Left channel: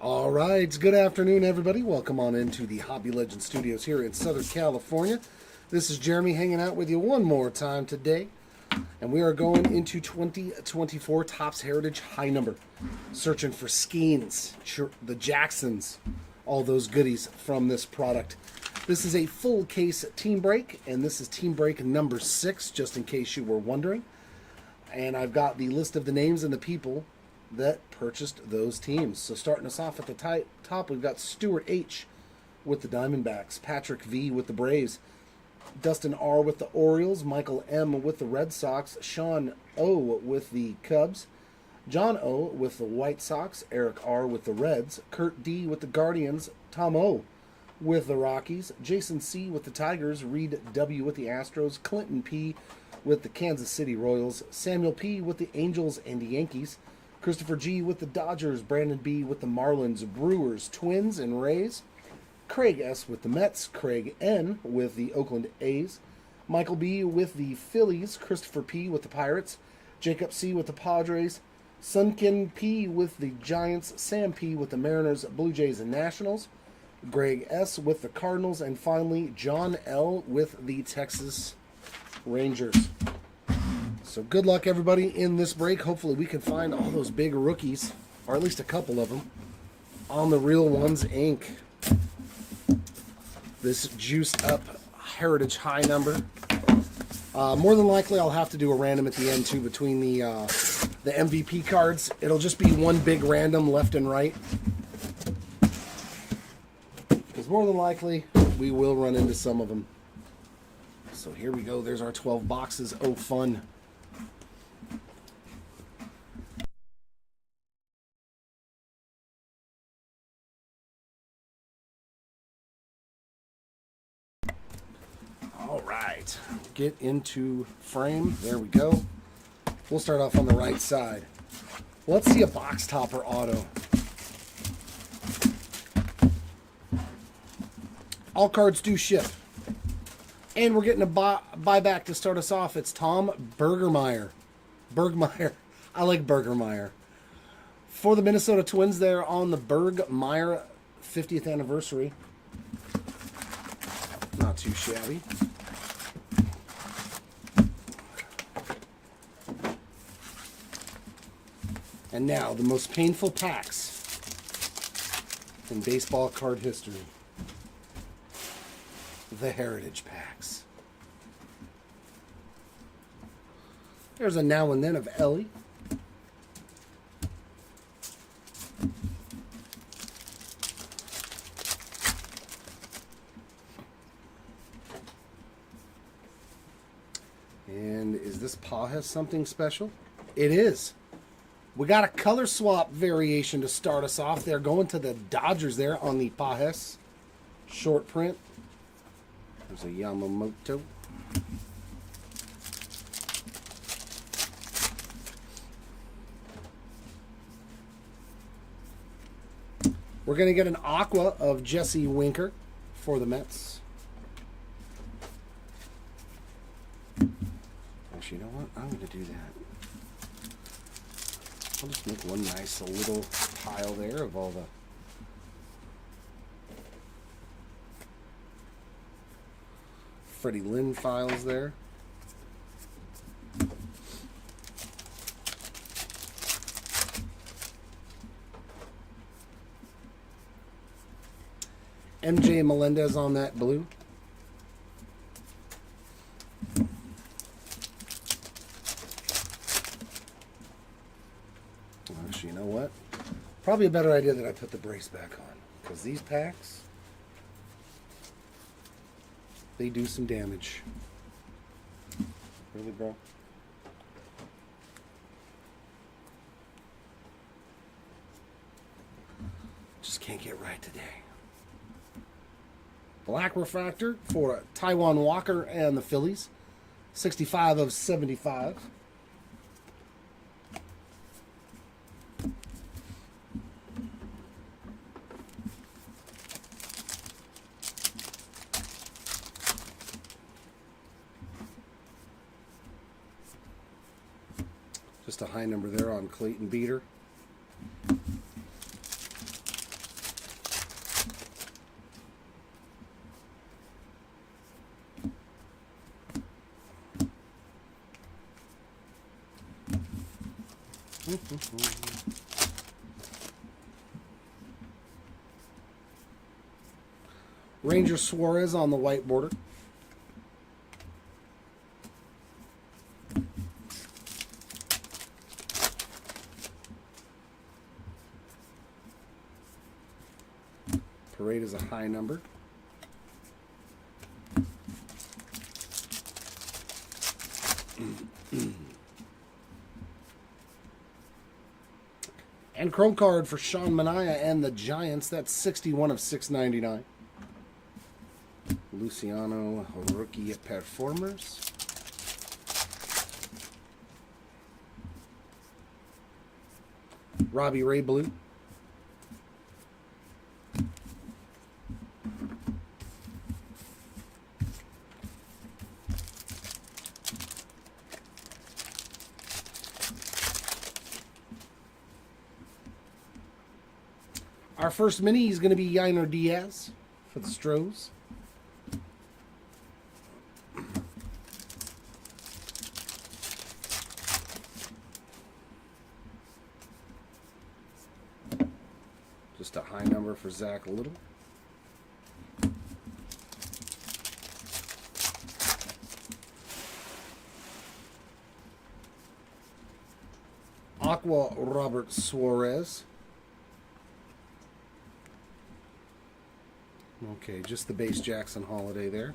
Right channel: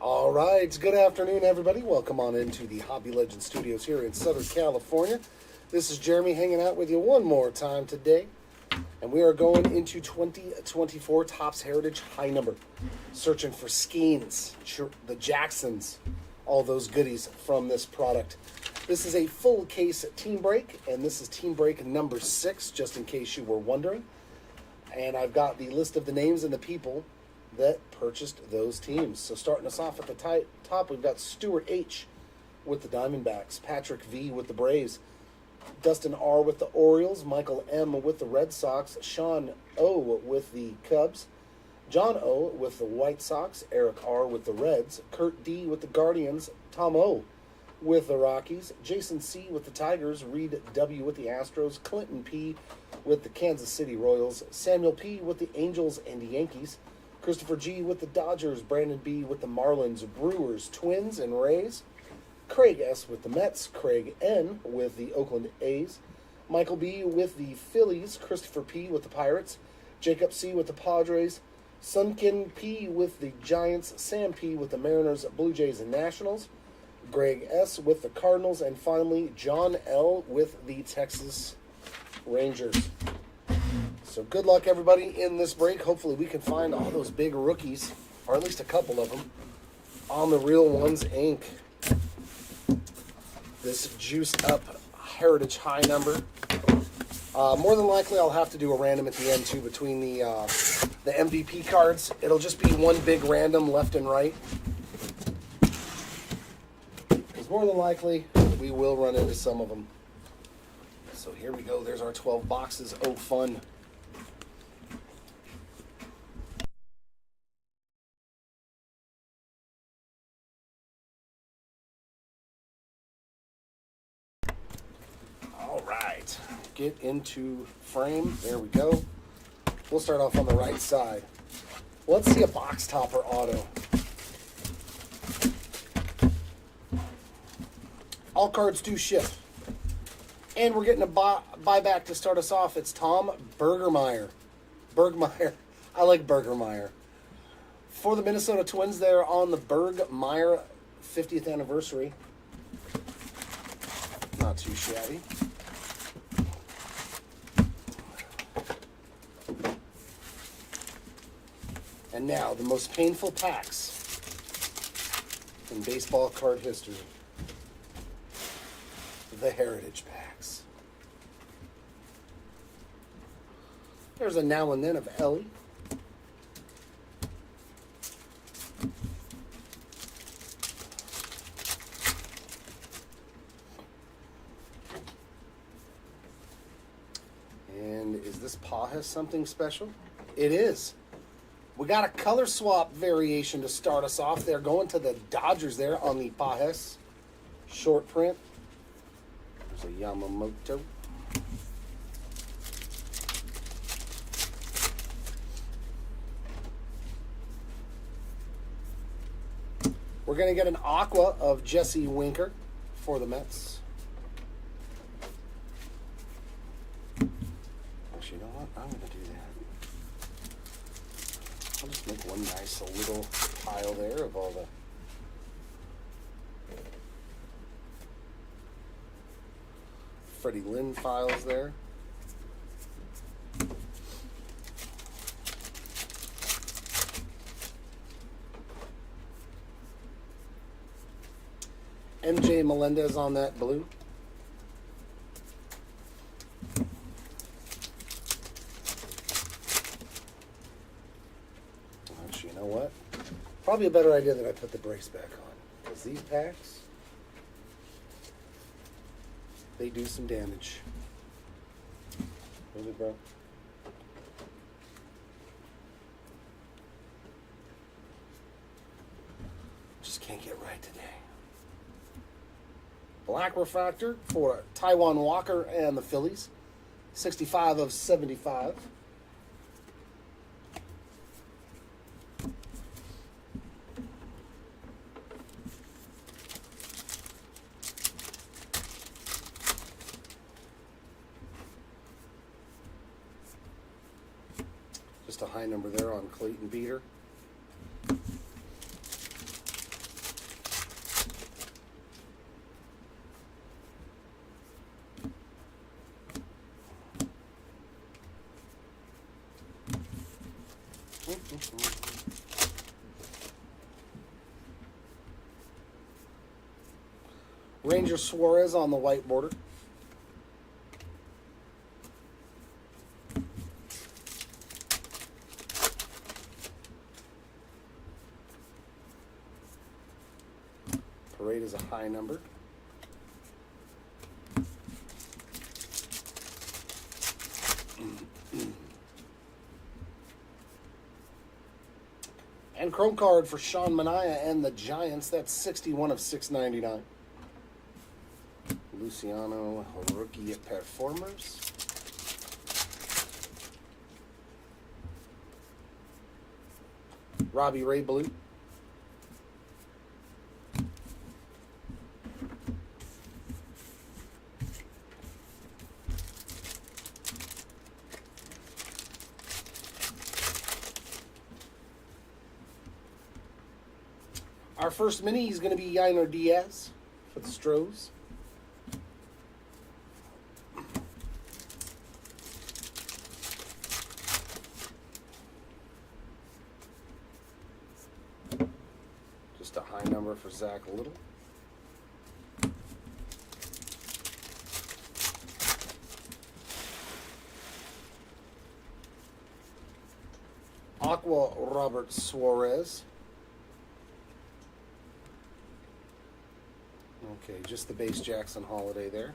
All right, good afternoon, everybody. Welcome on into the Hobby Legend Studios here in Southern California. This is Jeremy hanging out with you one more time today, and we are going into 2024 Topps Heritage High Number, searching for Skeens, the Jacksons, all those goodies from this product. This is a full case team break, and this is team break number 6, just in case you were wondering. And I've got the list of the names and the people that purchased those teams. So starting us off at the top, we've got Stuart H. with the Diamondbacks, Patrick V. with the Braves, Dustin R. with the Orioles, Michael M. with the Red Sox, Sean O. with the Cubs, John O. with the White Sox, Eric R. with the Reds, Kurt D. with the Guardians, Tom O. with the Rockies, Jason C. with the Tigers, Reed W. with the Astros, Clinton P. with the Kansas City Royals, Samuel P. with the Angels and the Yankees, Christopher G. with the Dodgers, Brandon B. with the Marlins, Brewers, Twins, and Rays, Craig S. with the Mets, Craig N. with the Oakland A's, Michael B. with the Phillies, Christopher P. with the Pirates, Jacob C. with the Padres, Sunken P. with the Giants, Sam P. with the Mariners, Blue Jays, and Nationals, Greg S. with the Cardinals, and finally John L. with the Texas Rangers. So good luck, everybody, in this break. Hopefully we can find all those big rookies, or at least a couple of them, on the Real Ones Inc. This juiced up Heritage High Number. More than likely I'll have to do a random at the end, too, between the MVP cards. It'll just be one big random left and right. Because more than likely we will run into some of them. So here we go. There's our 12 boxes. Oh, fun. All right. Get into frame. There we go. We'll start off on the right side. Let's see a box topper auto. All cards do ship. And we're getting a buyback to start us off. It's Tom Bergermeyer. I like Bergermeyer. For the Minnesota Twins, they're on the Bergmeyer 50th anniversary. Not too shabby. And now, the most painful packs in baseball card history. The Heritage packs. There's a now and then of Ellie. And is this Pajas something special? It is. We got a color swap variation to start us off. They're going to the Dodgers there on the Pajas short print. There's a Yamamoto. We're going to get an Aqua of Jesse Winker for the Mets. Actually, you know what? I'm going to do that. I'll just make one nice little pile there of all the Freddie Lynn files there. MJ Melendez on that blue. Actually, you know what? Probably a better idea that I put the brace back on, because these packs, they do some damage. Really, bro? Just can't get right today. Black refractor for Taiwan Walker and the Phillies. 65 of 75. Just a high number there on Clayton Beater. Ranger Suarez on the white border. Parade is a high number. And chrome card for Sean Manaea and the Giants. That's 61 of 699. Luciano, rookie performers. Robbie Ray Blue. Our first mini is going to be Yainer Diaz for the Stros. Just a high number for Zach Little. Aqua Robert Suarez. Okay, just the base Jackson Holiday there.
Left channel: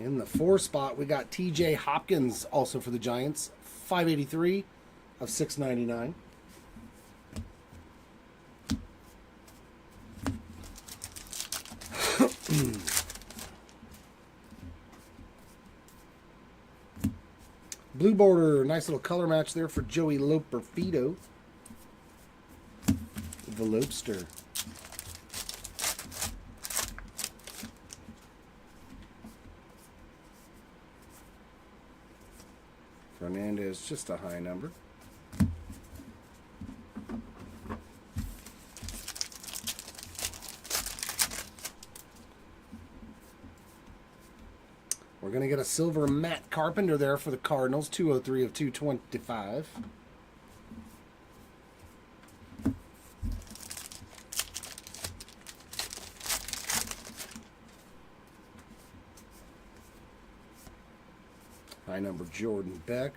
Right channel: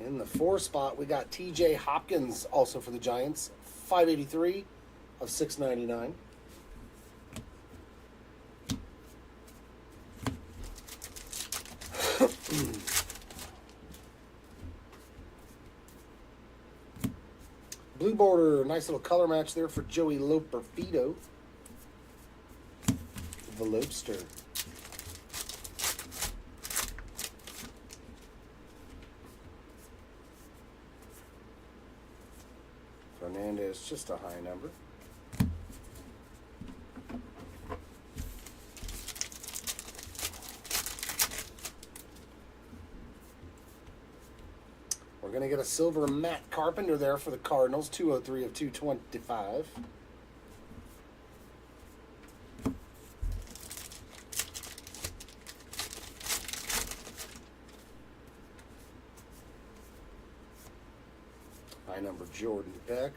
In the 4 spot, we got TJ Hopkins, also for the Giants. 583 of 699. Blue border, nice little color match there for Joey Loperfido. The Lobster. Fernandez, just a high number. We're going to get a silver Matt Carpenter there for the Cardinals, 203 of 225. High number Jordan Beck.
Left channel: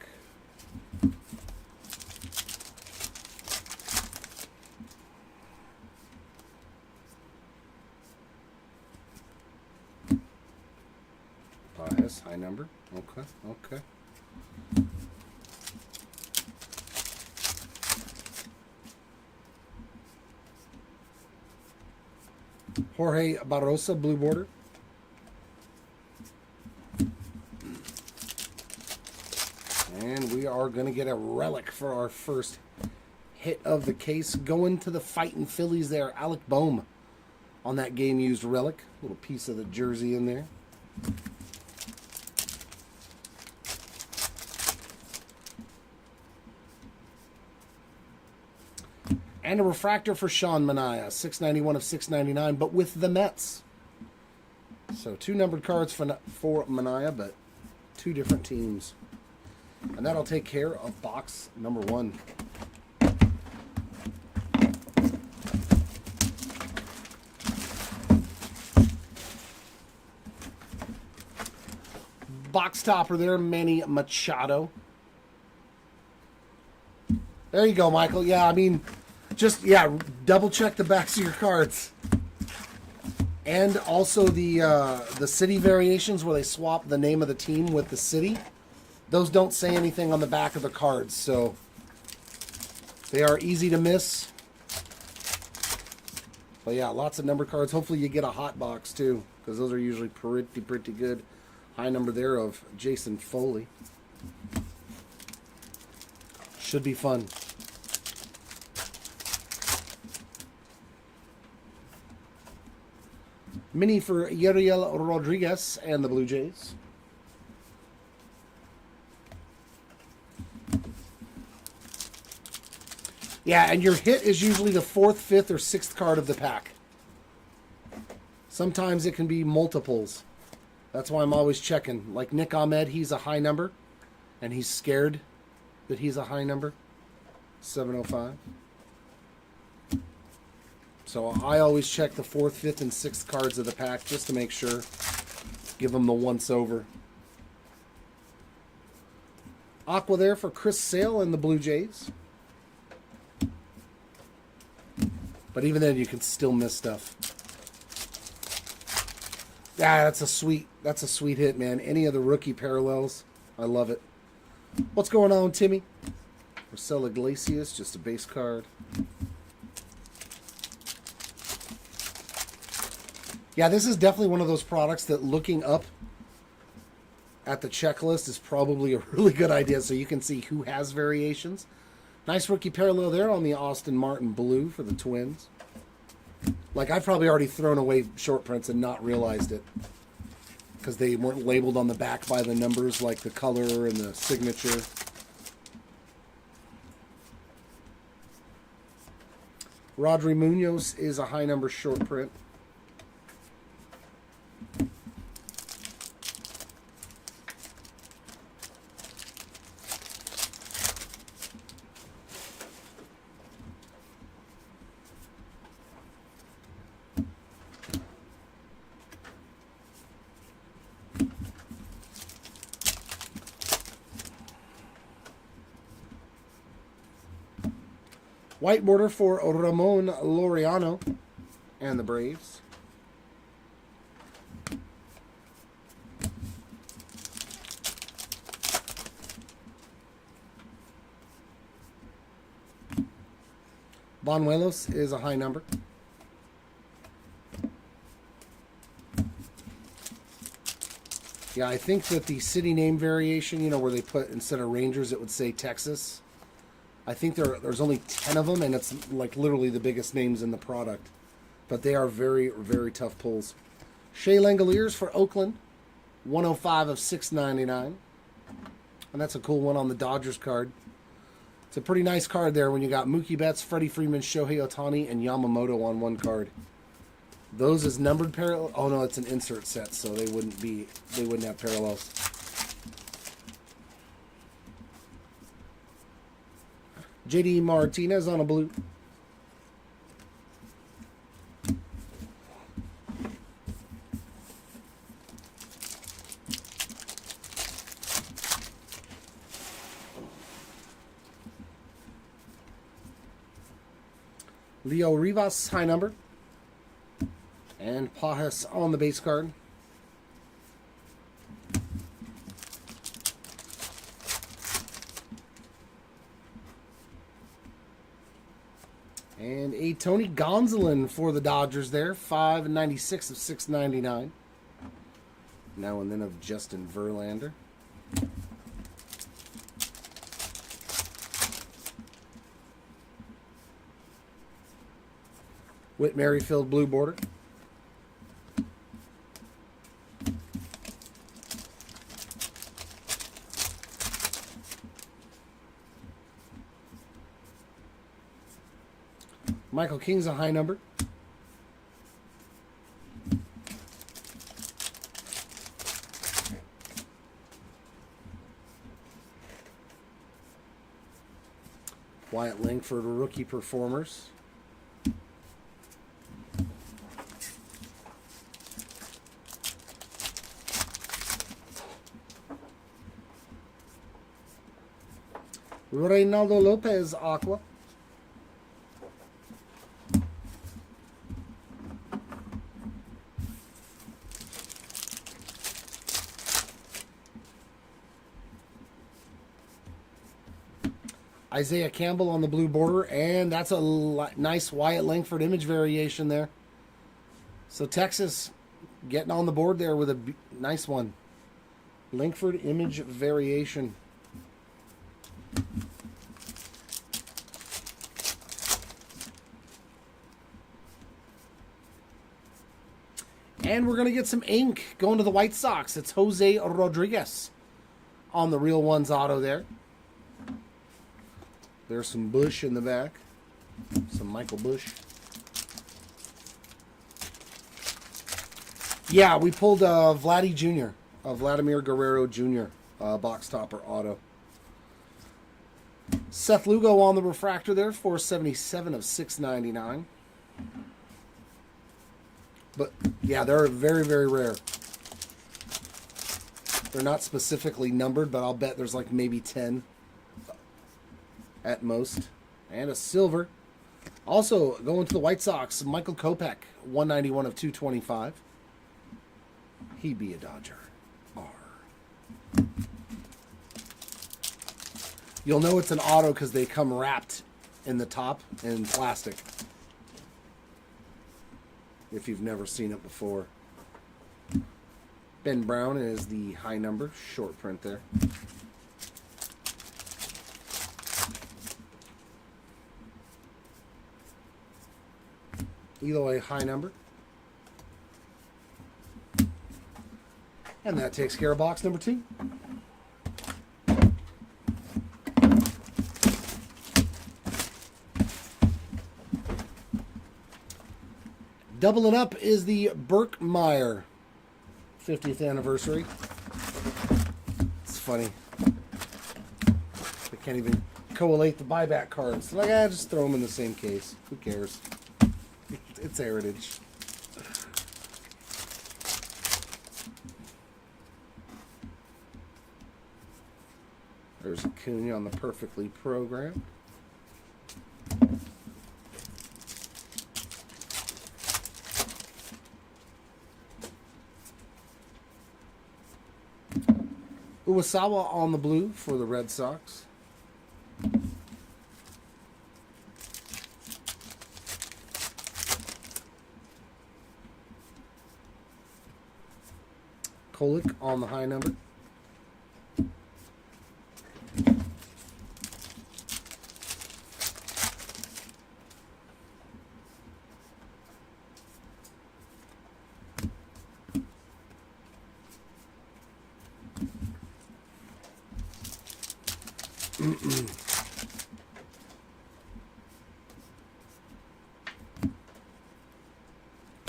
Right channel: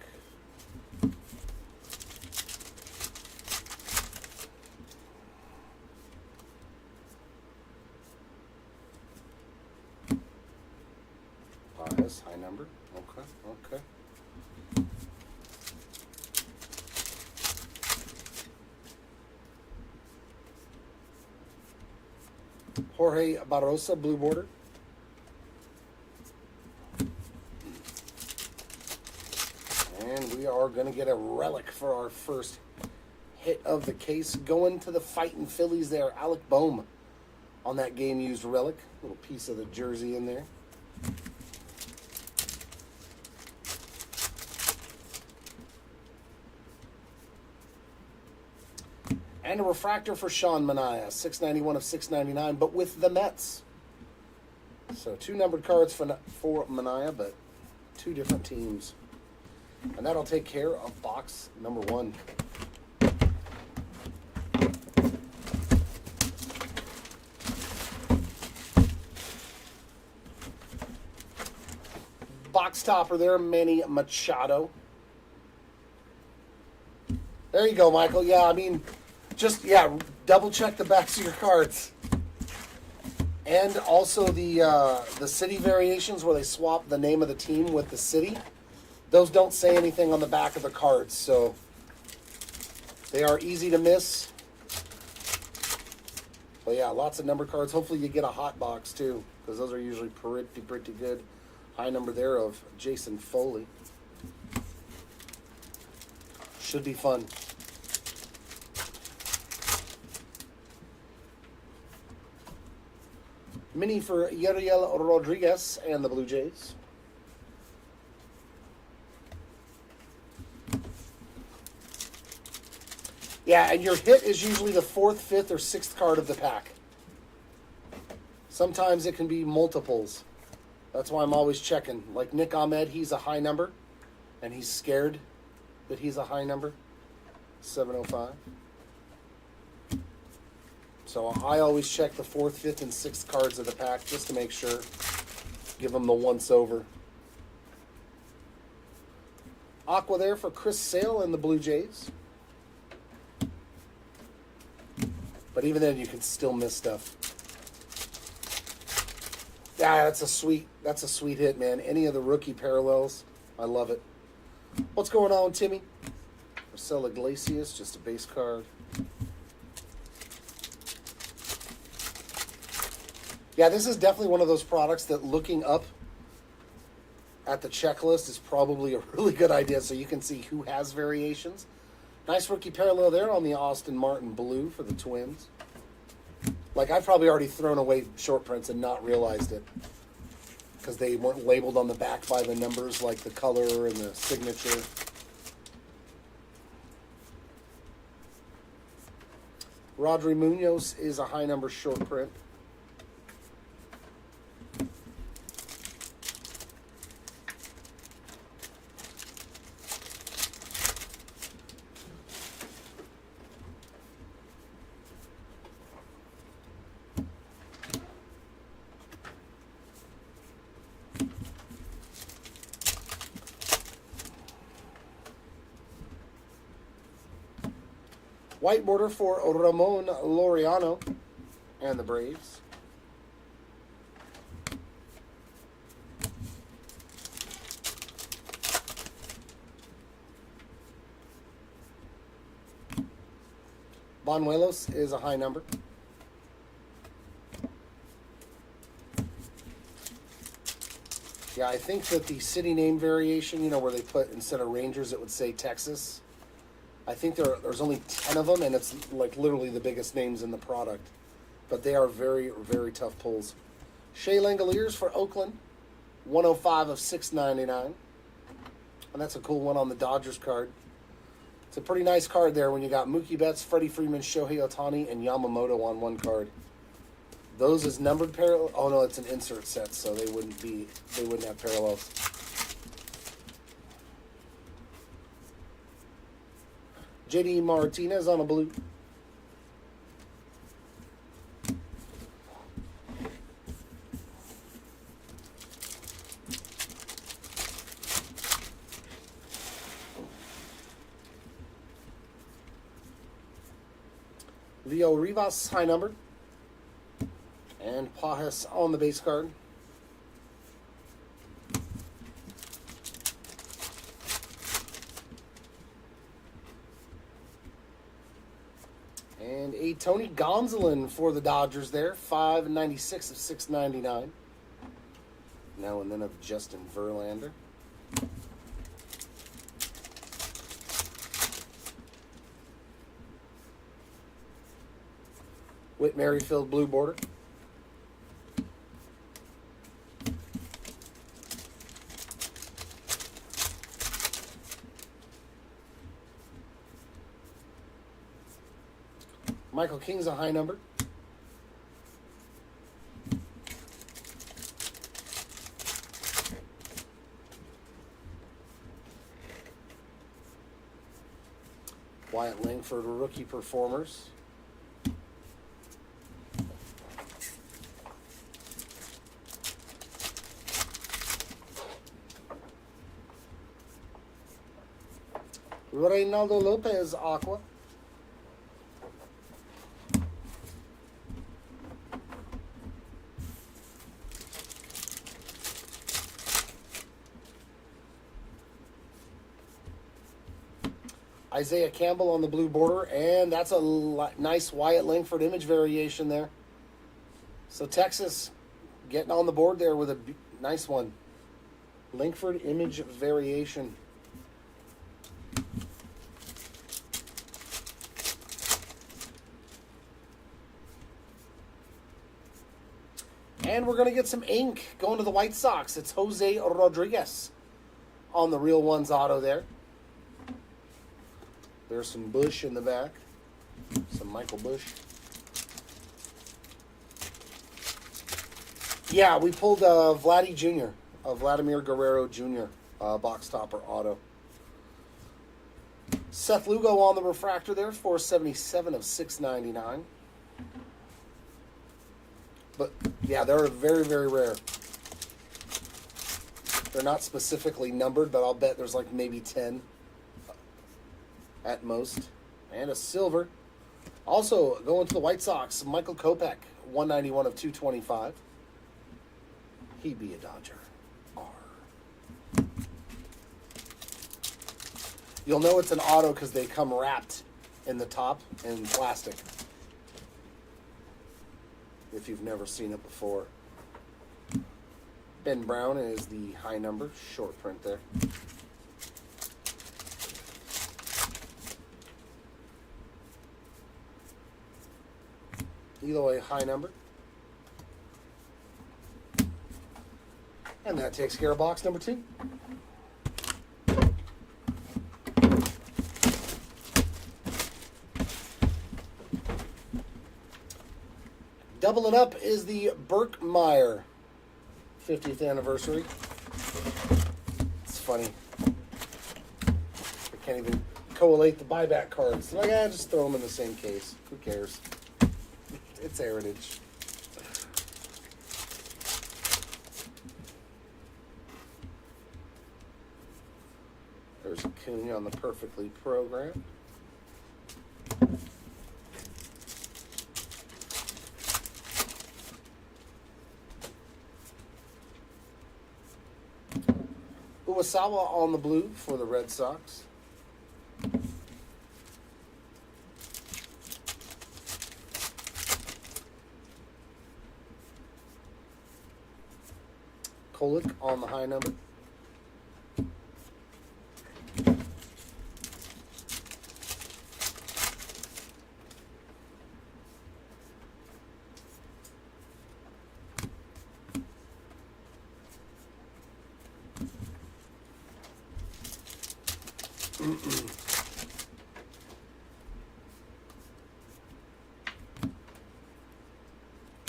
Yes, high number. Okay, okay. Jorge Barrosa, blue border. And we are going to get a relic for our first hit of the case. Going to the Fighting Phillies there. Alec Boehm on that game-used relic. Little piece of the jersey in there. And a refractor for Sean Manaea, 691 of 699, but with the Mets. So 2 numbered cards for Manaea, but 2 different teams. And that'll take care of box number 1. Box topper there, Manny Machado. There you go, Michael. Yeah, I mean, just, yeah, double check the backs of your cards. And also the city variations where they swap the name of the team with the city. Those don't say anything on the back of the cards, so they are easy to miss. But yeah, lots of number cards. Hopefully you get a hot box too, because those are usually pretty good. High number there of Jason Foley. Should be fun. Mini for Yariel Rodriguez and the Blue Jays. Yeah, and your hit is usually the 4th, 5th, or 6th card of the pack. Sometimes it can be multiples That's why I'm always checking. Like Nick Ahmed, he's a high number, and he's scared that he's a high number. 705. So I always check the 4th, 5th, and 6th cards of the pack just to make sure. Give them the once over. Aqua there for Chris Sale and the Blue Jays. But even then, you can still miss stuff. Yeah, that's a sweet hit, man. Any of the rookie parallels, I love it. What's going on, Timmy? Marcelo Iglesias, just a base card. Yeah, this is definitely one of those products that looking up at the checklist is probably a really good idea, so you can see who has variations. Nice rookie parallel there on the Austin Martin Blue for the Twins. Like, I've probably already thrown away short prints and not realized it because they weren't labeled on the back by the numbers like the color and the signature. Rodri Munoz is a high number short print. White border for Ramon Laureano and the Braves. Banuelos is a high number. Yeah, I think that the city name variation, you know, where they put, instead of Rangers, it would say Texas. I think there's only 10 of them, and it's like literally the biggest names in the product. But they are very, very tough pulls. Shea Langoliers for Oakland, 105 of 699. And that's a cool one on the Dodgers card. It's a pretty nice card there when you got Mookie Betts, Freddie Freeman, Shohei Ohtani, and Yamamoto on one card. Those is numbered parallel. Oh no, it's an insert set, so they wouldn't have parallels. JD Martinez on a blue. Leo Rivas, high number. And Pajas on the base card. And a Tony Gonsolin for the Dodgers there. 596 of 699. Now and then of Justin Verlander. Whit Merrifield blue border. Michael King's a high number. Wyatt Langford rookie performers. Reynaldo Lopez aqua. Isaiah Campbell on the blue border, and that's a nice Wyatt Langford image variation there. So Texas getting on the board there with a nice one. Langford image variation. And we're going to get some ink going to the White Sox. It's Jose Rodriguez on the Real Ones auto there. There's some Bush in the back. Some Michael Bush. Yeah, we pulled Vladdy Jr., Vladimir Guerrero Jr., box topper auto. Seth Lugo on the refractor there, 477 of 699. But, yeah, they're very, very rare. They're not specifically numbered, but I'll bet there's like maybe 10 at most. And a silver. Also, going to the White Sox, Michael Kopech, 191 of 225. He'd be a Dodger. R. You'll know it's an auto because they come wrapped in the top in plastic. If you've never seen it before. Ben Brown is the high number, short print there. Eloy high number. And that takes care of box number 2. Doubling up is the Burkmeyer 50th anniversary. It's funny. I can't even collate the buyback cards. Like, just throw them in the same case. Who cares? It's heritage. There's Acuna on the perfectly programmed. Uwasawa on the blue for the Red Sox. Kolek on the high number.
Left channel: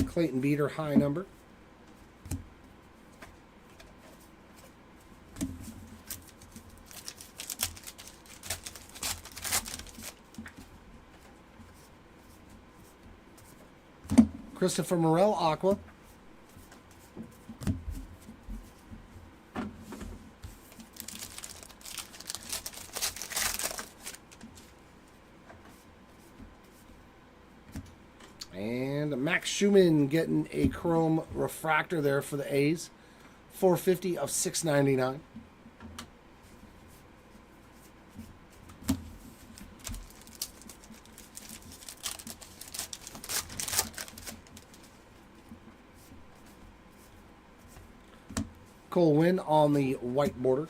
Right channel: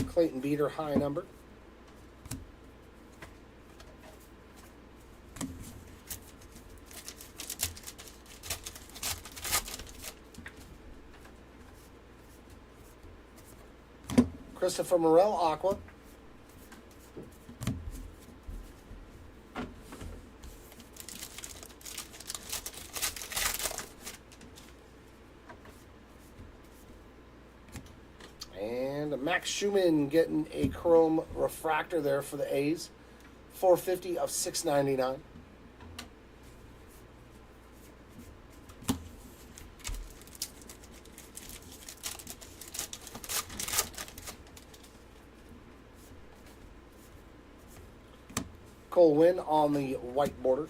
Clayton Beater high number. Christopher Morel aqua. And Max Schumann getting a chrome refractor there for the A's. 450 of 699. Cole Winn on the white border.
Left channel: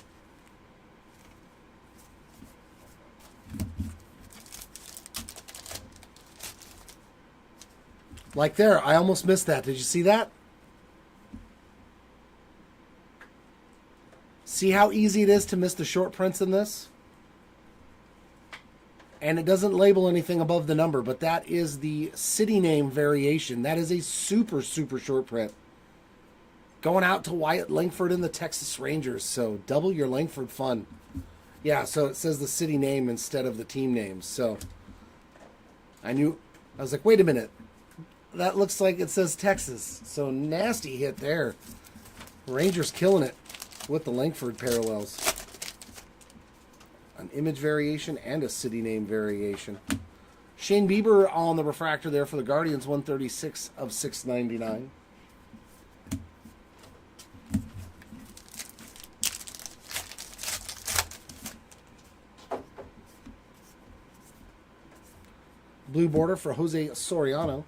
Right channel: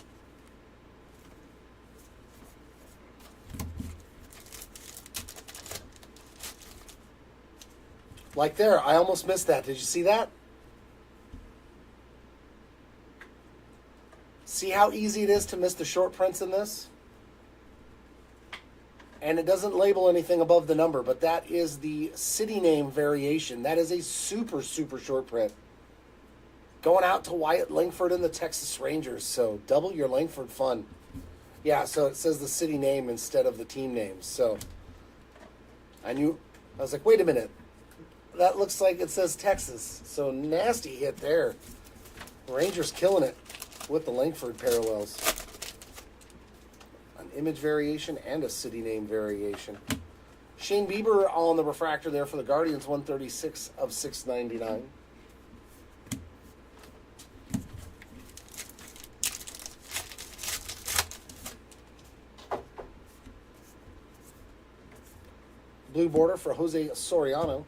Like there, I almost missed that. Did you see that? See how easy it is to miss the short prints in this? And it doesn't label anything above the number, but that is the city name variation. That is a super, super short print. Going out to Wyatt Langford and the Texas Rangers, so double your Langford fun. Yeah, so it says the city name instead of the team name. So I was like, wait a minute. That looks like it says Texas. So nasty hit there. Rangers killing it with the Langford parallels. An image variation and a city name variation. Shane Bieber on the refractor there for the Guardians, 136 of 699. Blue border for Jose Soriano.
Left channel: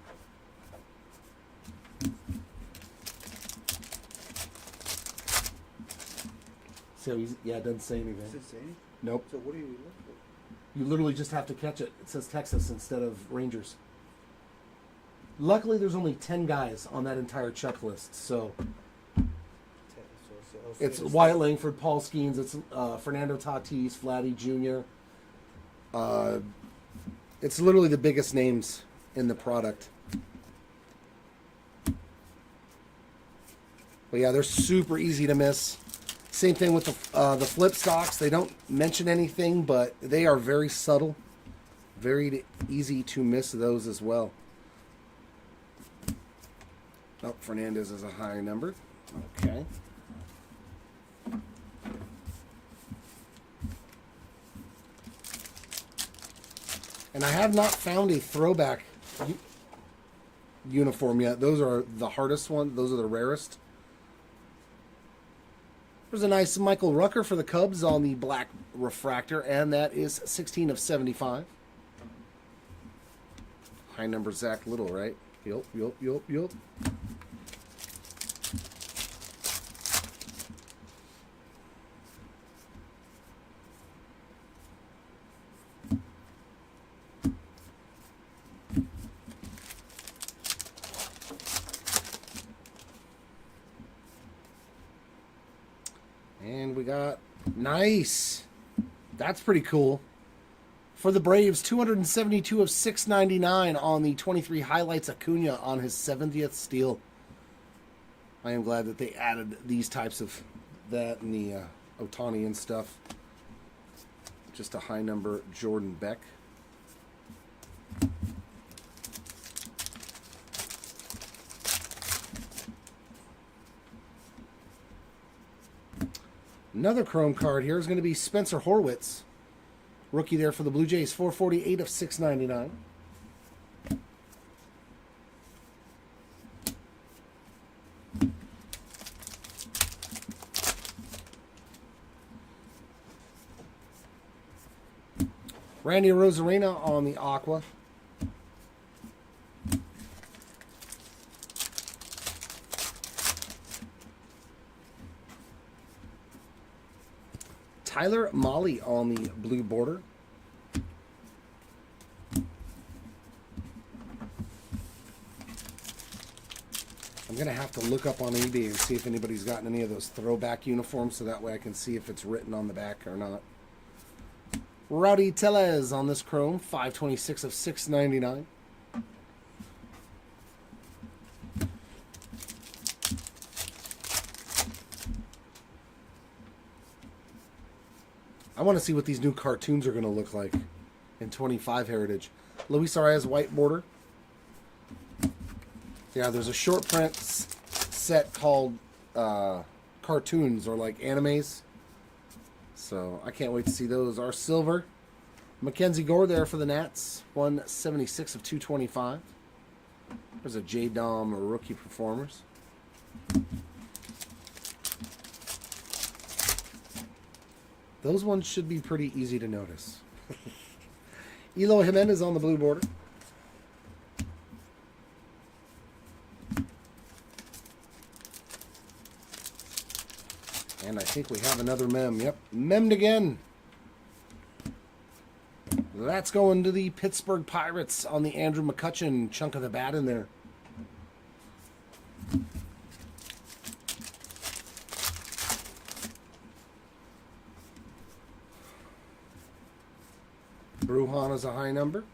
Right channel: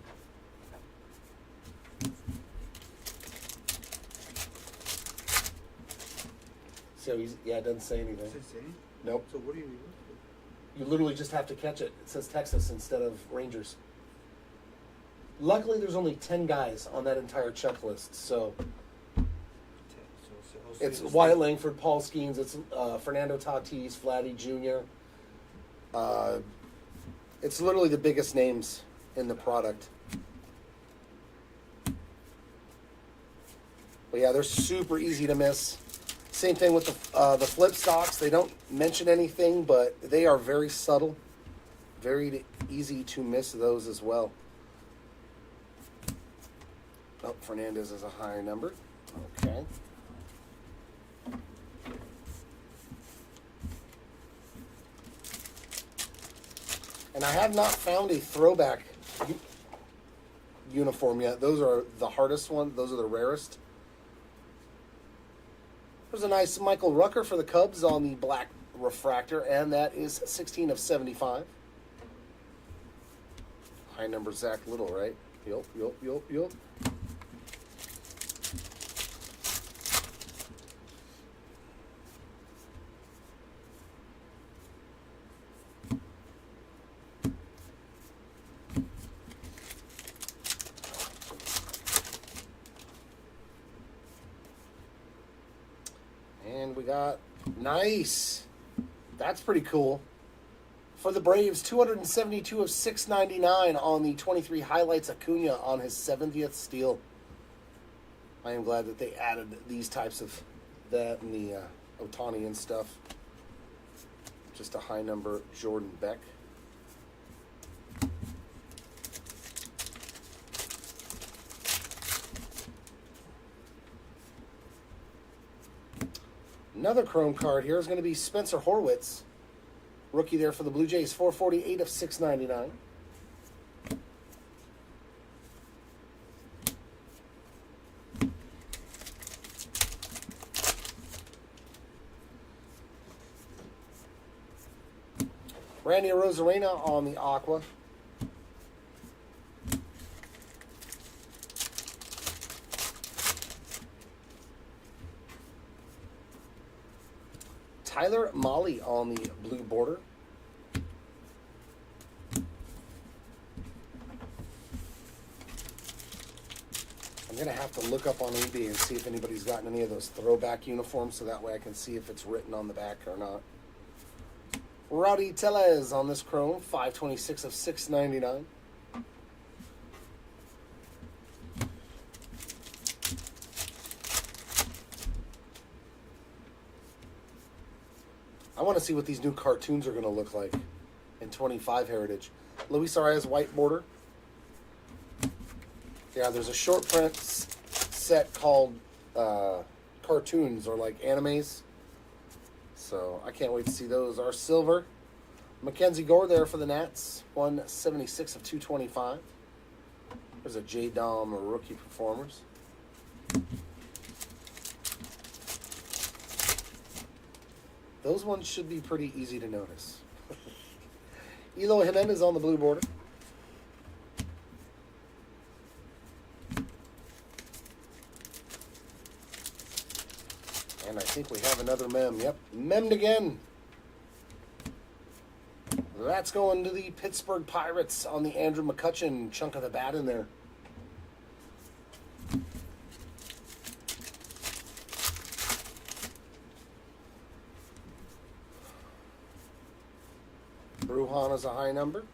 So yeah, it doesn't say anything. Does it say? Nope. So what do you look for? You literally just have to catch it. It says Texas instead of Rangers. Luckily, there's only 10 guys on that entire checklist. So it's Wyatt Langford, Paul Skeens, it's Fernando Tatis, Vladdy Jr. It's literally the biggest names in the product. But yeah, they're super easy to miss. Same thing with the flip stocks. They don't mention anything, but they are very subtle. Very easy to miss those as well. Oh, Fernandez is a high number. Okay. And I have not found a throwback uniform yet. Those are the hardest ones. Those are the rarest. There's a nice Michael Rucker for the Cubs on the black refractor, and that is 16 of 75. High number Zach Little, right? Yup. And we got, nice. That's pretty cool. For the Braves, 272 of 699 on the 23 highlights Acuna on his 70th steal. I am glad that they added these types of that and the Ohtani and stuff. Just a high number Jordan Beck. Another chrome card here is going to be Spencer Horwitz. Rookie there for the Blue Jays, 448 of 699. Randy Rosarena on the Aqua. Tyler Mahle on the blue border. I'm going to have to look up on eBay and see if anybody's gotten any of those throwback uniforms so that way I can see if it's written on the back or not. Rowdy Tellez on this chrome, 526 of 699. I want to see what these new cartoons are going to look like in 25 Heritage. Luis Arias white border. Yeah, there's a short print set called cartoons or like animes. So I can't wait to see those. Our silver. Mackenzie Gore there for the Nats. 176 of 225. There's a J-Dom rookie performers. Those ones should be pretty easy to notice. Eloy Jimenez on the blue border. And I think we have another mem. Yep, memmed again. That's going to the Pittsburgh Pirates on the Andrew McCutchen chunk of the bat in there. Brujan is a high number.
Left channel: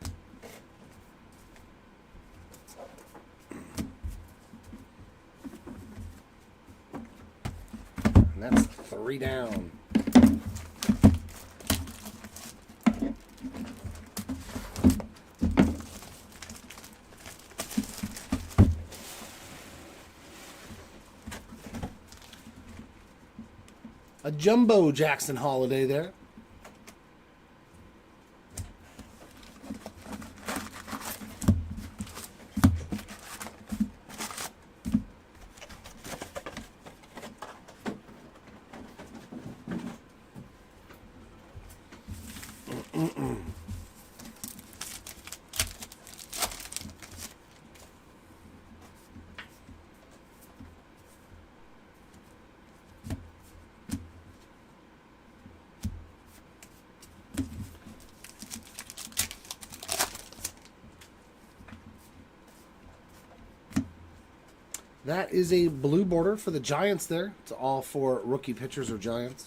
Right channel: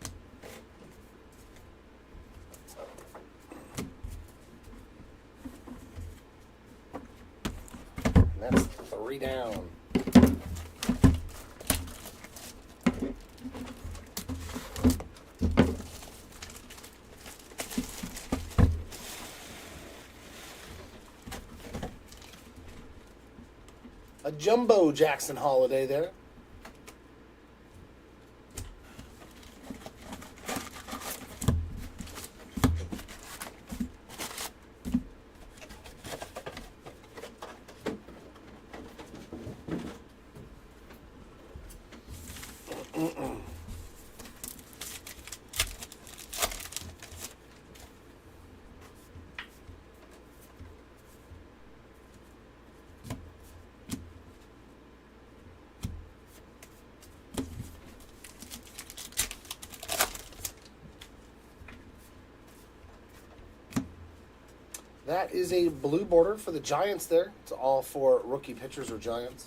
And that's 3 down. A jumbo Jackson Holiday there. That is a blue border for the Giants there. It's all for rookie pitchers or Giants.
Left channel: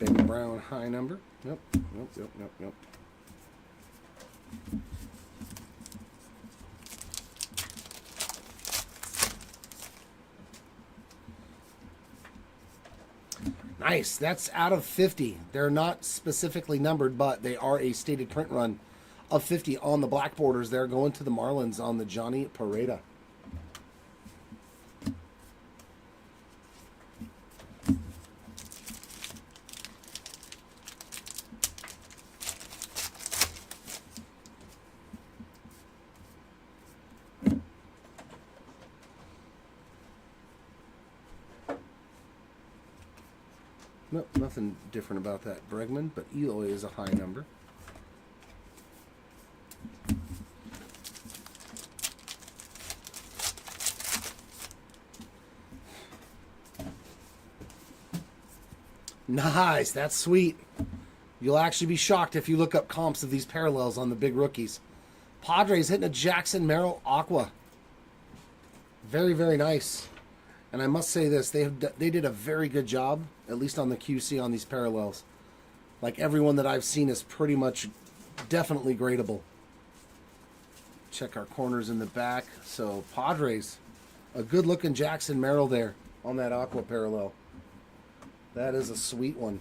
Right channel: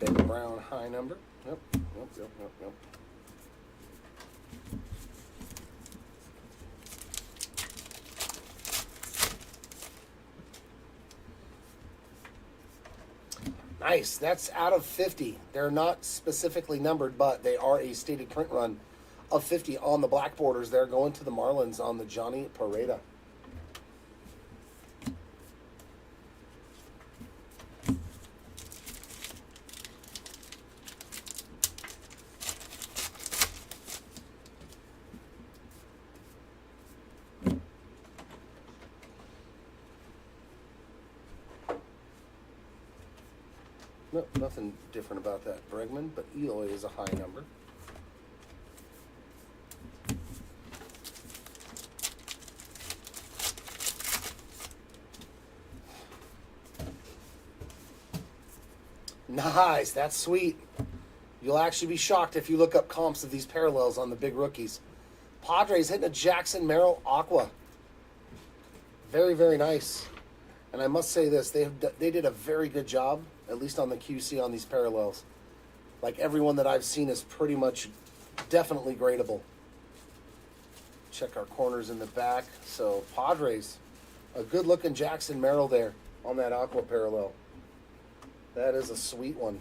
Ben Brown brown high number. Nope, nope, nope, nope, nope. Nice. That's out of 50. They're not specifically numbered, but they are a stated print run of 50 on the black borders. They're going to the Marlins on the Johnny Pareda. Nope, nothing different about that Bregman, but Eloy is a high number. Nice, that's sweet. You'll actually be shocked if you look up comps of these parallels on the big rookies. Padres hitting a Jackson Merrill Aqua. Very, very nice. And I must say this, they did a very good job, at least on the QC on these parallels. Like everyone that I've seen is pretty much definitely gradable. Check our corners in the back. So Padres, a good looking Jackson Merrill there on that Aqua parallel. That is a sweet one.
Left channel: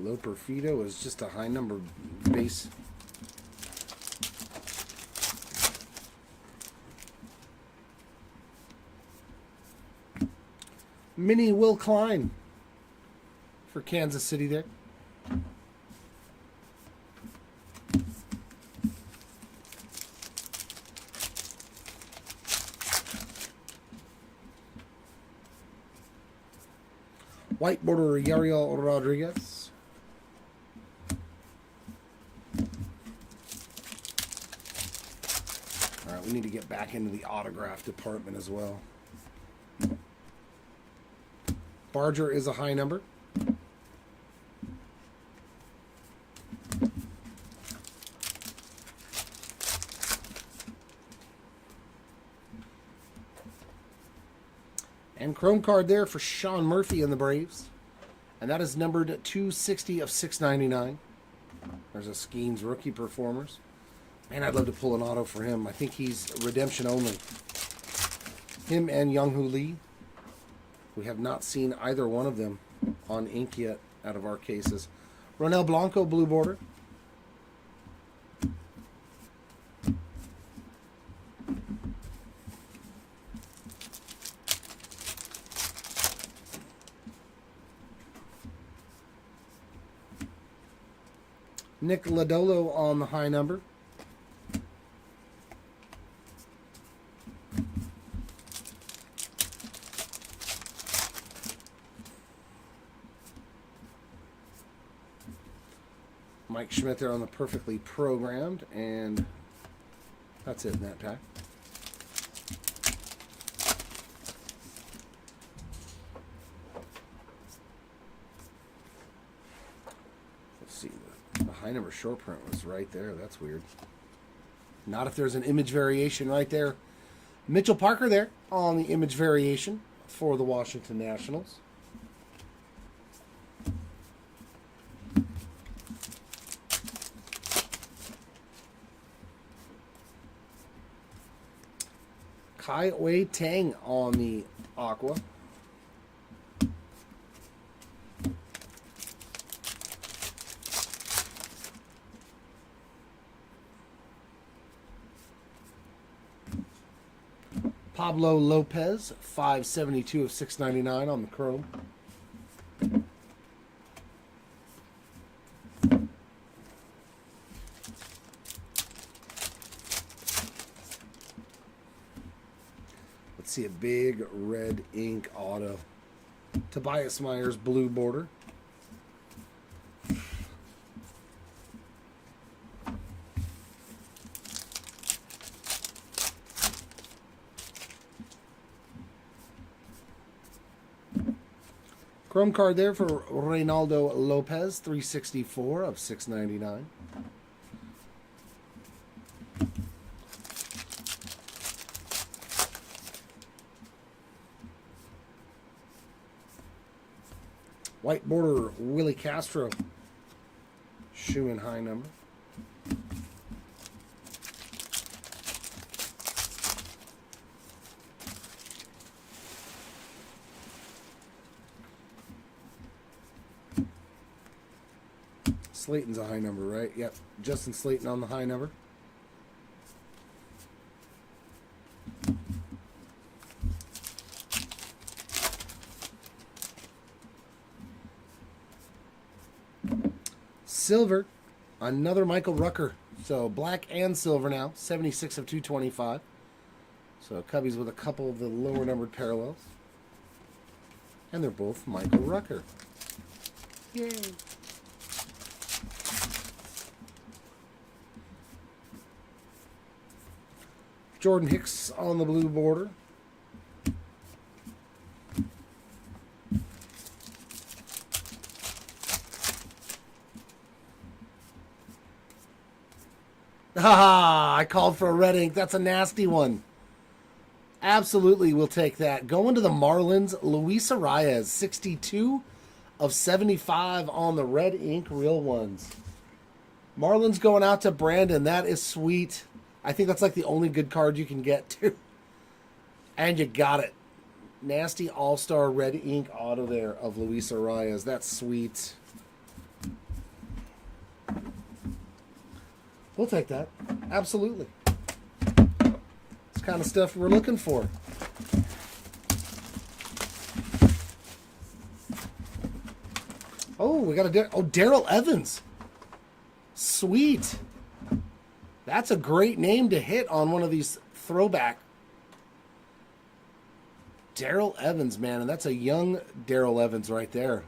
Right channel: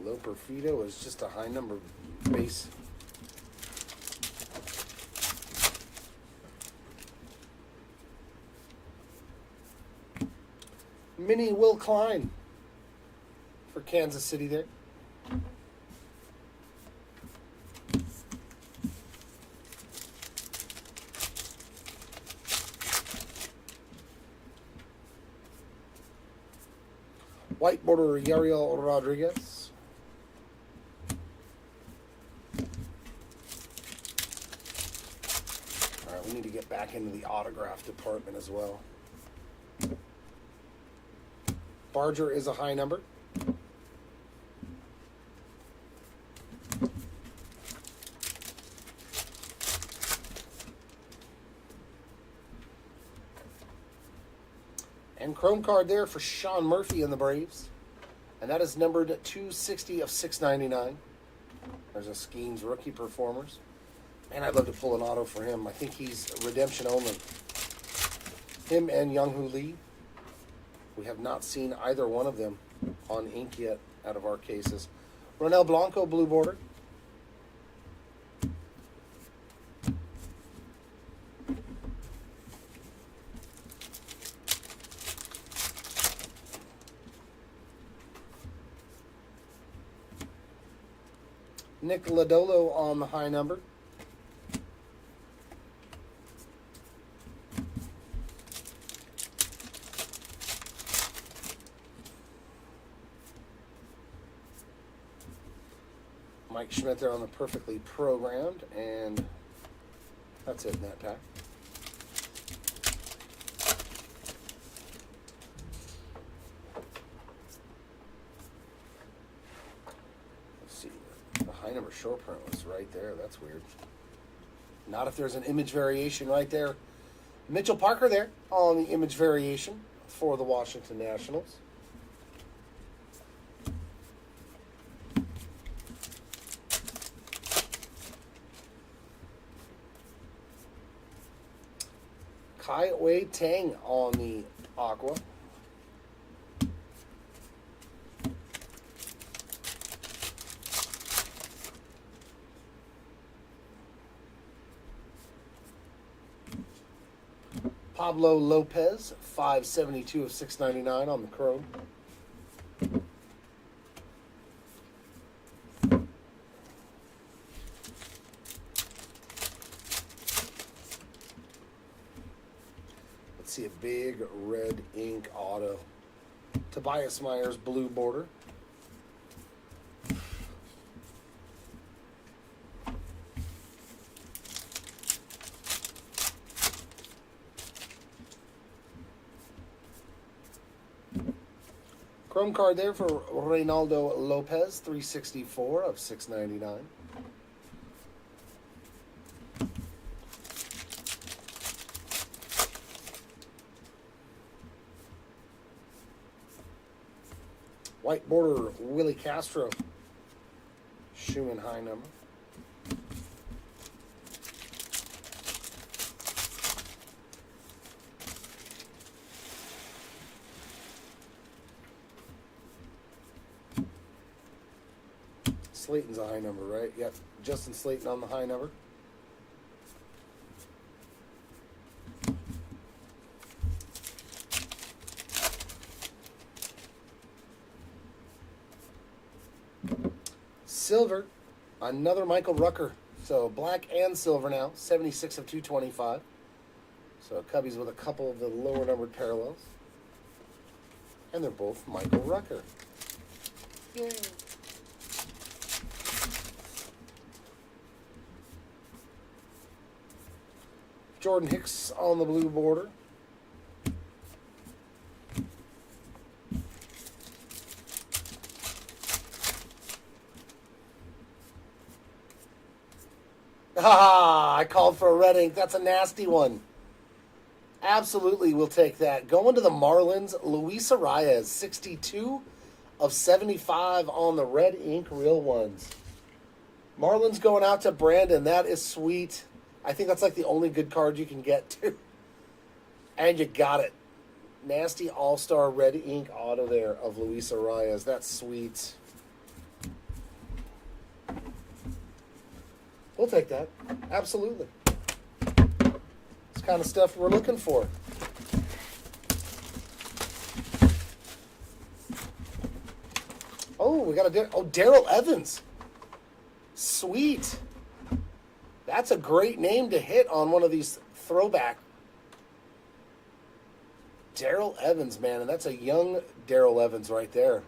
Low Perfido is just a high number base. Mini Will Klein for Kansas City there. White border Yariel Rodriguez. All right, we need to get back into the autograph department as well. Barger is a high number. And chrome card there for Sean Murphy and the Braves. And that is numbered 260 of 699. There's a Skeens rookie performers. Man, I'd love to pull an auto for him. I think he's redemption only. Him and Young-Hoo Lee. We have not seen either one of them on ink yet out of our cases. Ronel Blanco, blue border. Nick Lodolo on the high number. Mike Schmidt there on the perfectly programmed, and that's it in that pack. Let's see, the high number short print was right there. That's weird. Not if there's an image variation right there. Mitchell Parker there on the image variation for the Washington Nationals. Kai Wei Tang on the Aqua. Pablo Lopez, 572 of 699 on the chrome. Let's see a big red ink auto. Tobias Myers, blue border. Chrome card there for Reynaldo Lopez, 364 of 699. White border, Willie Castro. Shoe and high number. Slayton's a high number, right? Yep. Justin Slayton on the high number. Silver, another Michael Rucker. So black and silver now, 76 of 225. So Cubbies with a couple of the lower numbered parallels. And they're both Michael Rucker. Yay. Jordan Hicks on the blue border. I called for a red ink. That's a nasty one. Absolutely, we'll take that. Going to the Marlins, Luis Arias, 62 of 75 on the red ink real ones. Marlins going out to Brandon. That is sweet. I think that's like the only good card you can get, too. And you got it. Nasty all-star red ink auto there of Luis Arias. That's sweet. We'll take that. Absolutely. It's kind of stuff we're looking for. Oh, we got a Daryl Evans. Sweet. That's a great name to hit on one of these throwback. Daryl Evans, man, and that's a young Daryl Evans right there.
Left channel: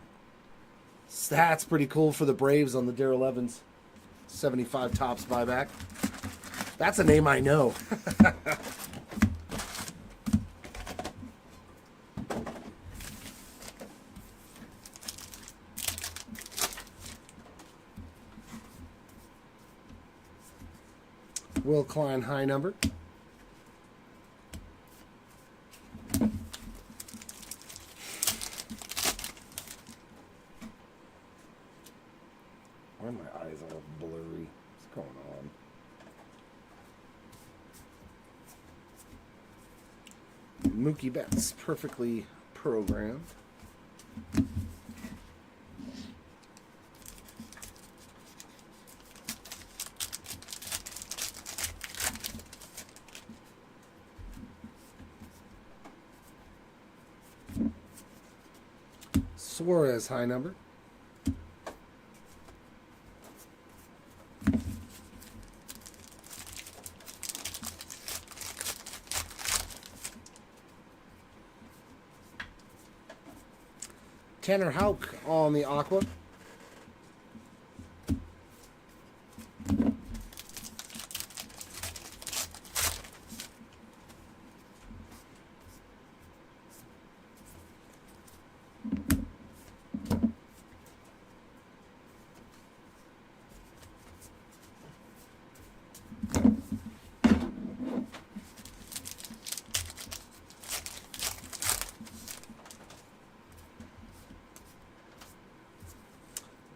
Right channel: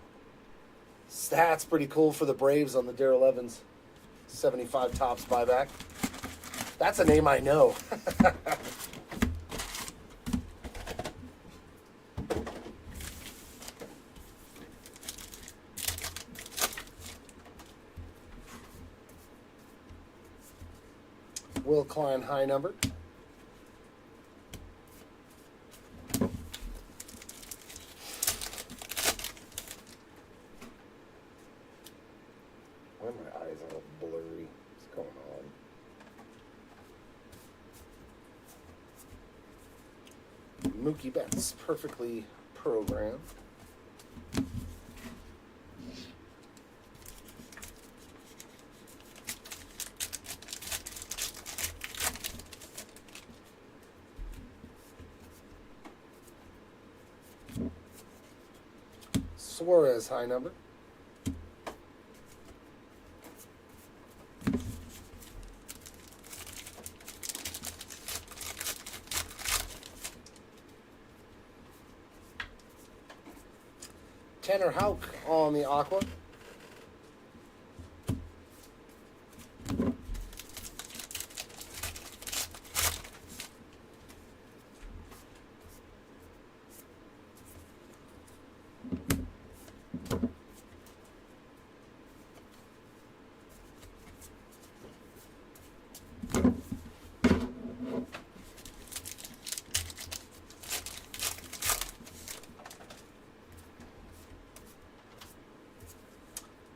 That's pretty cool for the Braves on the Daryl Evans 75 tops buyback. That's a name I know. Will Klein high number. Why are my eyes all blurry? What's going on? Mookie Betts, perfectly programmed. Suarez high number. Tanner Houck on the aqua.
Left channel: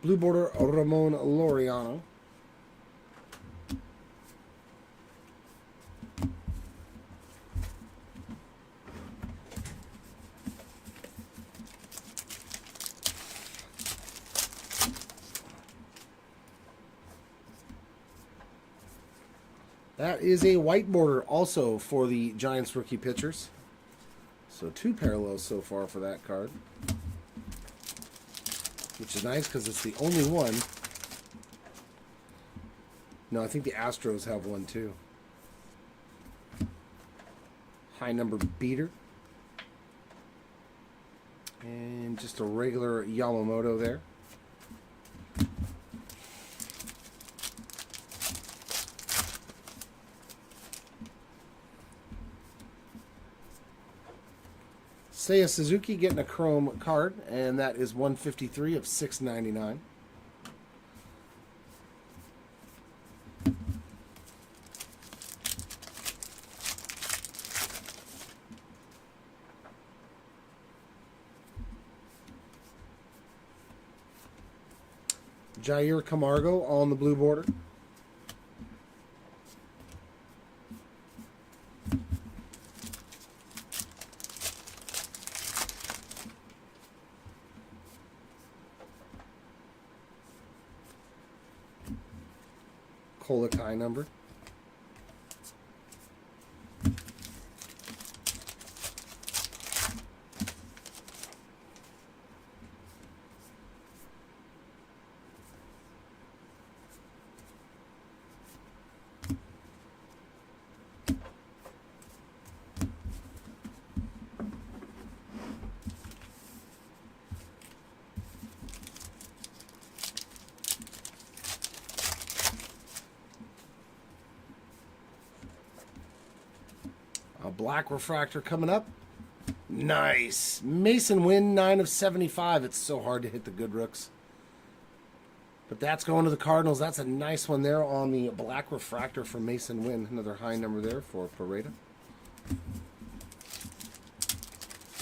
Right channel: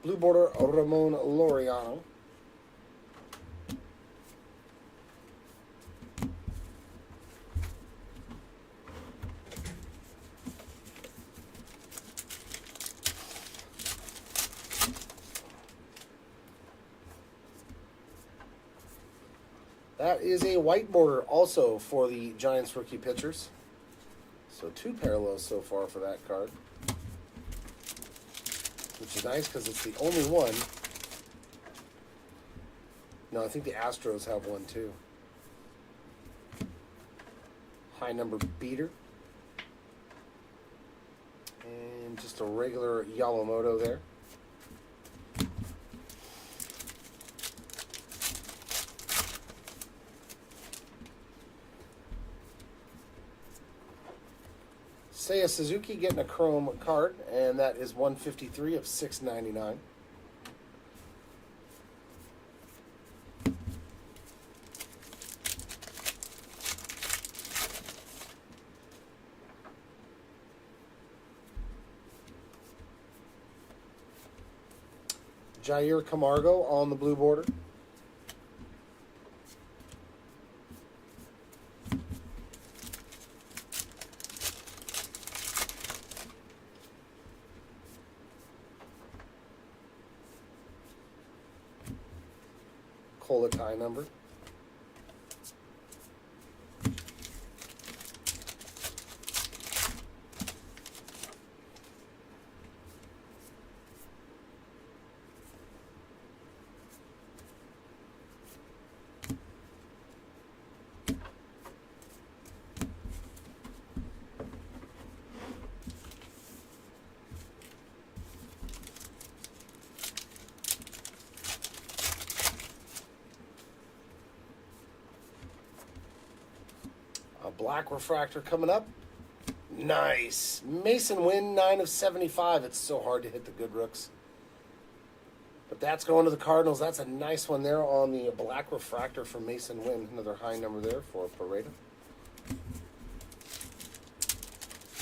Blue border, Ramon Laureano. That is a white border also for the Giants rookie pitchers. So 2 parallels so far for that card. Which is nice because it's the only one. No, I think the Astros have one too. High number beater. And just a regular Yamamoto there. Seiya Suzuki getting a chrome card, and that is 153 of 699. Jair Camargo on the blue border. Colotai number. A black refractor coming up. Nice. Mason Wynn, 9 of 75. It's so hard to hit the good rooks. But that's going to the Cardinals. That's a nice one there on the black refractor for Mason Wynn. Another high number there for Pareda.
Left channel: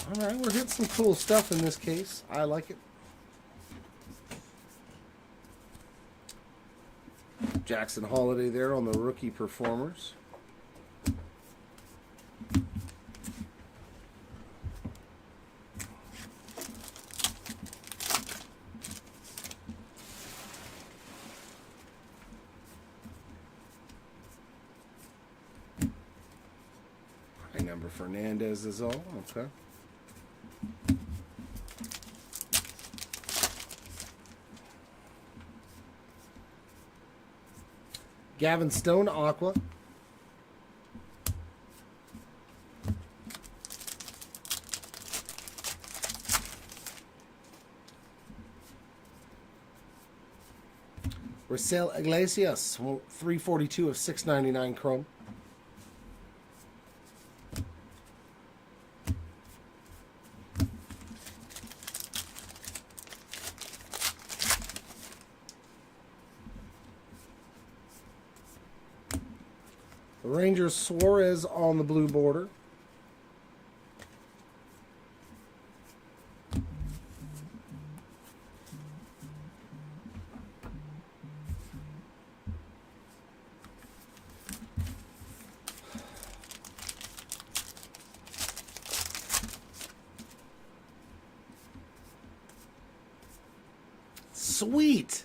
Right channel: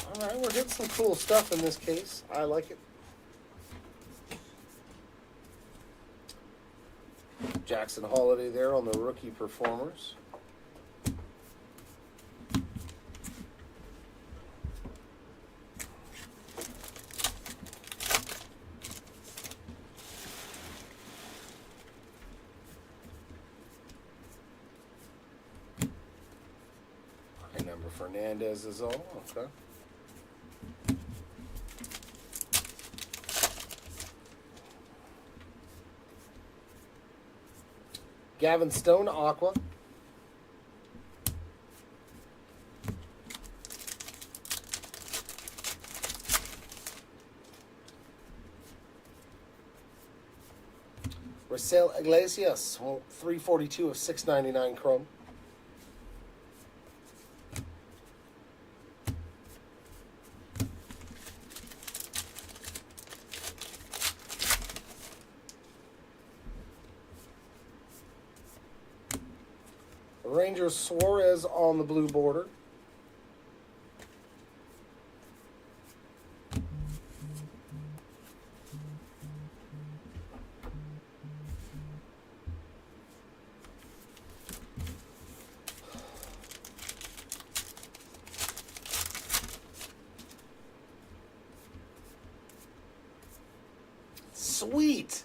All right, we're hitting some cool stuff in this case. I like it. Jackson Holiday there on the rookie performers. High number Fernandez is all. Okay. Gavin Stone, Aqua. Raisel Iglesias, 342 of 699 chrome. Rangers Suarez on the blue border. Sweet.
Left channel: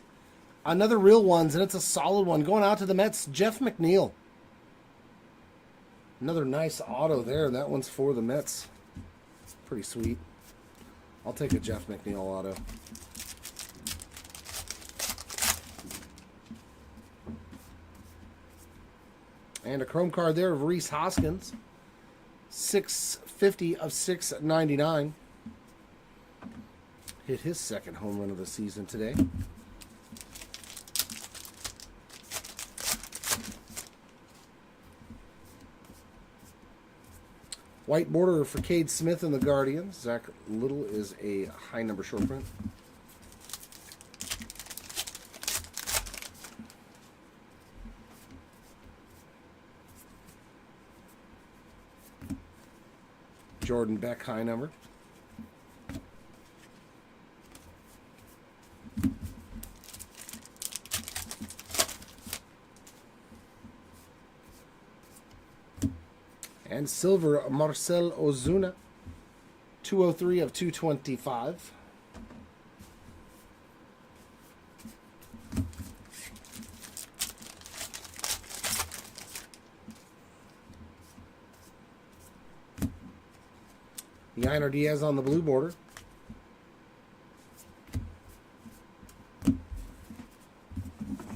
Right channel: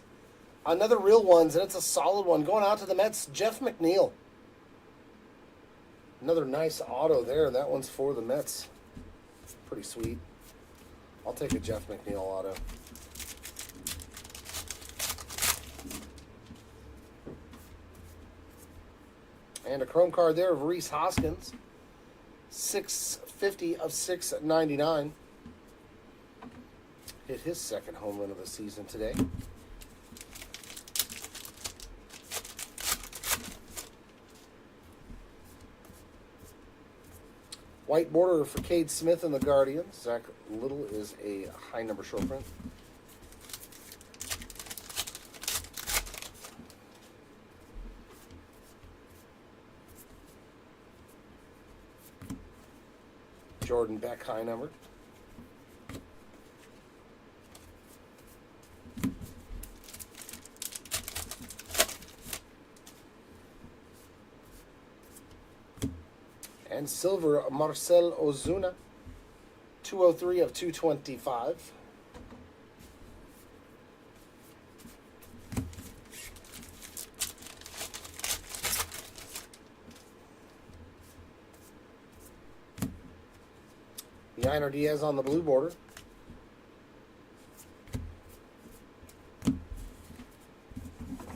Another real ones, and it's a solid one. Going out to the Mets, Jeff McNeil. Another nice auto there. That one's for the Mets. Pretty sweet. I'll take a Jeff McNeil auto. And a chrome card there of Rhys Hoskins. 650 of 699. Hit his second home run of the season today. White border for Cade Smith and the Guardians. Zach Little is a high number short print. Jordan Beck, high number. And silver, Marcel Ozuna, 203 of 225. Yainer Diaz on the blue border.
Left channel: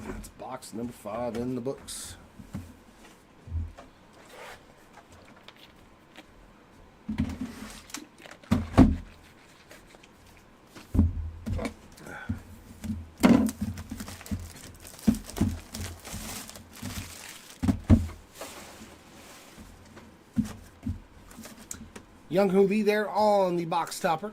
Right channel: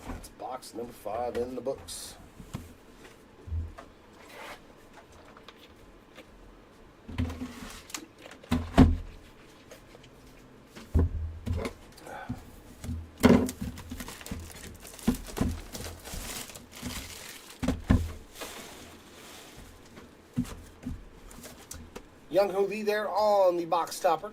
That's box number 5 in the books. Young Hoo Lee there on the box topper.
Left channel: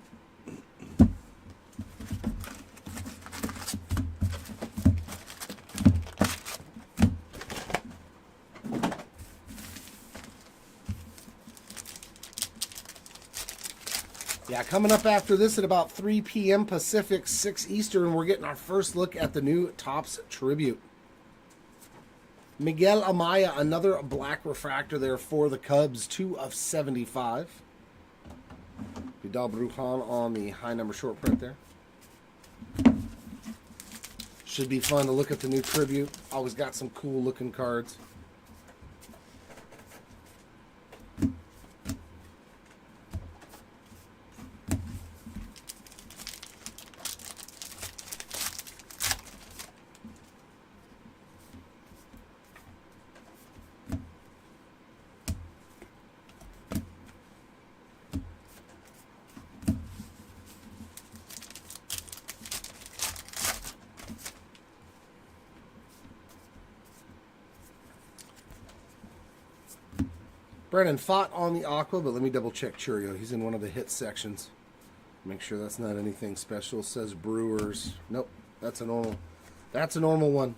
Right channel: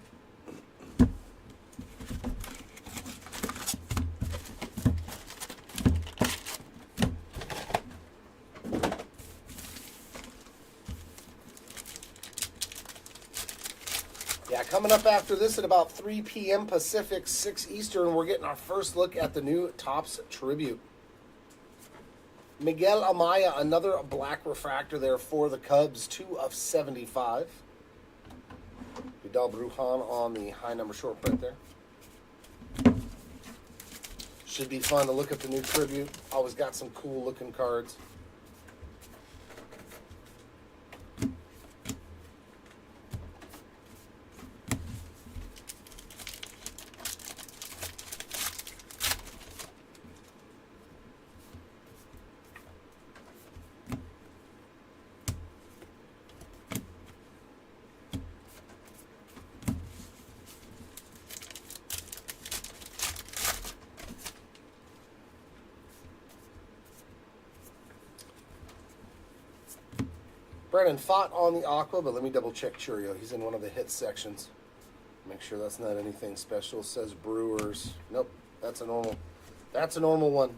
Yeah, coming up after this at about 3 p.m. Pacific, 6 Eastern, we're getting our first look at the new Topps Tribute. Miguel Amaya, another black refractor there for the Cubs, 2 of 75. Vidal Brujan on the high number short print there. Should be fun to look at the new Tribute. Always got some cool looking cards. Brennan Fott on the Aqua, but let me double check Churio. He's in one of the hit sections. Make sure that's not anything special. It says Brewers. Nope, that's a normal. That's a normal one.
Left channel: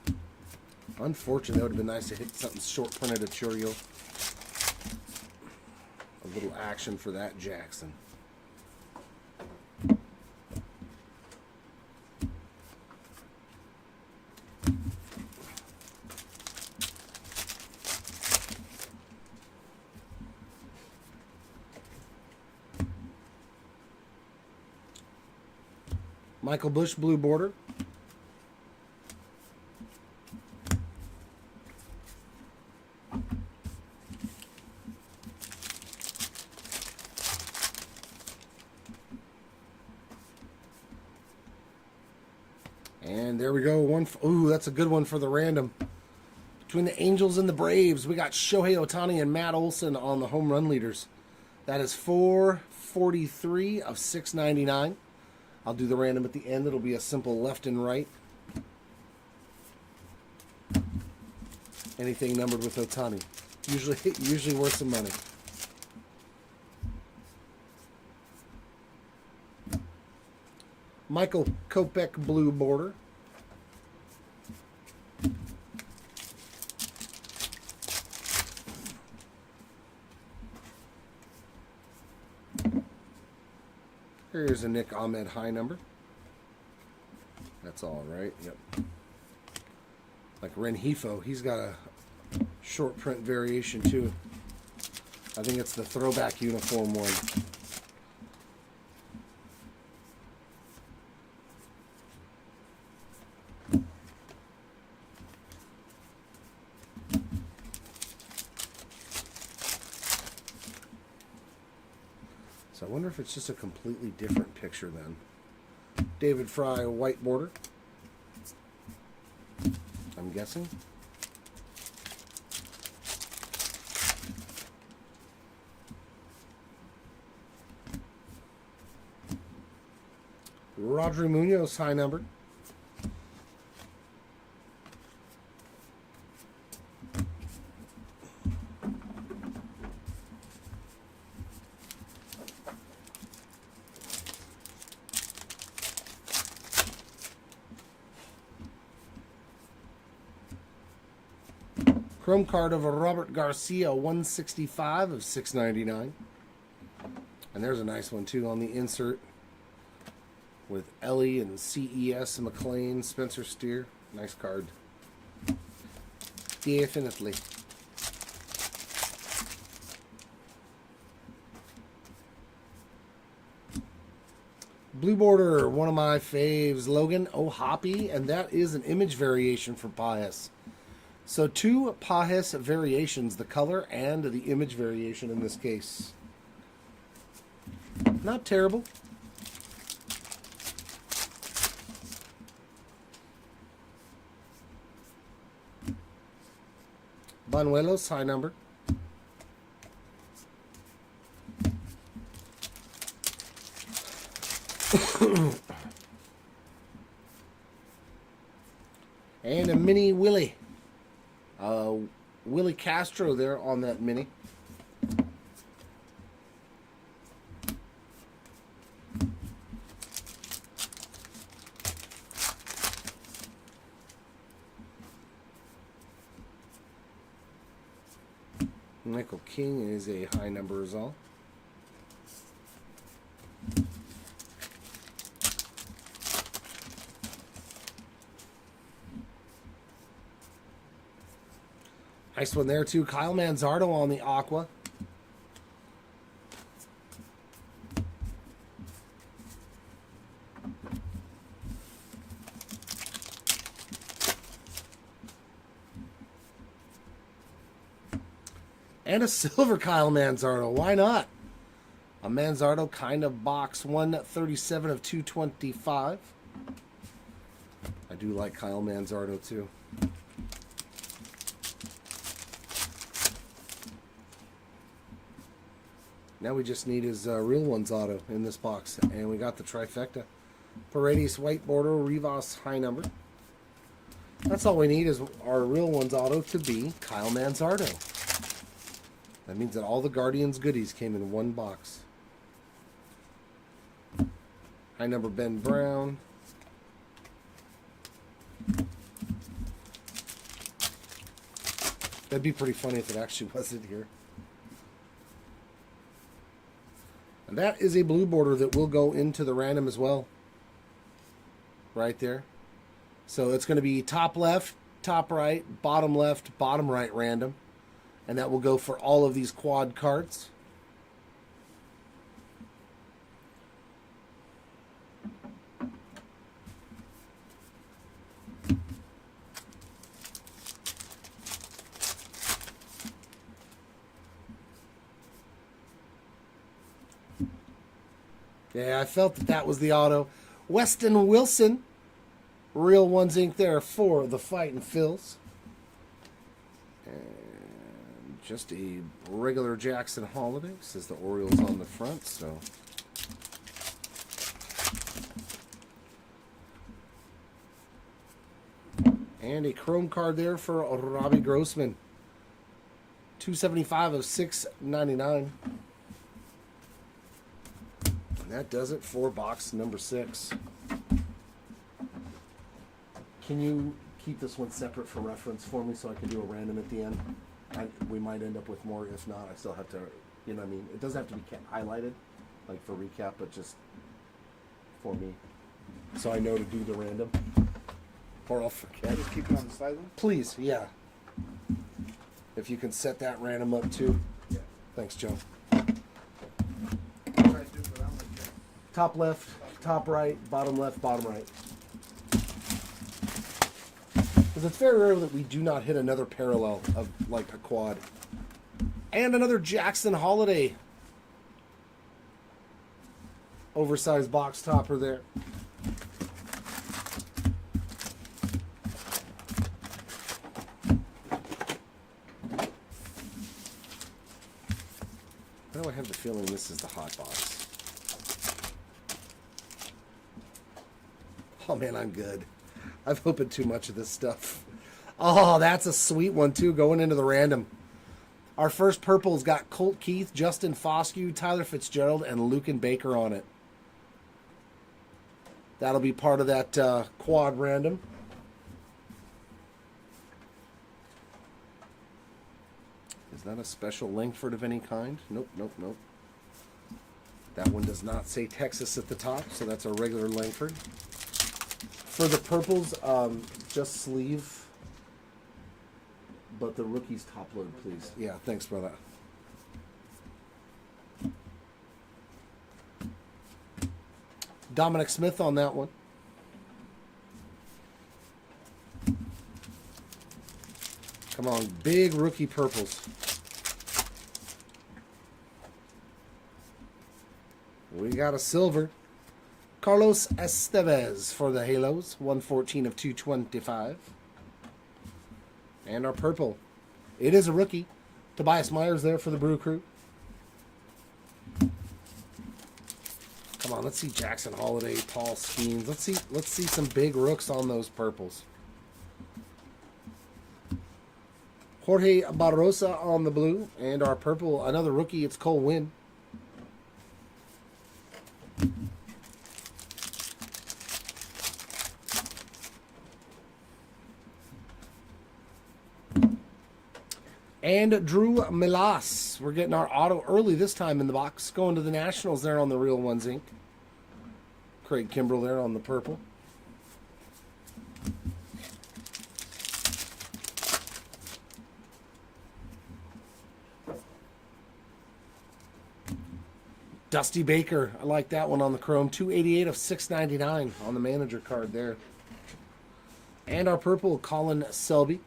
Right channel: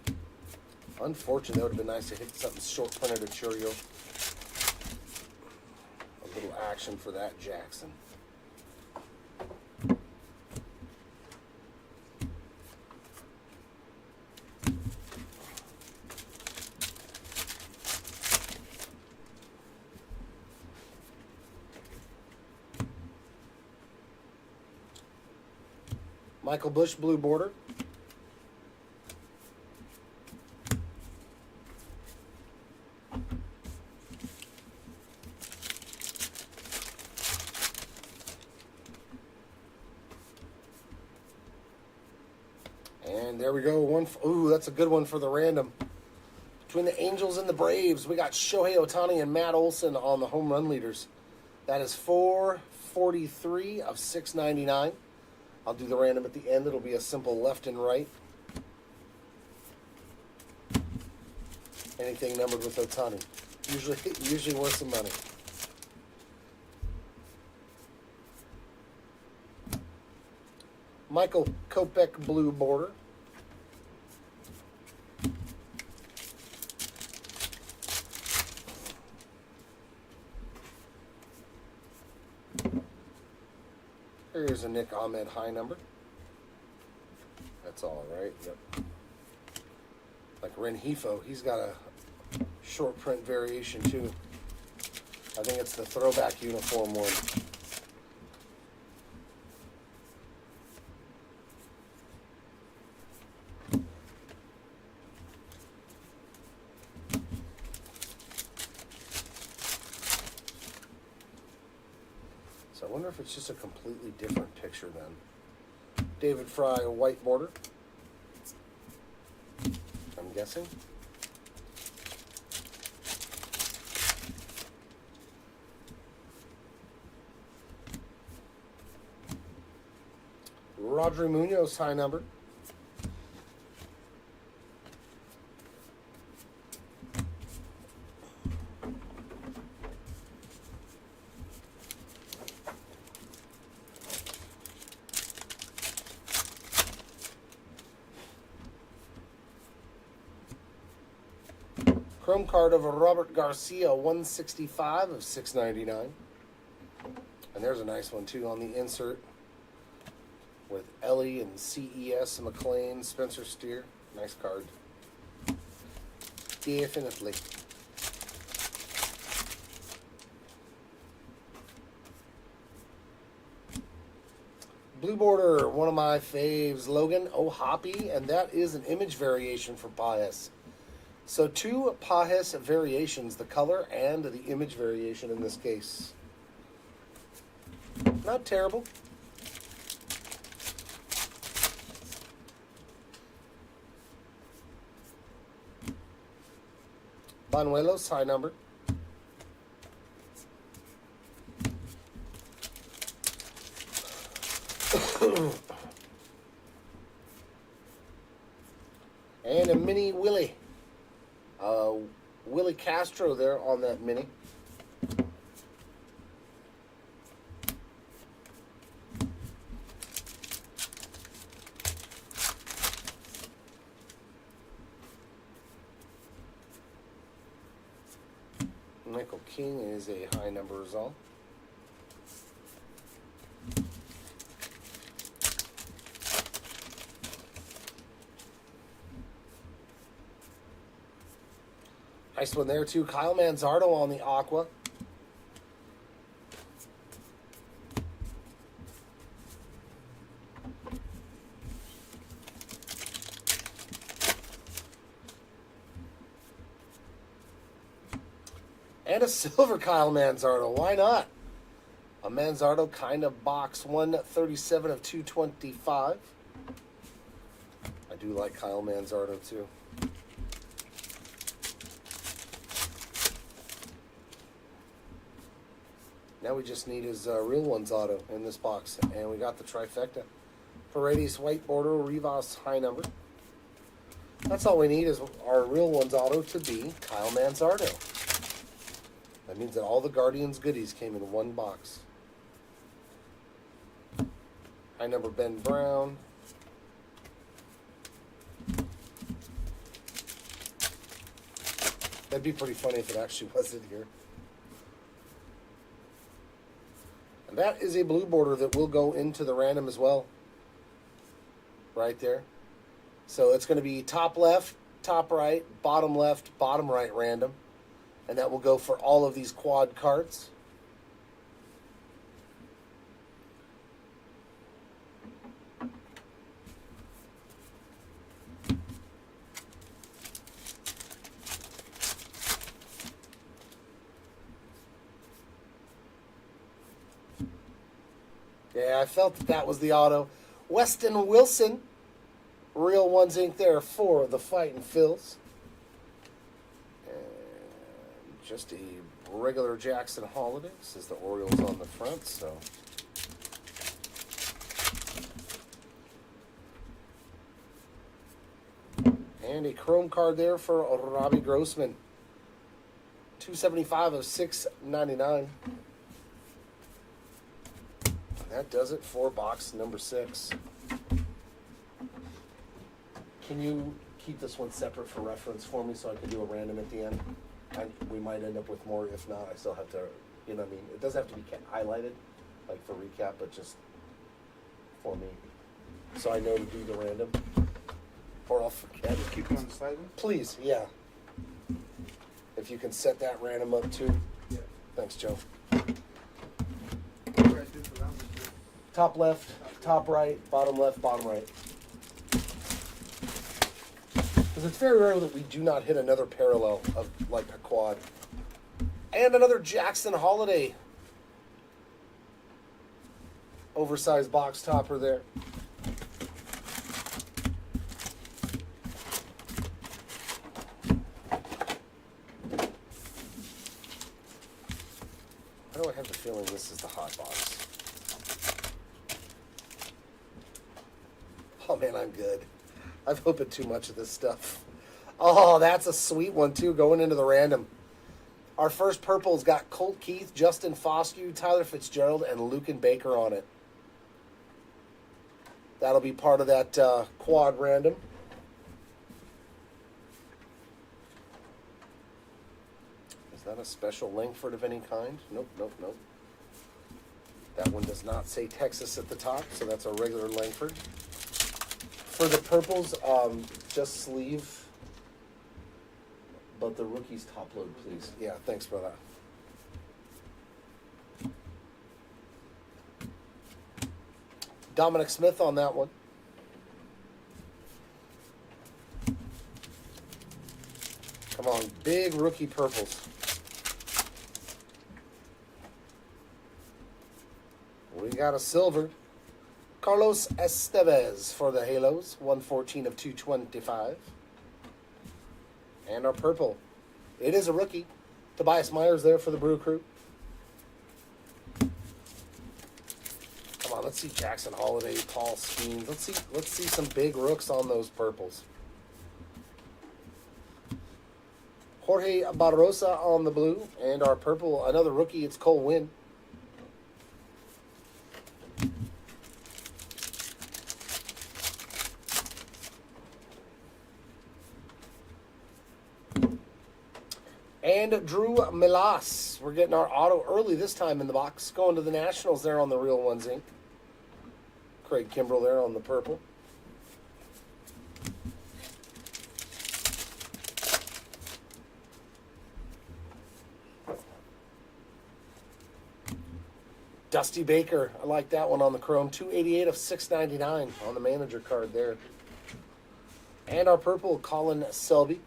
Unfortunately, that would have been nice to hit something short printed at Churio. A little action for that Jackson. Michael Bush, blue border. And there we go. Ooh, that's a good one for the random. Between the Angels and the Braves, we got Shohei Ohtani and Matt Olson on the home run leaders. That is 443 of 699. I'll do the random at the end. It'll be a simple left and right. Anything numbered with Ohtani. Usually worth some money. Michael Kopech, blue border. Here's a Nick Ahmed high number. That's all right. Yep. Like Renhefo, he's got a short print variation too. I think it's the throwback uniform one. So I wonder if it's just a completely different picture then. David Fry, white border. I'm guessing. Rodri Munoz, high number. Chrome card of a Robert Garcia, 165 of 699. And there's a nice one too on the insert with Ellie and CES and McLean, Spencer Steer. Nice card. Definitely. Blue border, one of my faves, Logan O'Hoppe, and that is an image variation for Pajes. So 2 Pajes variations, the color and the image variation in this case. Not terrible. Banuelos, high number. And a mini Willie. Willie Castro there on that mini. Michael King is a high number as all. Nice one there too. Kyle Manzardo on the Aqua. And a silver Kyle Manzardo. Why not? A Manzardo kind of box 137 of 225. I do like Kyle Manzardo too. Now we just need his real ones auto in this box. And we got the trifecta. Paredes white border, Rivas high number. That's all we need is our real ones auto to be Kyle Manzardo. That means that all the Guardians goodies came in one box. High number Ben Brown. That'd be pretty funny if it actually wasn't here. And that is a blue border that will go into the random as well. Right there. So it's going to be top left, top right, bottom left, bottom right random. And that will go for all of these quad cards. Yeah, I felt that was the auto. Weston Wilson. Real Ones Inc. there for the Fightin' Phils. And just a regular Jackson Holiday. Says the Orioles on the front, so. And a chrome card there for Robbie Grossman. 275 of 699. That does it for box number 6. Can you keep this one separate for reference for me so I can do a random at the end? We might end up with more. If not, I still have to, you know what I mean? It doesn't have to be highlighted, like for recap, but just for me. So I know to do the random. Or I'll forget. Just keep it on the side then? Please, yeah. If you can set that random up too. Yeah. Thanks, Joe. Right, just around like this. Top left, top right, bottom left, bottom right. Because it's very rare that we do not hit another parallel of like a quad. And another Jackson Holiday. Oversized box topper there. Why do I have the feeling this is the hot box? Oh man, I'm good. I've opened too much of this stuff. Oh, that's a sweet one too, going into the random. Our first purple's got Colt Keith, Justin Foscue, Tyler Fitzgerald, and Lucan Baker on it. That'll be part of that quad random. Is that a special Langford of any kind? Nope, nope, nope. That one does not say Texas at the top, so that's a regular Langford. For the purples, just sleeve, but the rookies top load, please. Yeah, thanks, brother. Dominic Smith on that one. Come on, big rookie purples. We got a silver. Carlos Estevez for the Halos, 114 of 225. And our purple. It is a rookie. Tobias Myers there for the Brew Crew. Come on, let's see Jackson Holiday, Paul Skeens. Let's see some big rooks on those purples. Jorge Barrosa on the blue, and our purple, another rookie, it's Cole Winn. And Drew Milas. We're getting our auto early this time in the box. Going to the Nationals there on the Real Ones Inc. Craig Kimbrell there on the purple. Dusty Baker. I like that one on the chrome. 288 of 699 on the manager card there. And our purple, Colin Selby.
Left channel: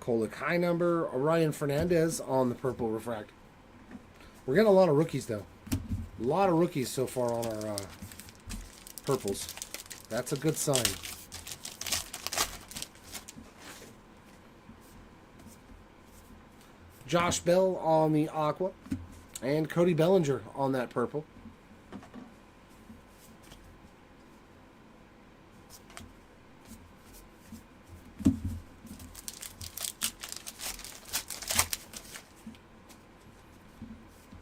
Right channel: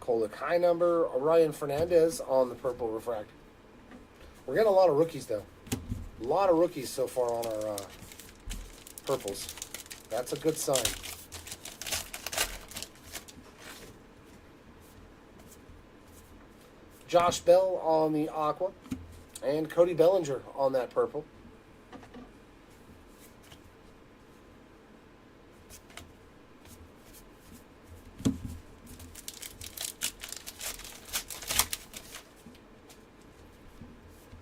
Kolek high number, Orion Fernandez on the purple refractor. We're getting a lot of rookies, though. A lot of rookies so far on our purples. That's a good sign. Josh Bell on the aqua. And Cody Bellinger on that purple.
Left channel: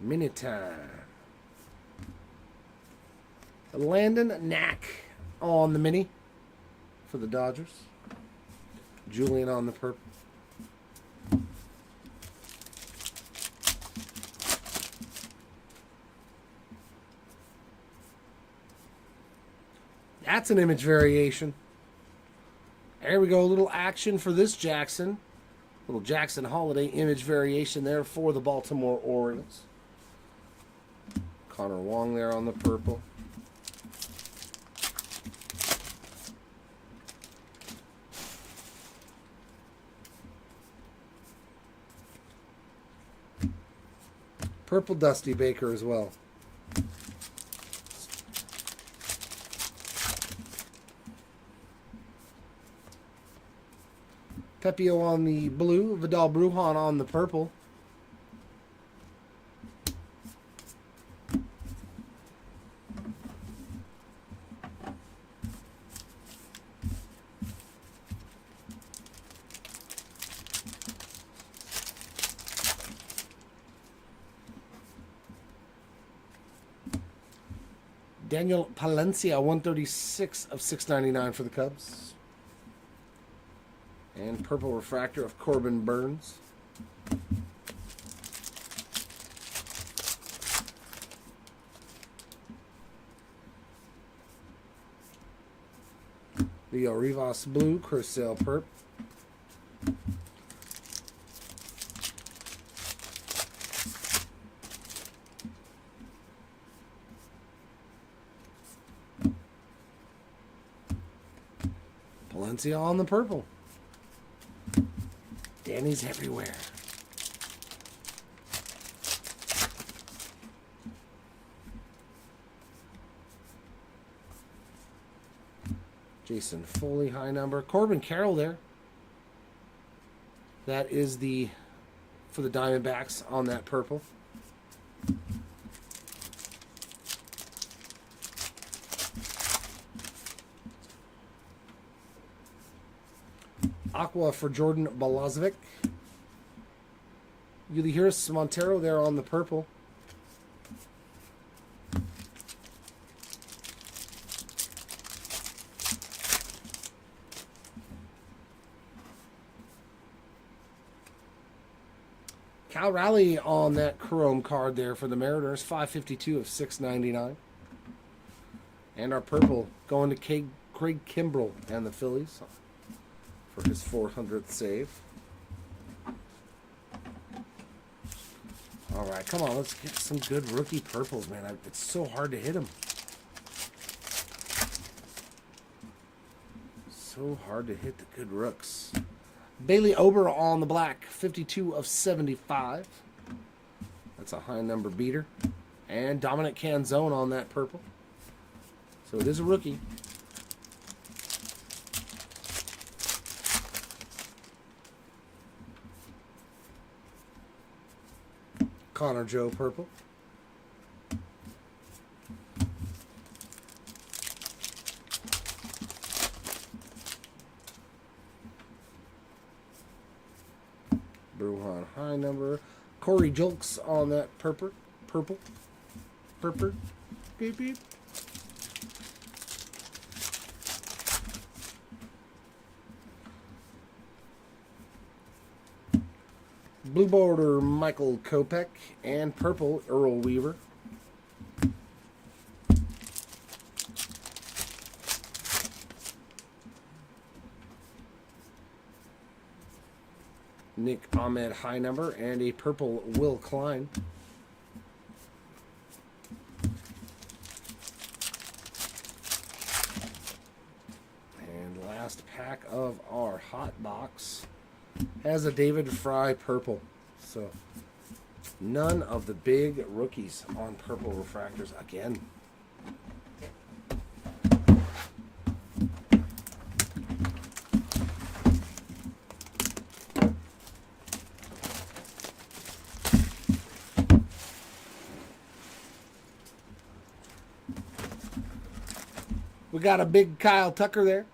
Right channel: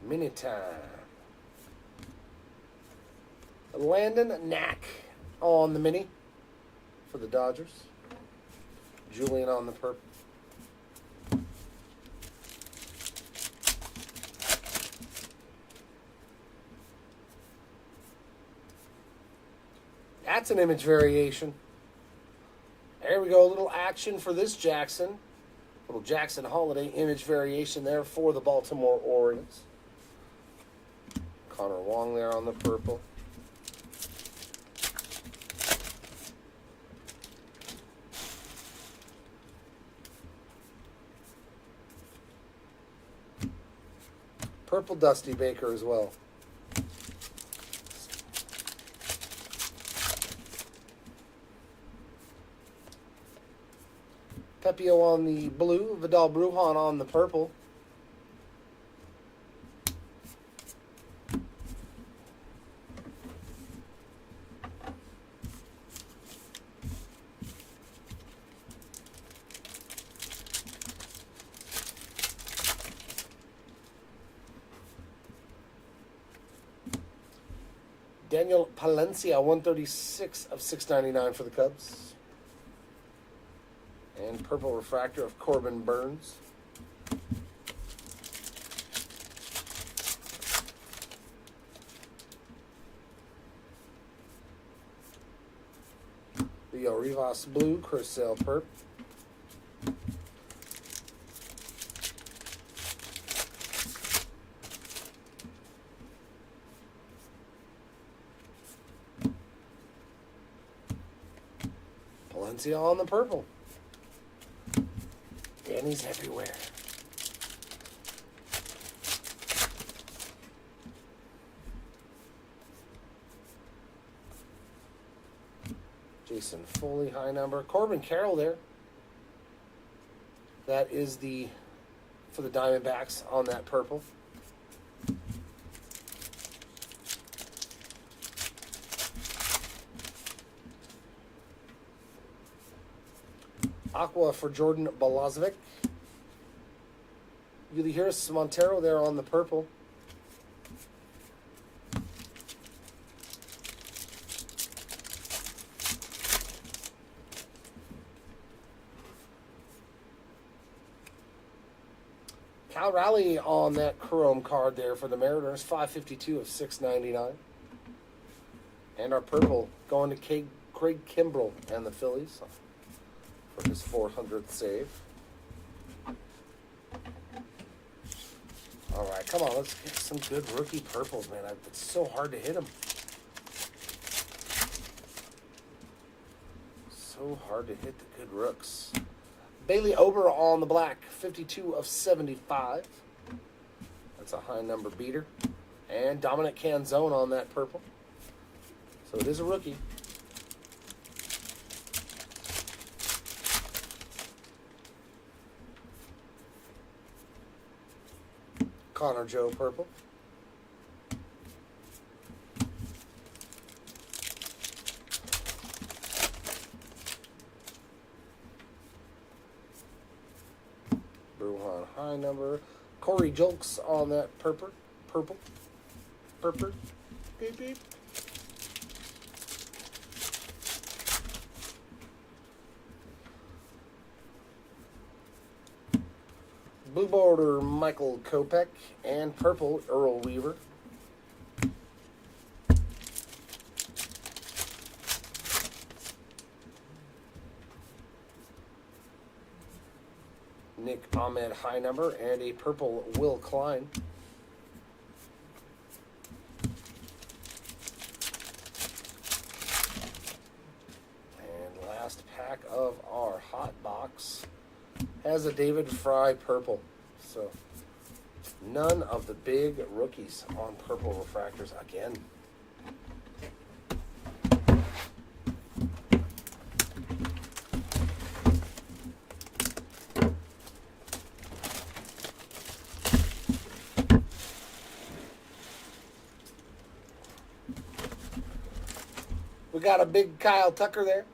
Mini time. Landon Knack on the mini for the Dodgers. Julian on the purple. That's an image variation. There we go. A little action for this Jackson. Little Jackson Holiday image variation there for the Baltimore Orioles. Connor Wong there on the purple. Purple Dusty Baker as well. Pepio on the blue, Vidal Brujan on the purple. Daniel Palencia, 136 of 699 for the Cubs. And purple refractor of Corbin Burns. Leo Rivas blue, Chris Sale perp. Palencia on the purple. Danny's everywhere. Jason Foley, high number. Corbin Carroll there. That is the for the Diamondbacks on that purple. Aqua for Jordan Balazovic. Ulysses Montero there on the purple. Cal Raleigh on that chrome card there for the Mariners. 552 of 699. And our purple going to Craig Kimbrell and the Phillies for his 400th save. All right, come on, let's get some good rookie purples, man. It's so hard to hit them. So hard to hit the good rooks. Bailey Ober on the black, 52 of 75. That's a high number beater. And Dominic Canzone on that purple. So it is a rookie. Connor Joe purple. Bruhan high number. Corey Julks on that purple. Beep, beep. Blue border Michael Kopech and purple Earl Weaver. Nick Ahmed high number and a purple Will Klein. And last pack of our hot box has a David Fry purple. So none of the big rookies on purple refractors again. We got a big Kyle Tucker there.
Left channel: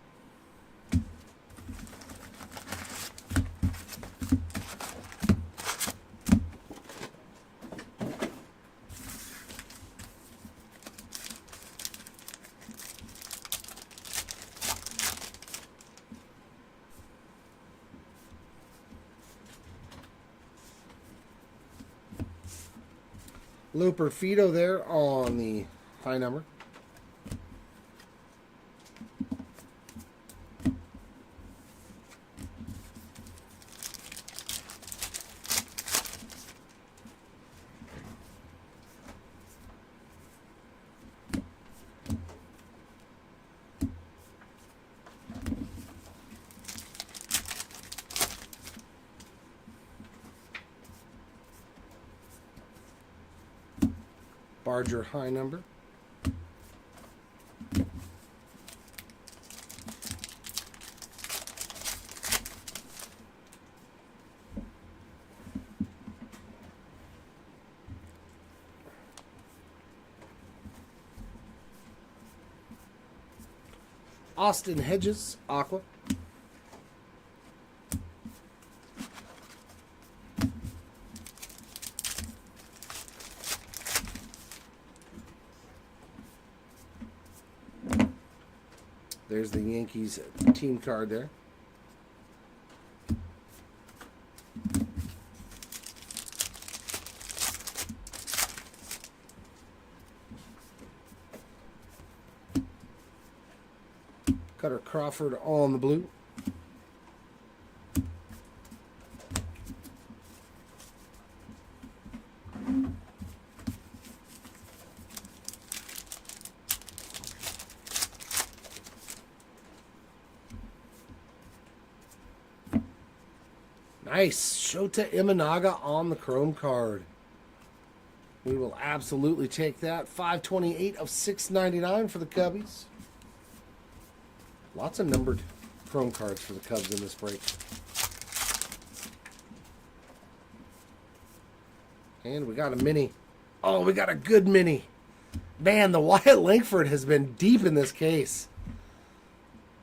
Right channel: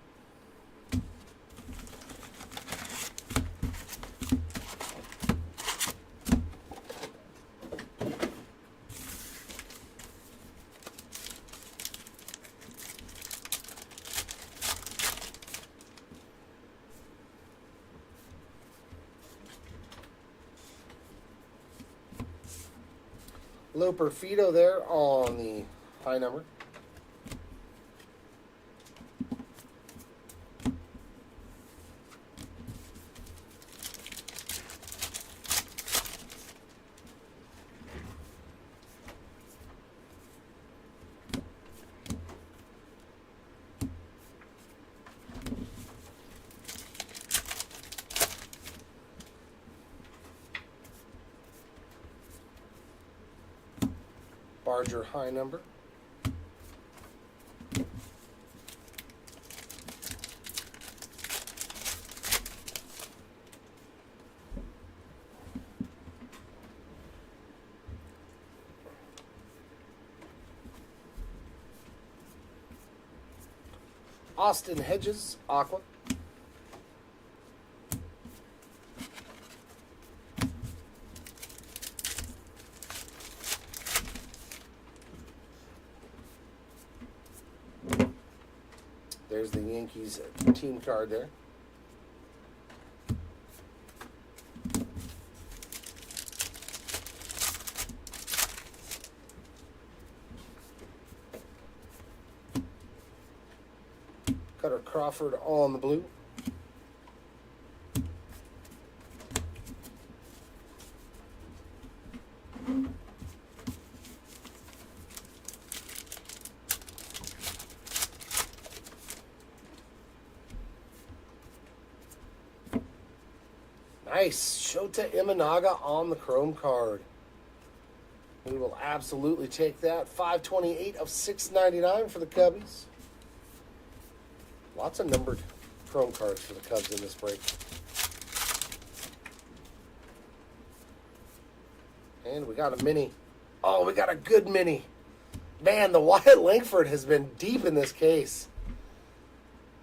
Loper Fido there on the high number. Barger high number. Austin Hedges, Aqua. There's the Yankees team card there. Cutter Crawford on the blue. Nice. Shota Imanaga on the chrome card. We will absolutely take that. 528 of 699 for the Cubbies. Lots of numbered chrome cards for the Cubs in this break. And we got a mini. Oh, we got a good mini. Man, the Wyatt Langford has been deep in this case.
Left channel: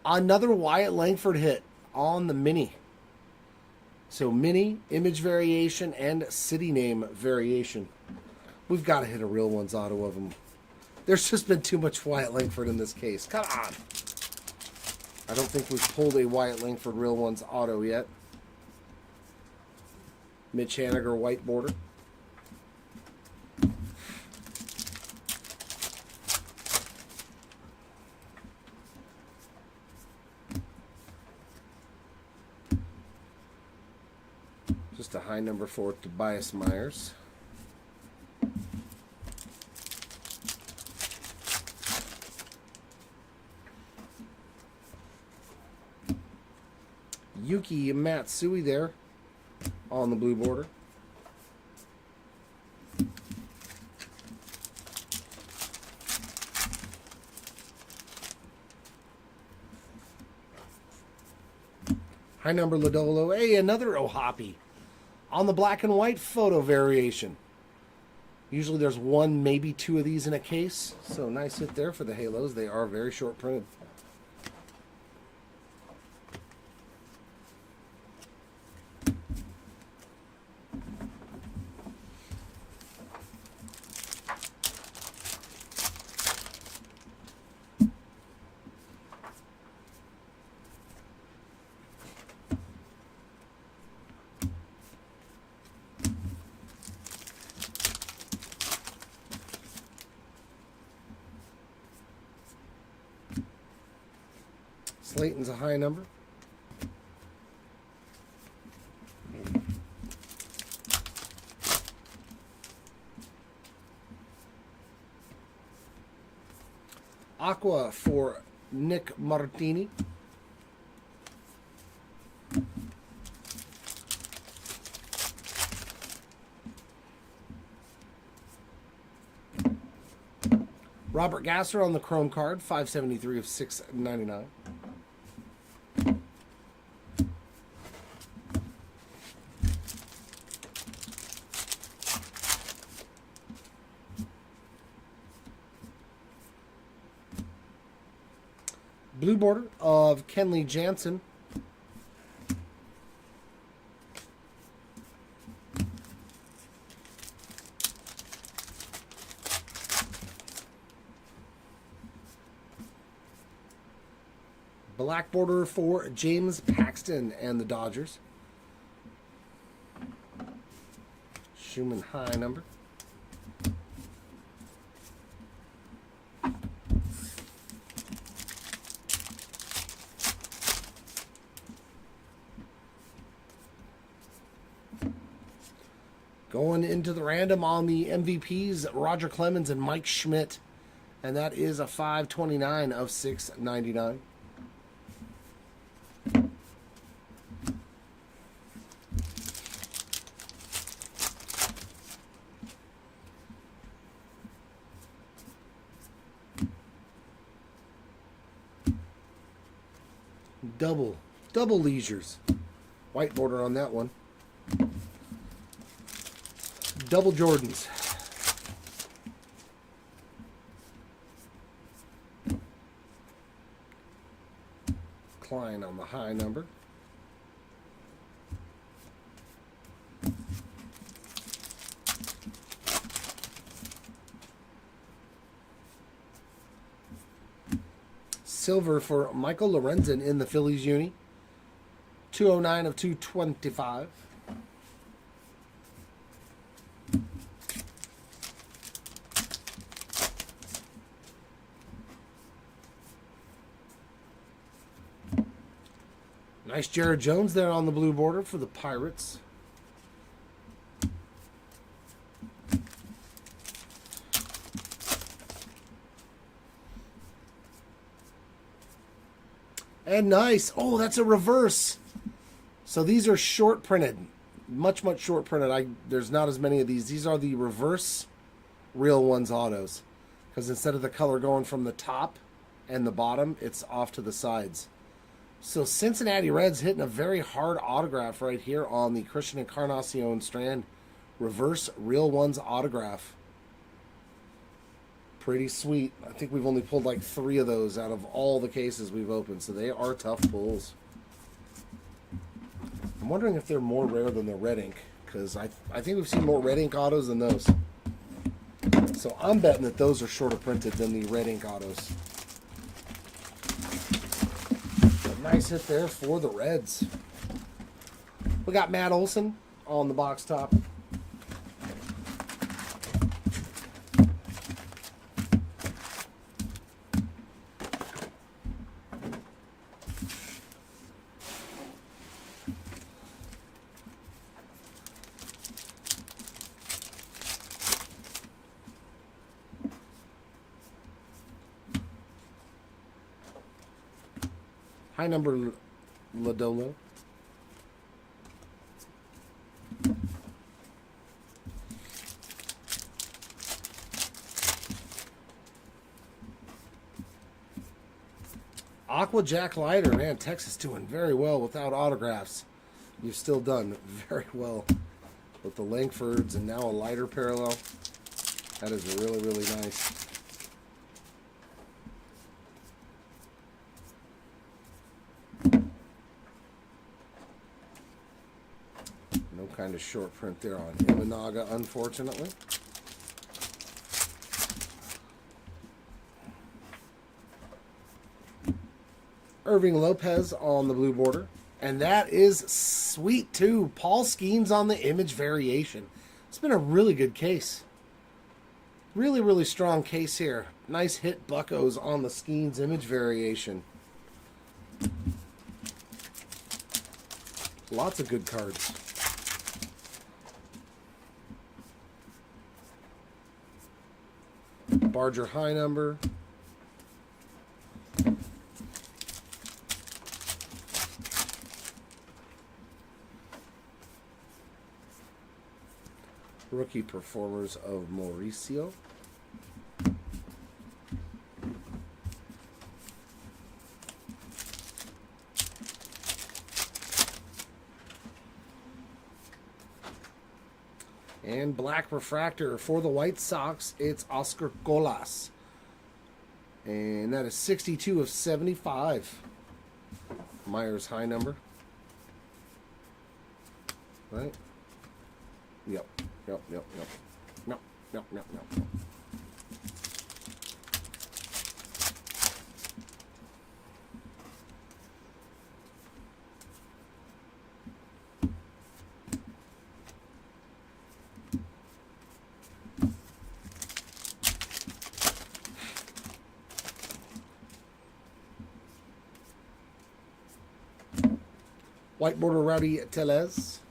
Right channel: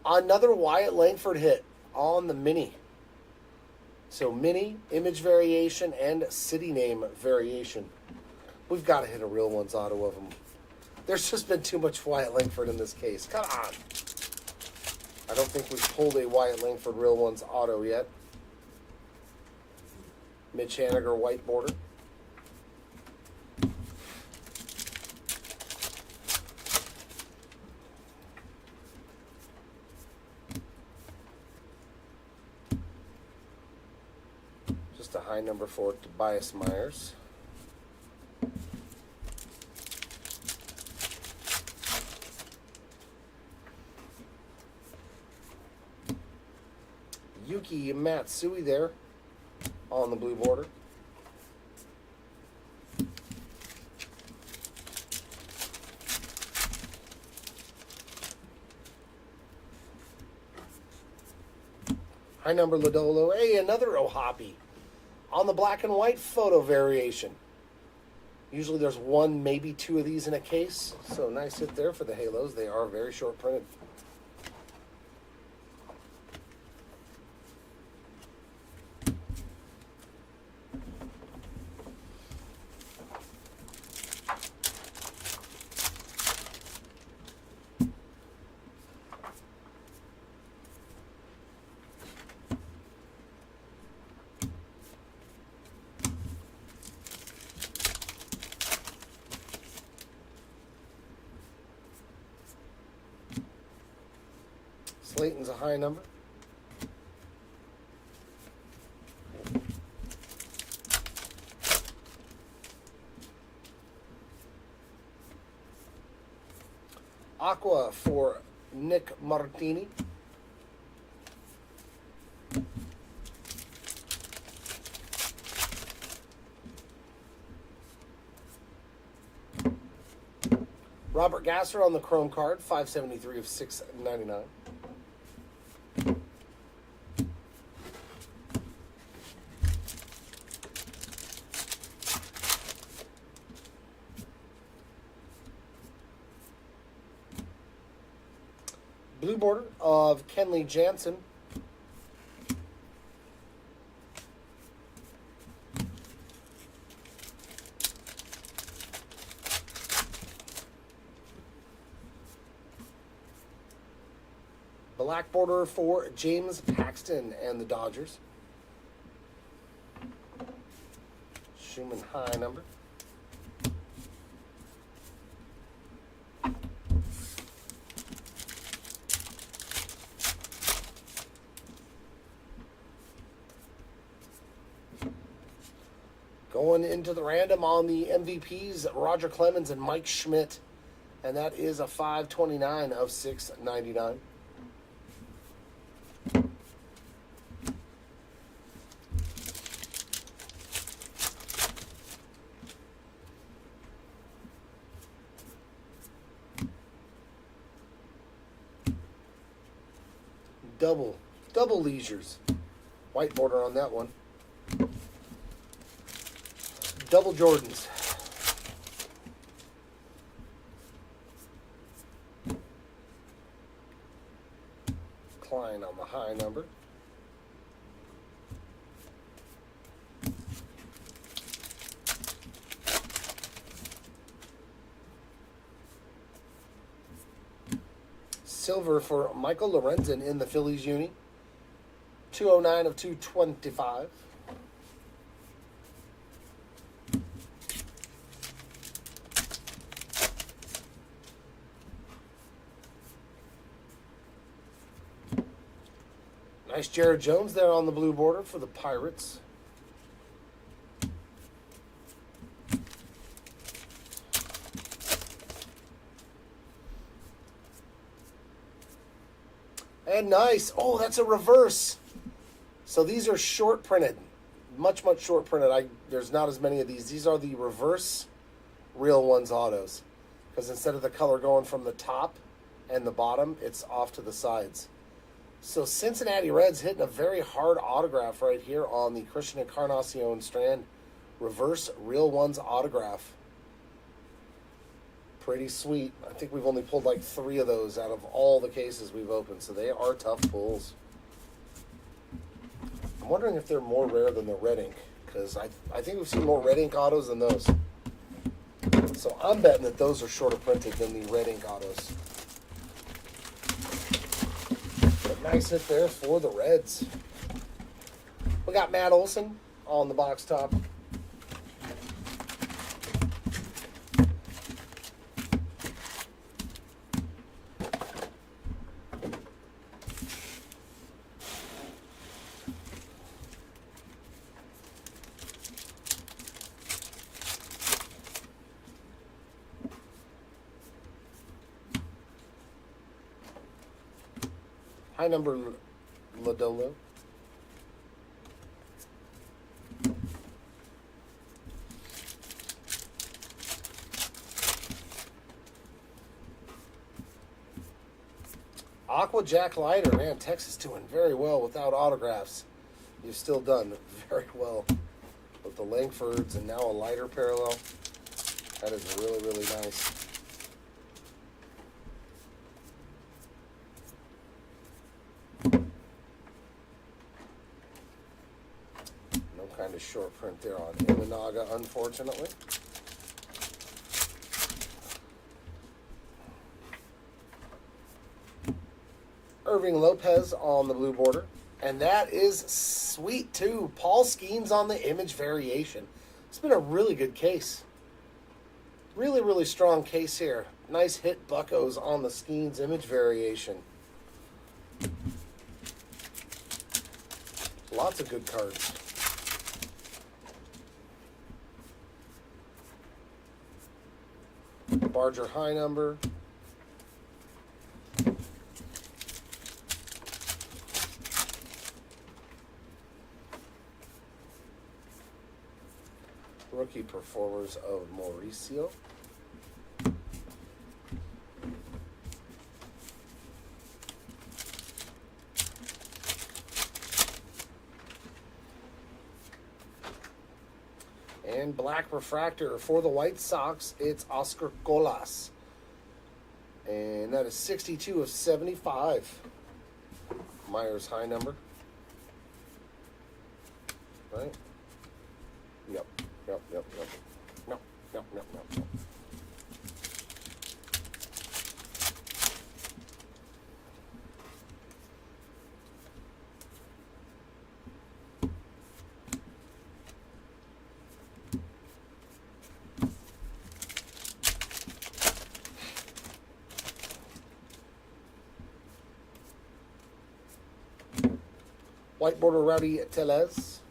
Another Wyatt Langford hit on the mini. So mini, image variation, and city name variation. We've got to hit a real ones auto of them. There's just been too much Wyatt Langford in this case. Come on. I don't think we've pulled a Wyatt Langford real ones auto yet. Mitch Haniger white border. Just a high number for Tobias Myers. Yuki Matsui there on the blue border. High number Lodolo. Hey, another Ohapi on the black and white photo variation. Usually there's one, maybe two of these in a case. So nice hit there for the Halos. They are very short printed. Clayton's a high number. Aqua for Nick Martini. Robert Gasser on the Chrome card, 573 of 699. Blue border of Kenley Jansen. Black border for James Paxton and the Dodgers. Schumann high number. Going into the random on the MVPs, Roger Clemens and Mike Schmidt. And that is a 529 of 699. Double leisures. White border on that one. Double Jordans. Klein on the high number. Silver for Michael Lorenzen in the Phillies uni. 209 of 225. Nice Jared Jones there on the blue border for the Pirates. And nice. Oh, that's a reverse. So these are short printed. Much short printed. There's not as many of these. These are the reverse Real Ones autos. Because instead of the color going from the top and the bottom, it's off to the sides. So Cincinnati Reds hitting a very hard autograph right here on the Christian Encarnacion strand. Reverse Real Ones autograph. Pretty sweet. I think we've only pulled like 3 of those out of all the cases we've opened. So they are tough pulls. I'm wondering if they're more rare than the red ink. Because I think we've seen more red ink autos than those. So I'm betting that those are shorter printed than the red ink autos. Nice hit there for the Reds. We got Matt Olson on the box top. High number Lodolo. Aqua Jack Leiter, man, Texas doing very well without autographs. You've still done very well with the Langfords and now a Leiter parallel. That is really nice. Kind of short print there on Imanaga, unfortunately. Irving Lopez on the blue border. And that is sweet, too. Paul Skeens on the image variation. It's been a really good case. Really strong case here. Nice hit buckos on the Skeens image variation. Lots of good cards. Barger high number. Rookie performers of Mauricio. And black refractor for the White Sox, it's Oscar Colas. And that is 62 of 75. Myers high number. Right? Yep. No. White border Rowdy Tellez.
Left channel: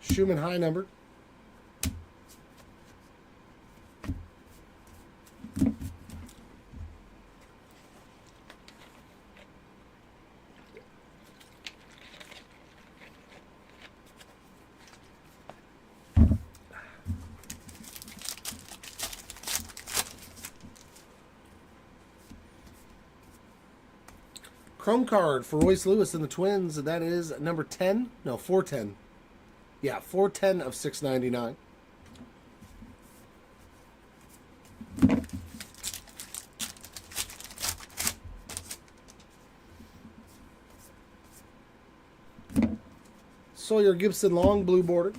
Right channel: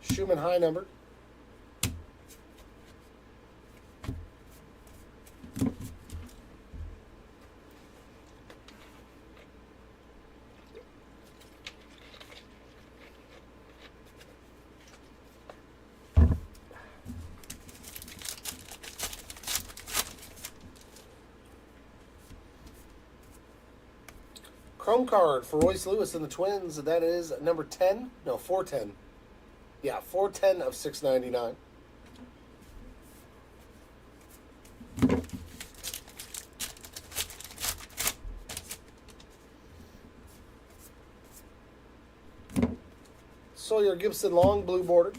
Schumann high number. Chrome card for Royce Lewis and the Twins. That is number 10. No, 410. Yeah, 410 of 699. Sawyer Gibson long blue border.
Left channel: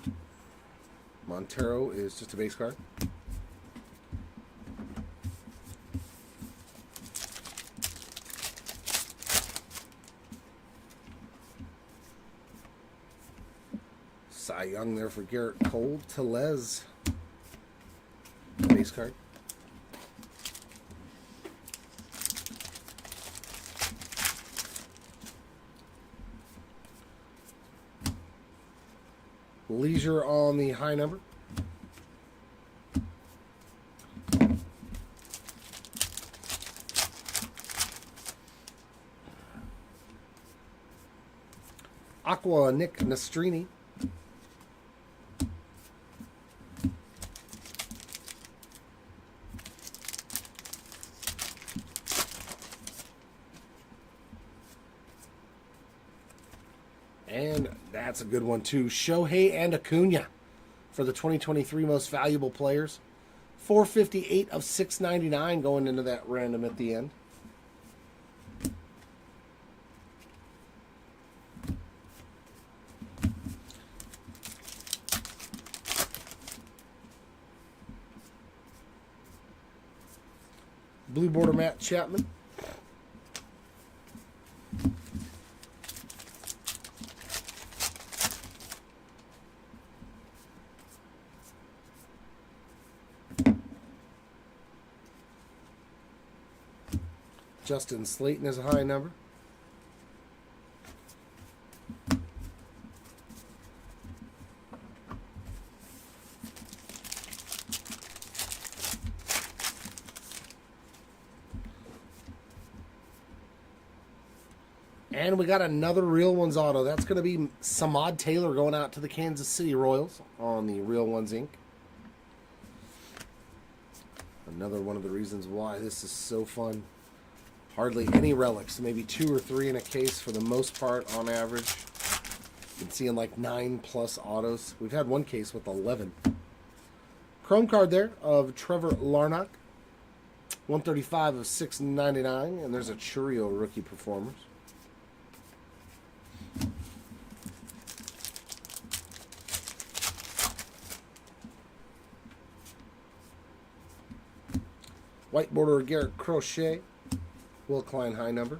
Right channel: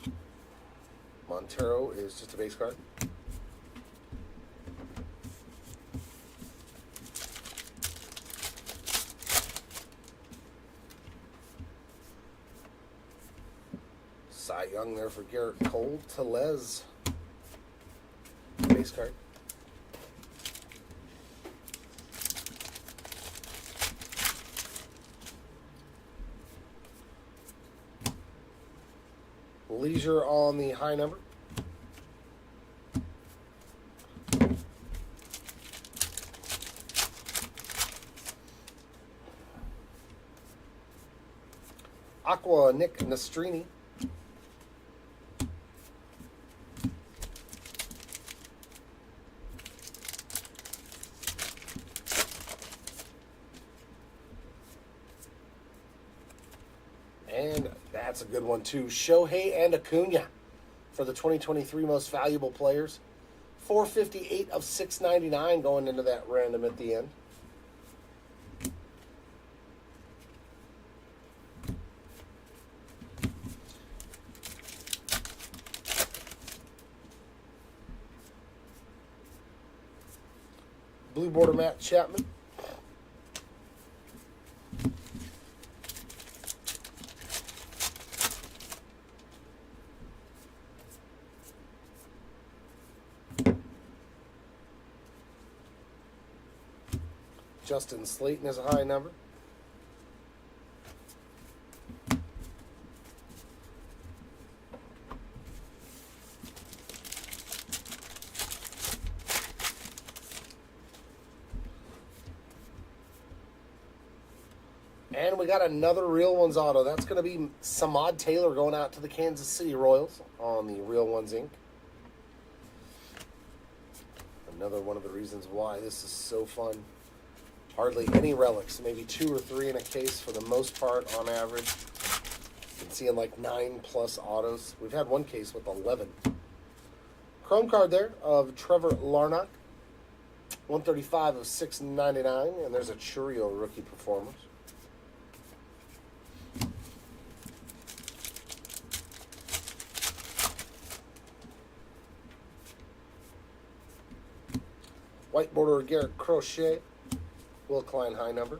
Montero is just a base card. Cy Young there for Garrett Cole. Tellez, base card. Leisure on the high number. Aqua Nick Nastrini. And that's a good one too. Shohei and Acuna for the 2023 most valuable players. 458 of 699 going into that random at the end. Blue border Matt Chapman. Justin Slayton is a high number. And we got another Real Ones auto. That's going to be Samad Taylor going out to the Kansas City Royals on the Real Ones Inc. Another one of the reasons why this is so fun. Hardly any relics, maybe 2 or 3 in a case for the most part on average. Been seeing like 9+ autos. We've had one case with 11. Chrome card there of Trevor Larnach. 135 of 699, and there's a Churio rookie performers. White border Garrett Crochet. Will Klein high number.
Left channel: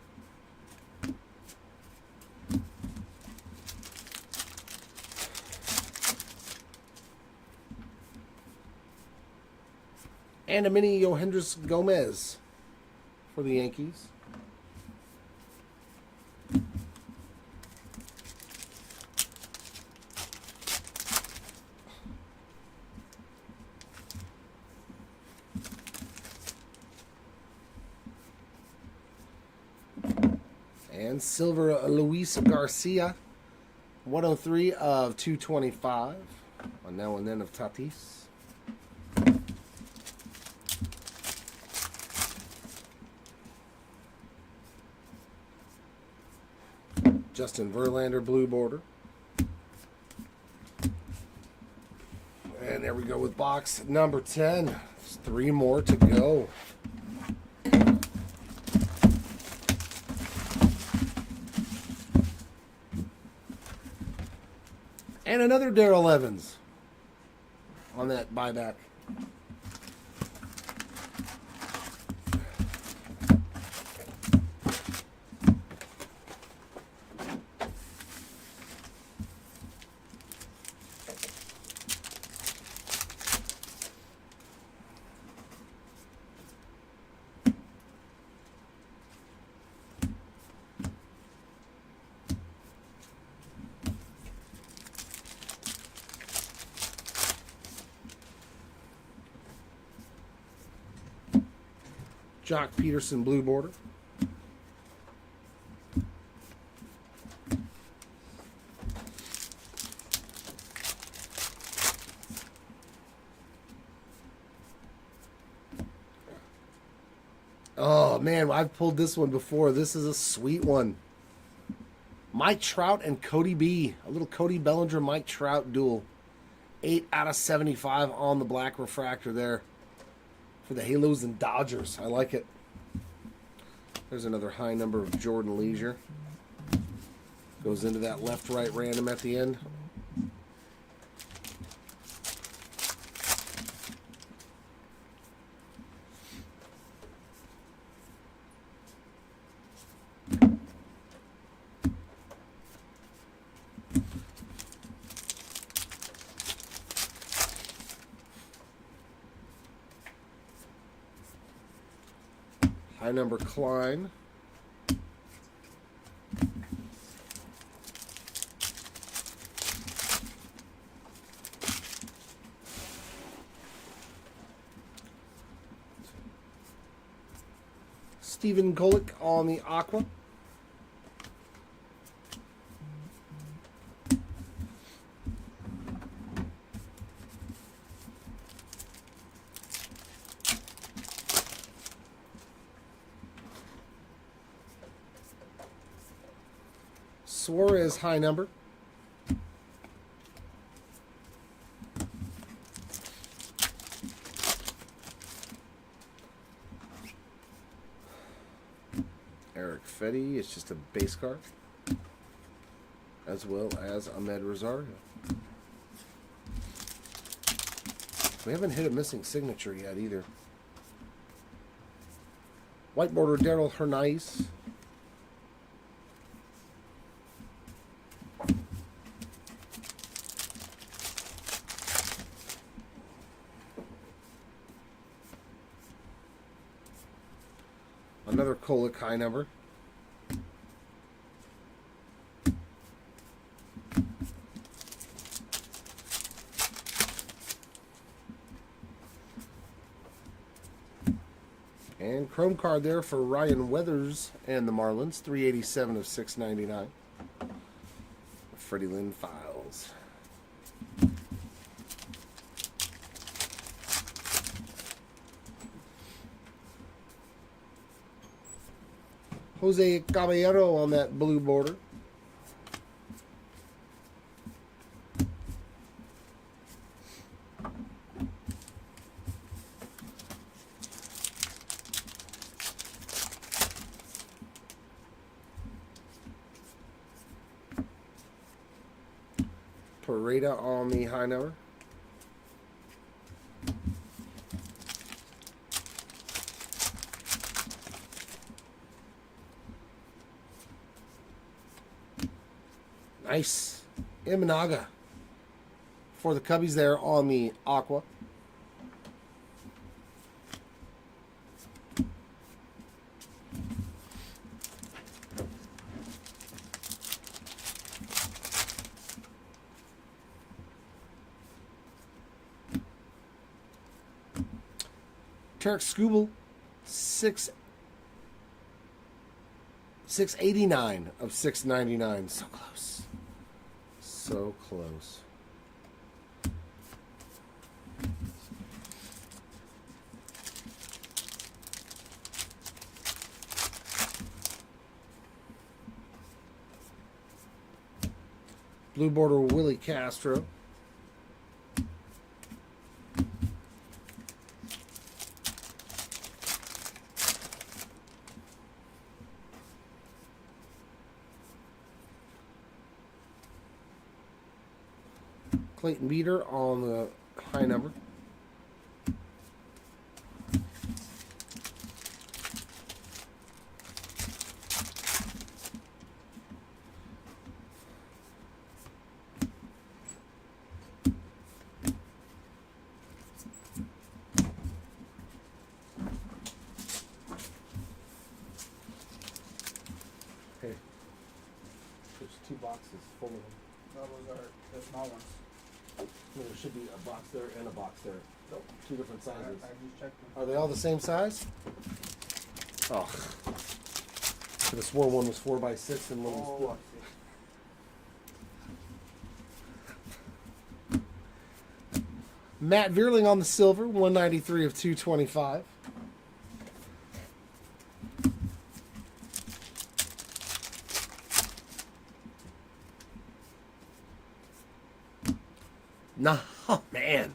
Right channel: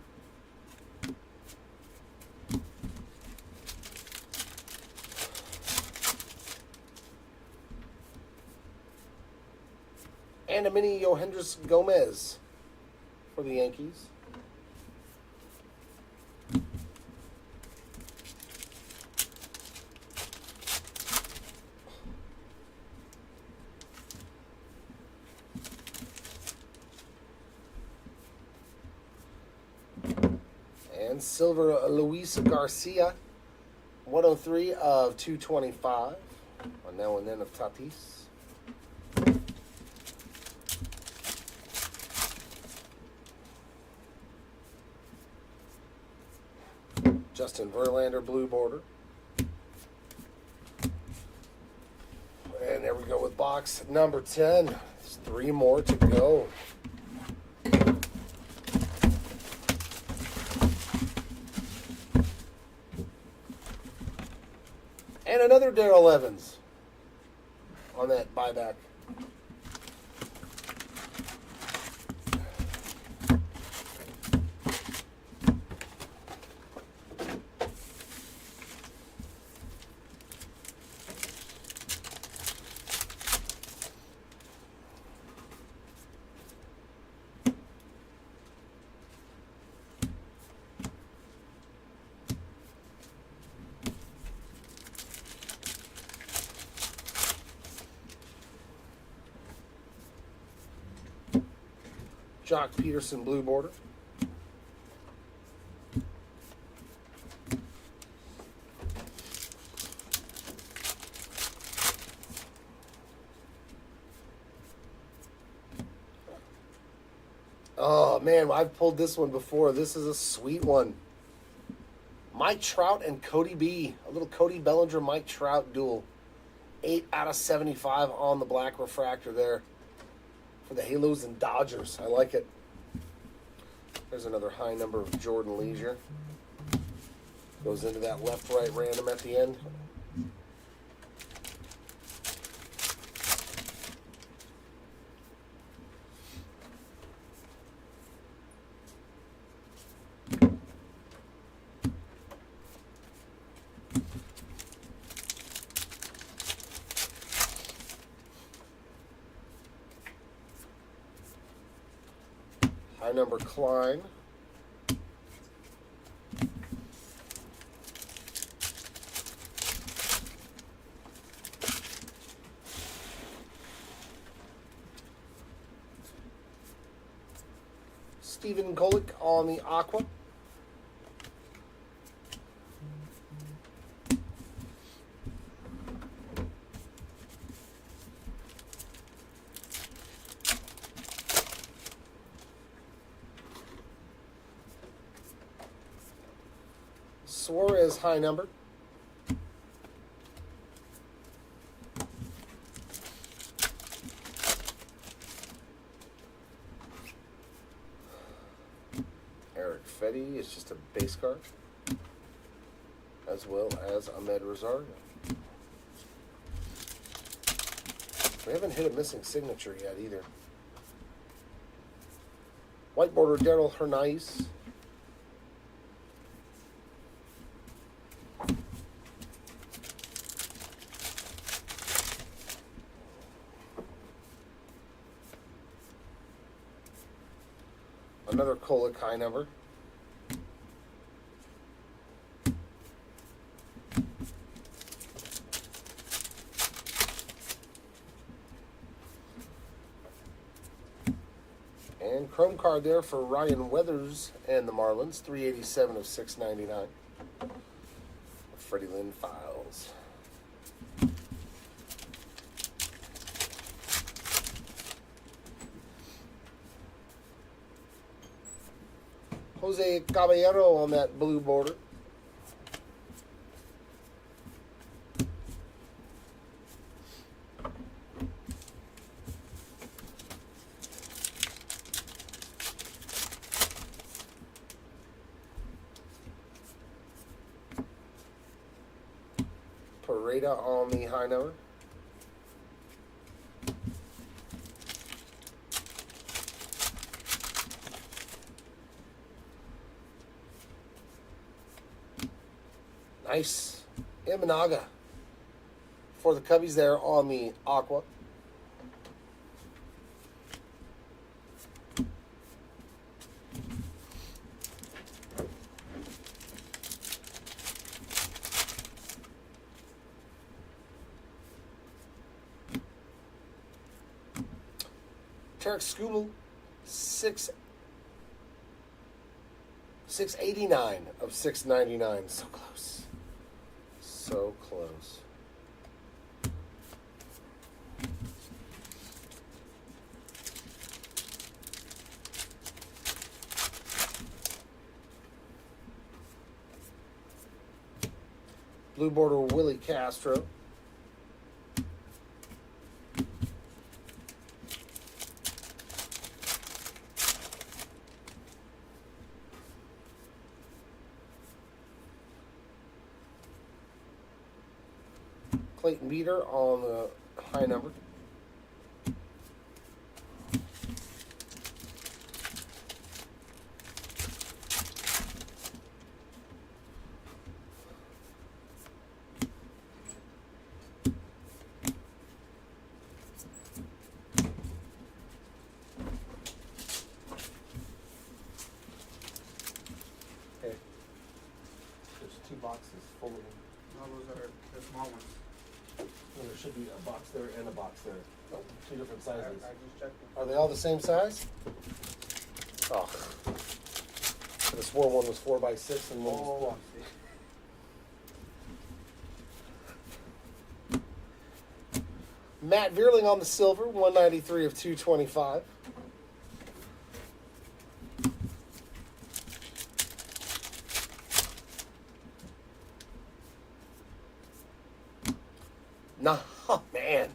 And a mini Yohendris Gomez for the Yankees. And silver Luis Garcia, 103 of 225. On now and then of Tatis. Justin Verlander blue border. And there we go with box number 10. There's 3 more to go. And another Darrell Evans on that buyback. Jock Peterson blue border. Oh man, I've pulled this one before. This is a sweet one. Mike Trout and Cody B. A little Cody Bellinger Mike Trout duel. 8 out of 75 on the black refractor there. For the Halos and Dodgers. I like it. There's another high number of Jordan Leisure. Goes into that left-right random at the end. High number Klein. Stephen Golick on the Aqua. Suarez high number. Eric Fetty, it's just a base card. As well as Ahmed Rosario. We haven't hit a missing signature yet either. White border Daryl Hernandez. Another Kolek high number. And chrome card there for Ryan Weathers and the Marlins. 387 of 699. Freddie Lynn Files. Jose Caballero on that blue border. Pareda on the high number. Nice. Imanaga for the Cubbies there on the Aqua. Tarek Skubal, 689 of 699. So close. So close. Blue border Willie Castro. Clayton Beater on the high number. Okay. There's 2 boxes full of them. No, those are the small ones. Well, there should be a box there and a box there. No, 2 different I sizes. just checked them. Are they all the same size? Oh. Could have swore one was 4x6 and one was 12. Matt Vierling on the silver, 193 of 225. No, oh, man.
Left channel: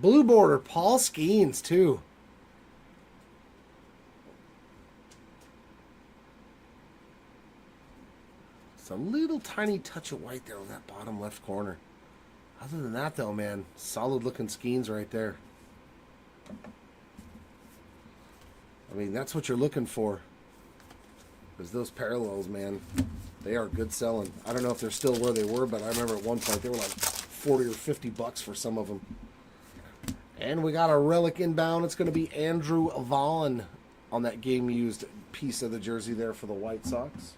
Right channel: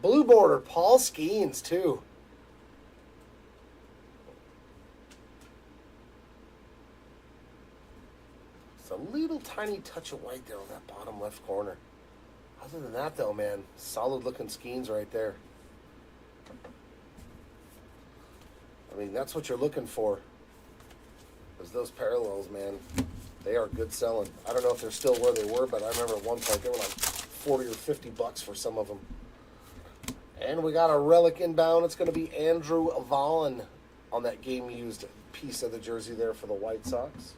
Blue border, Paul Skeens, too. Some little tiny touch of white there on that bottom left corner. Other than that, though, man, solid looking Skeens right there. I mean, that's what you're looking for. Because those parallels, man, they are good selling. I don't know if they're still where they were, but I remember at one point they were like 40 or 50 bucks for some of them. And we got a relic inbound. It's going to be Andrew Vaughn on that game-used piece of the jersey there for the White Sox.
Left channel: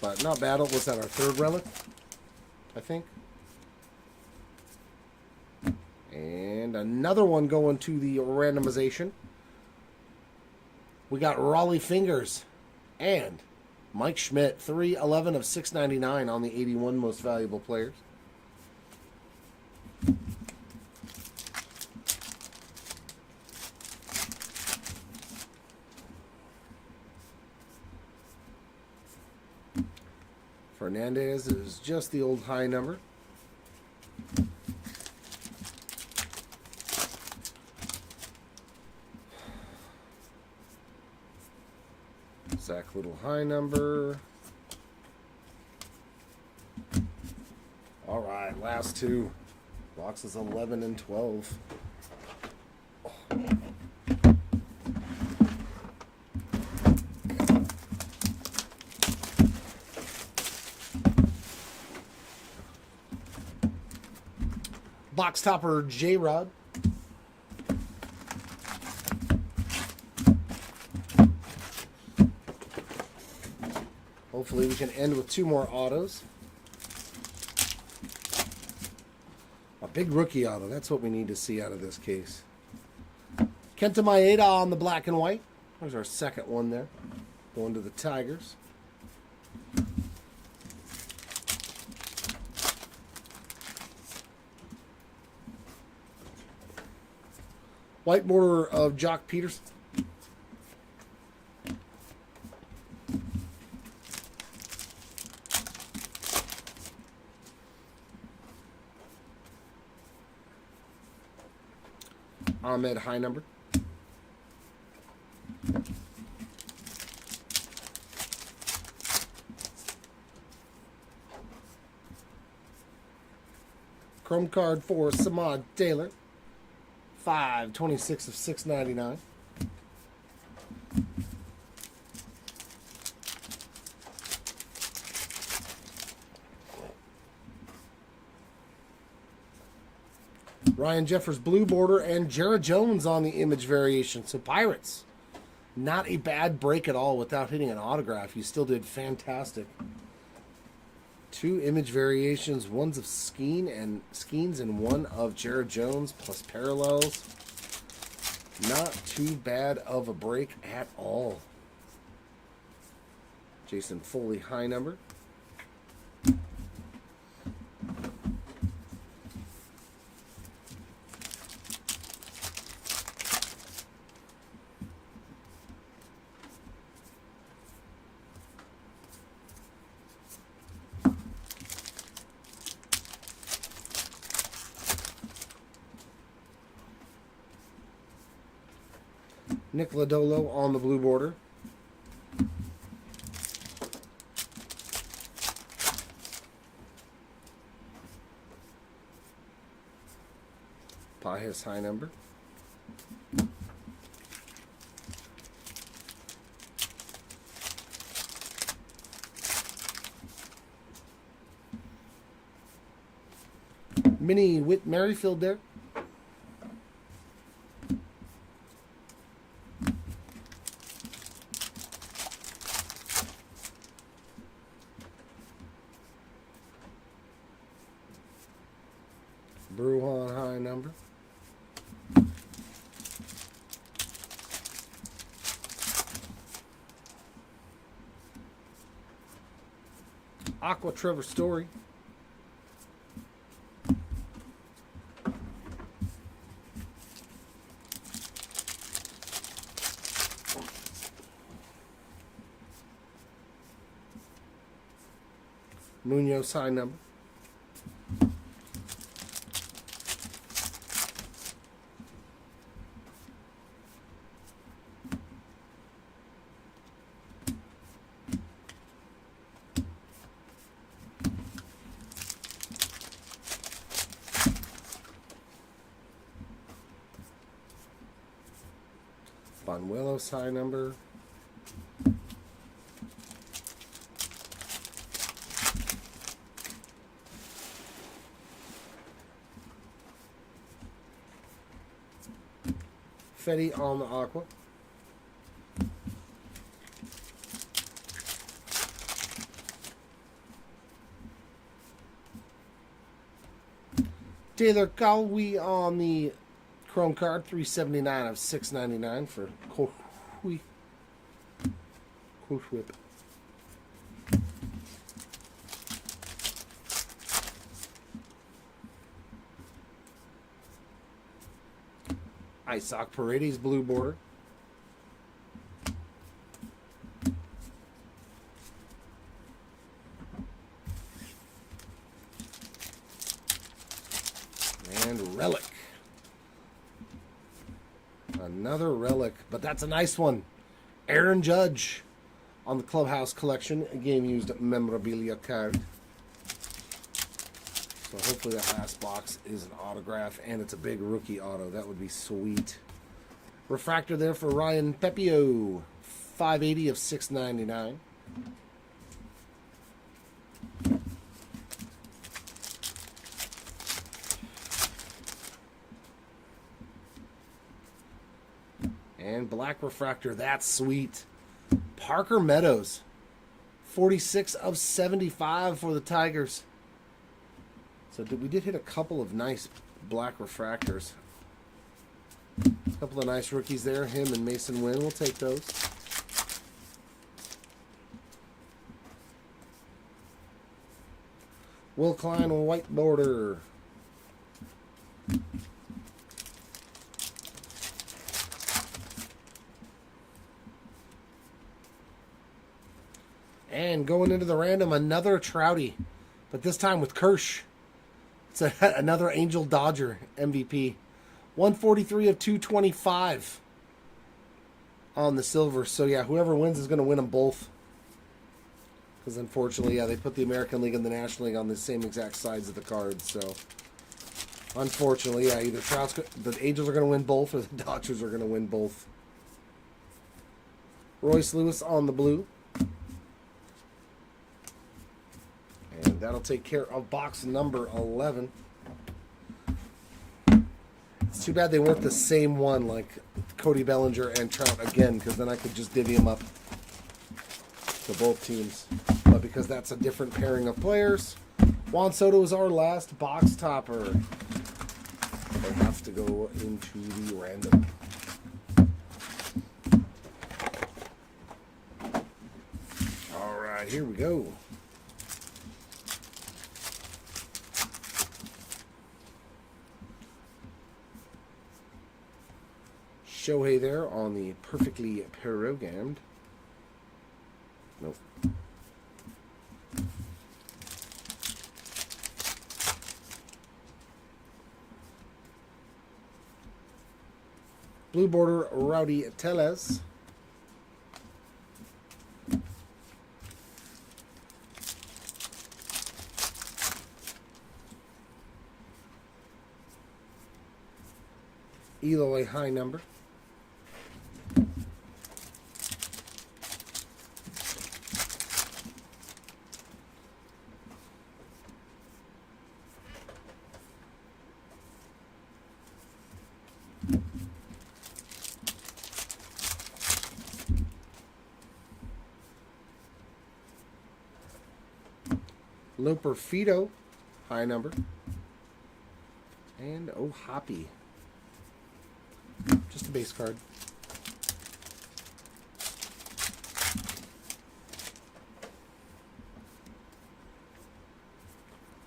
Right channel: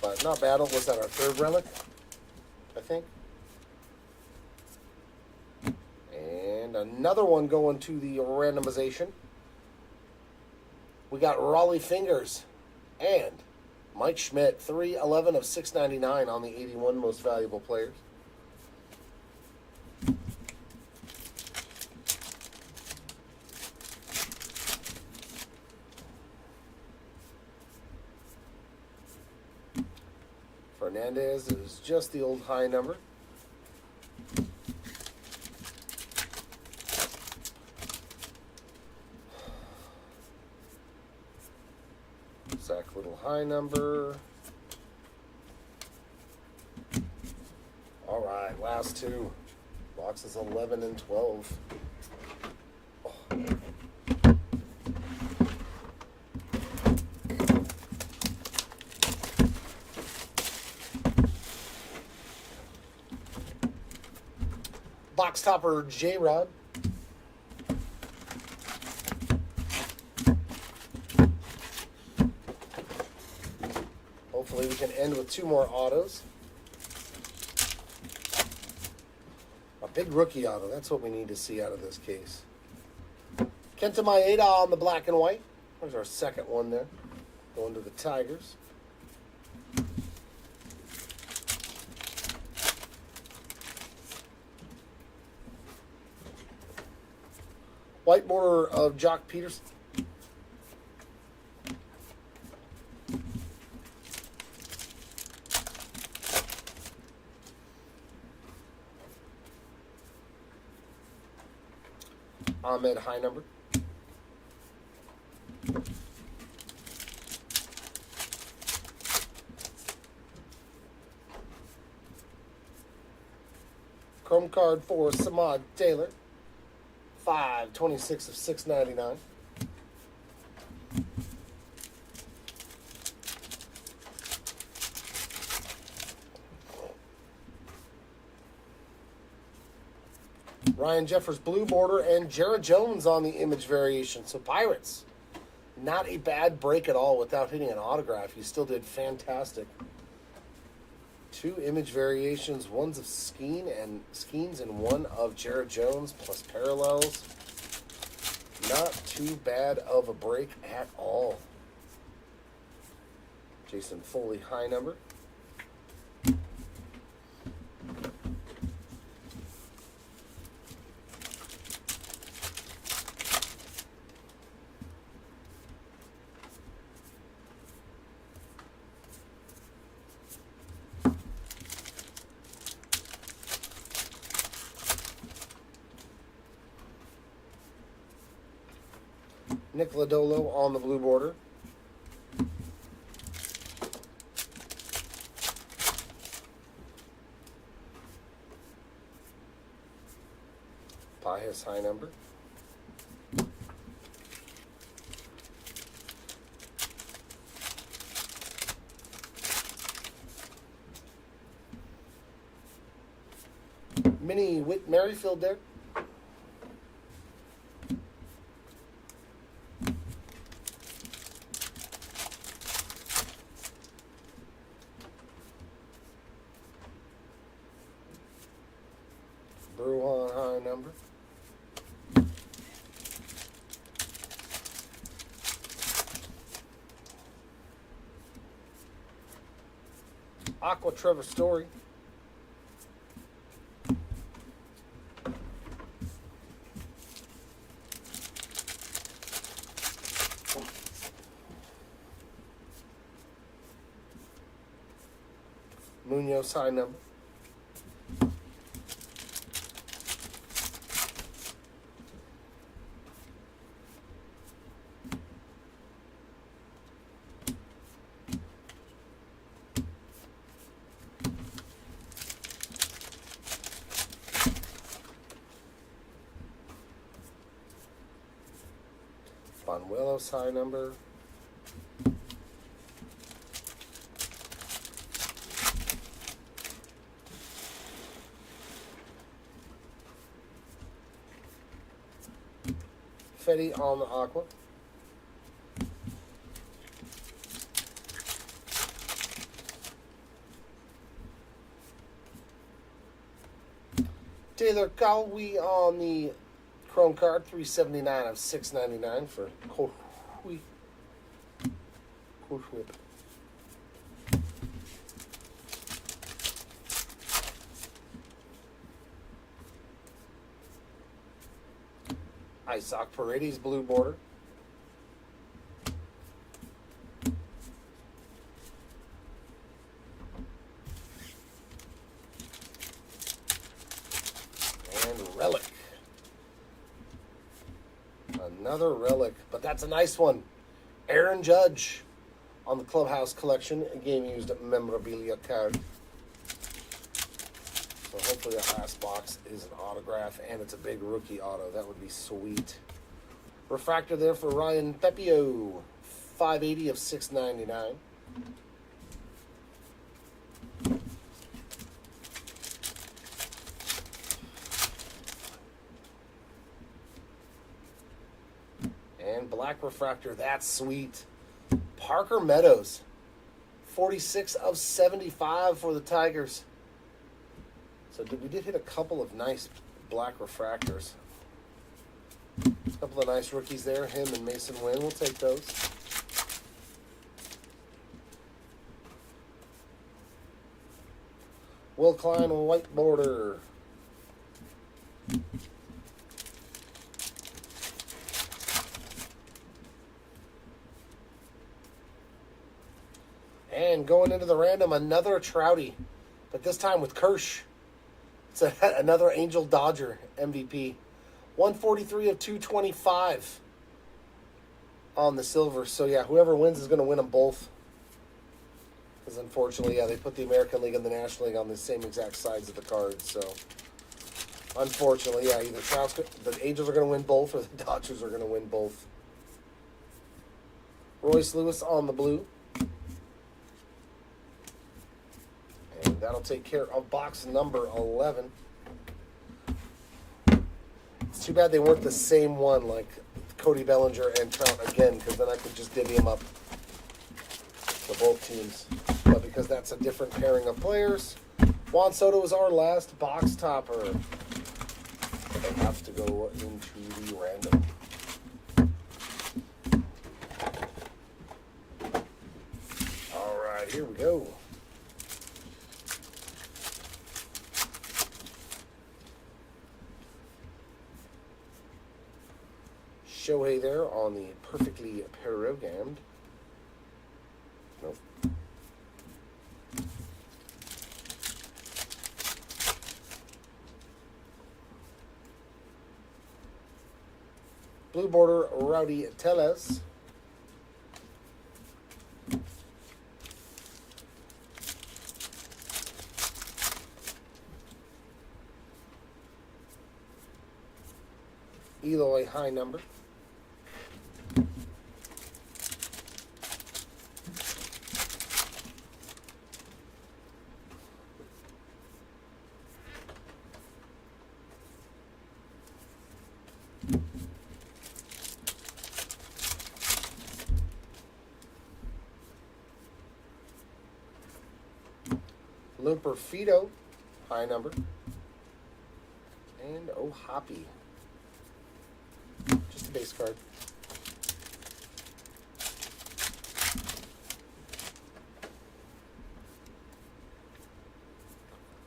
But not bad. Was that our 3rd relic? I think. And another one going to the randomization. We got Raleigh Fingers and Mike Schmidt, 311 of 699 on the 81 most valuable players. Fernandez is just the old high number. Zach Little high number. All right, last 2. Boxes 11 and 12. Box topper J-Rod. Hopefully we can end with 2 more autos. A big rookie auto. That's what we need to see out of this case. Kenta Maeda on the black and white. There's our 2nd one there. Going to the Tigers. White border of Jock Peterson. Ahmed high number. Chrome card for Samad Taylor. 526 of 699. Ryan Jeffers blue border and Jared Jones on the image variation. So Pirates, not a bad break at all without hitting an autograph. He still did fantastic. 2 image variations, one's of Skeens and one of Jared Jones plus parallels. Not too bad of a break at all. Jason Foley, high number. Nick Lodolo on the blue border. Pius, high number. Mini Whit Merrifield there. Bruhan, high number. Aqua Trevor Story. Munoz, high number. Bonuelos, high number. Fetty on the Aqua. Taylor Cowie on the Chrome card, 379 of 699 for Whip. Isaac Paredes blue border. And Relic. Another Relic, but that's a nice one. Aaron Judge on the Clubhouse Collection, a game-used memorabilia card. So hopefully that last box is an autograph, and it's a big rookie auto. That would be sweet. Refractor there for Ryan Pepio, 580 of 699. And black refractor, that's sweet. Parker Meadows, 46 of 75 for the Tigers. So we did hit a couple of nice black refractors. A couple of nice rookies there. Him and Mason Wynn. We'll take those. Will Klein on white border. And going into the random, another Trouty. But this time with Kirsch. It's another Angel Dodger MVP. 143 of 225 on the silver. So, yeah, whoever wins is going to win them both. Because, unfortunately, yeah, they put the American League and the National League on the same exact sides of the cards. So, unfortunately, yeah, either the Angels are going to win both or the Dodgers are going to win both. Royce Lewis on the blue. And that'll take care of box number 11. It's too bad they weren't the same one, like Cody Bellinger and Trout again, because then I could just divvy them up to both teams. But because that's a different pairing of players. Juan Soto is our last box topper. They have to go into the random. All right, here we go. Shohei there on the perfectly programmed. Nope. Blue border, Rowdy Tellez. Eloy high number. Limper Fido, high number. And oh, Hoppy. Just a base card.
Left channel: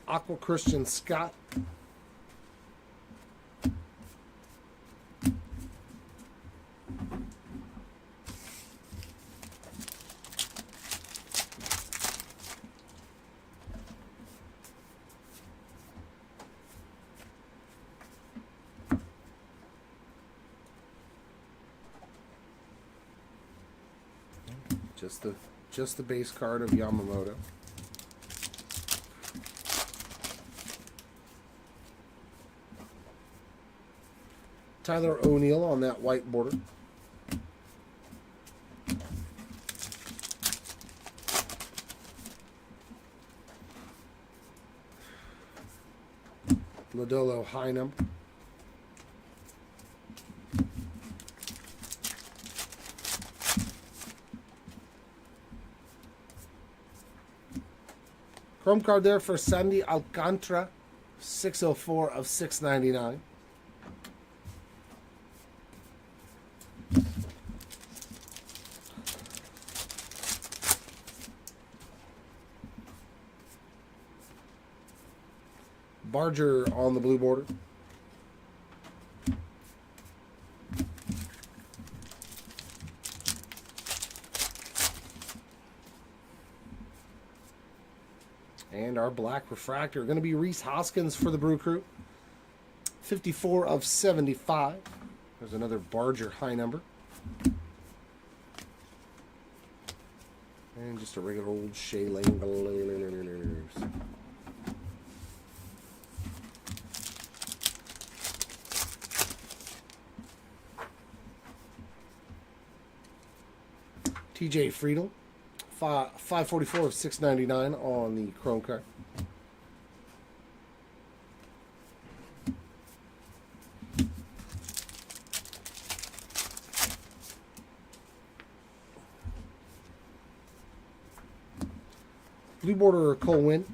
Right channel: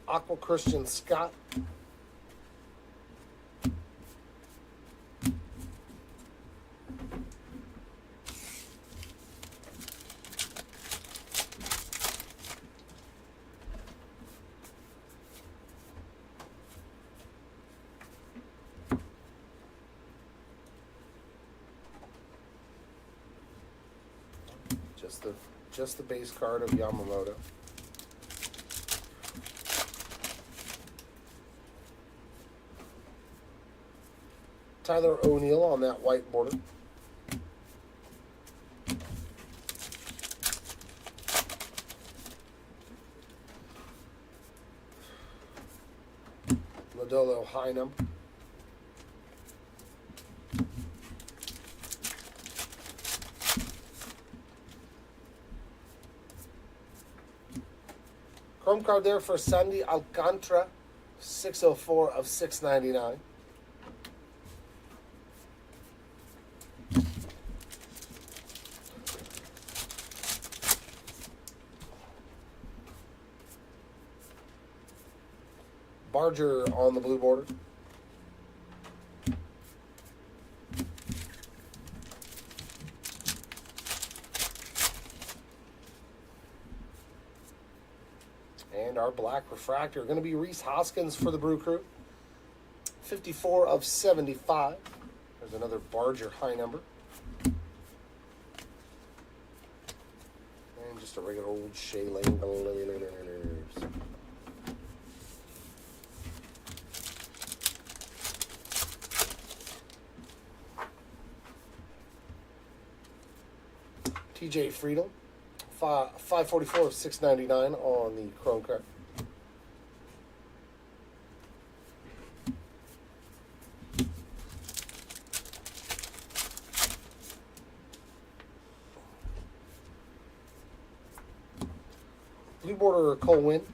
Aqua Christian Scott. Just the base card of Yamamoto. Tyler O'Neill on that white border. Lodolo high number. Chrome card there for Sandy Alcantara, 604 of 699. Barger on the blue border. And our black refractor going to be Reese Hoskins for the Brew Crew. 54 of 75. There's another Barger high number. And just a regular old Shea Lane. TJ Friedel. 544 of 699 on the Chrome card. Blue border Cole Winn.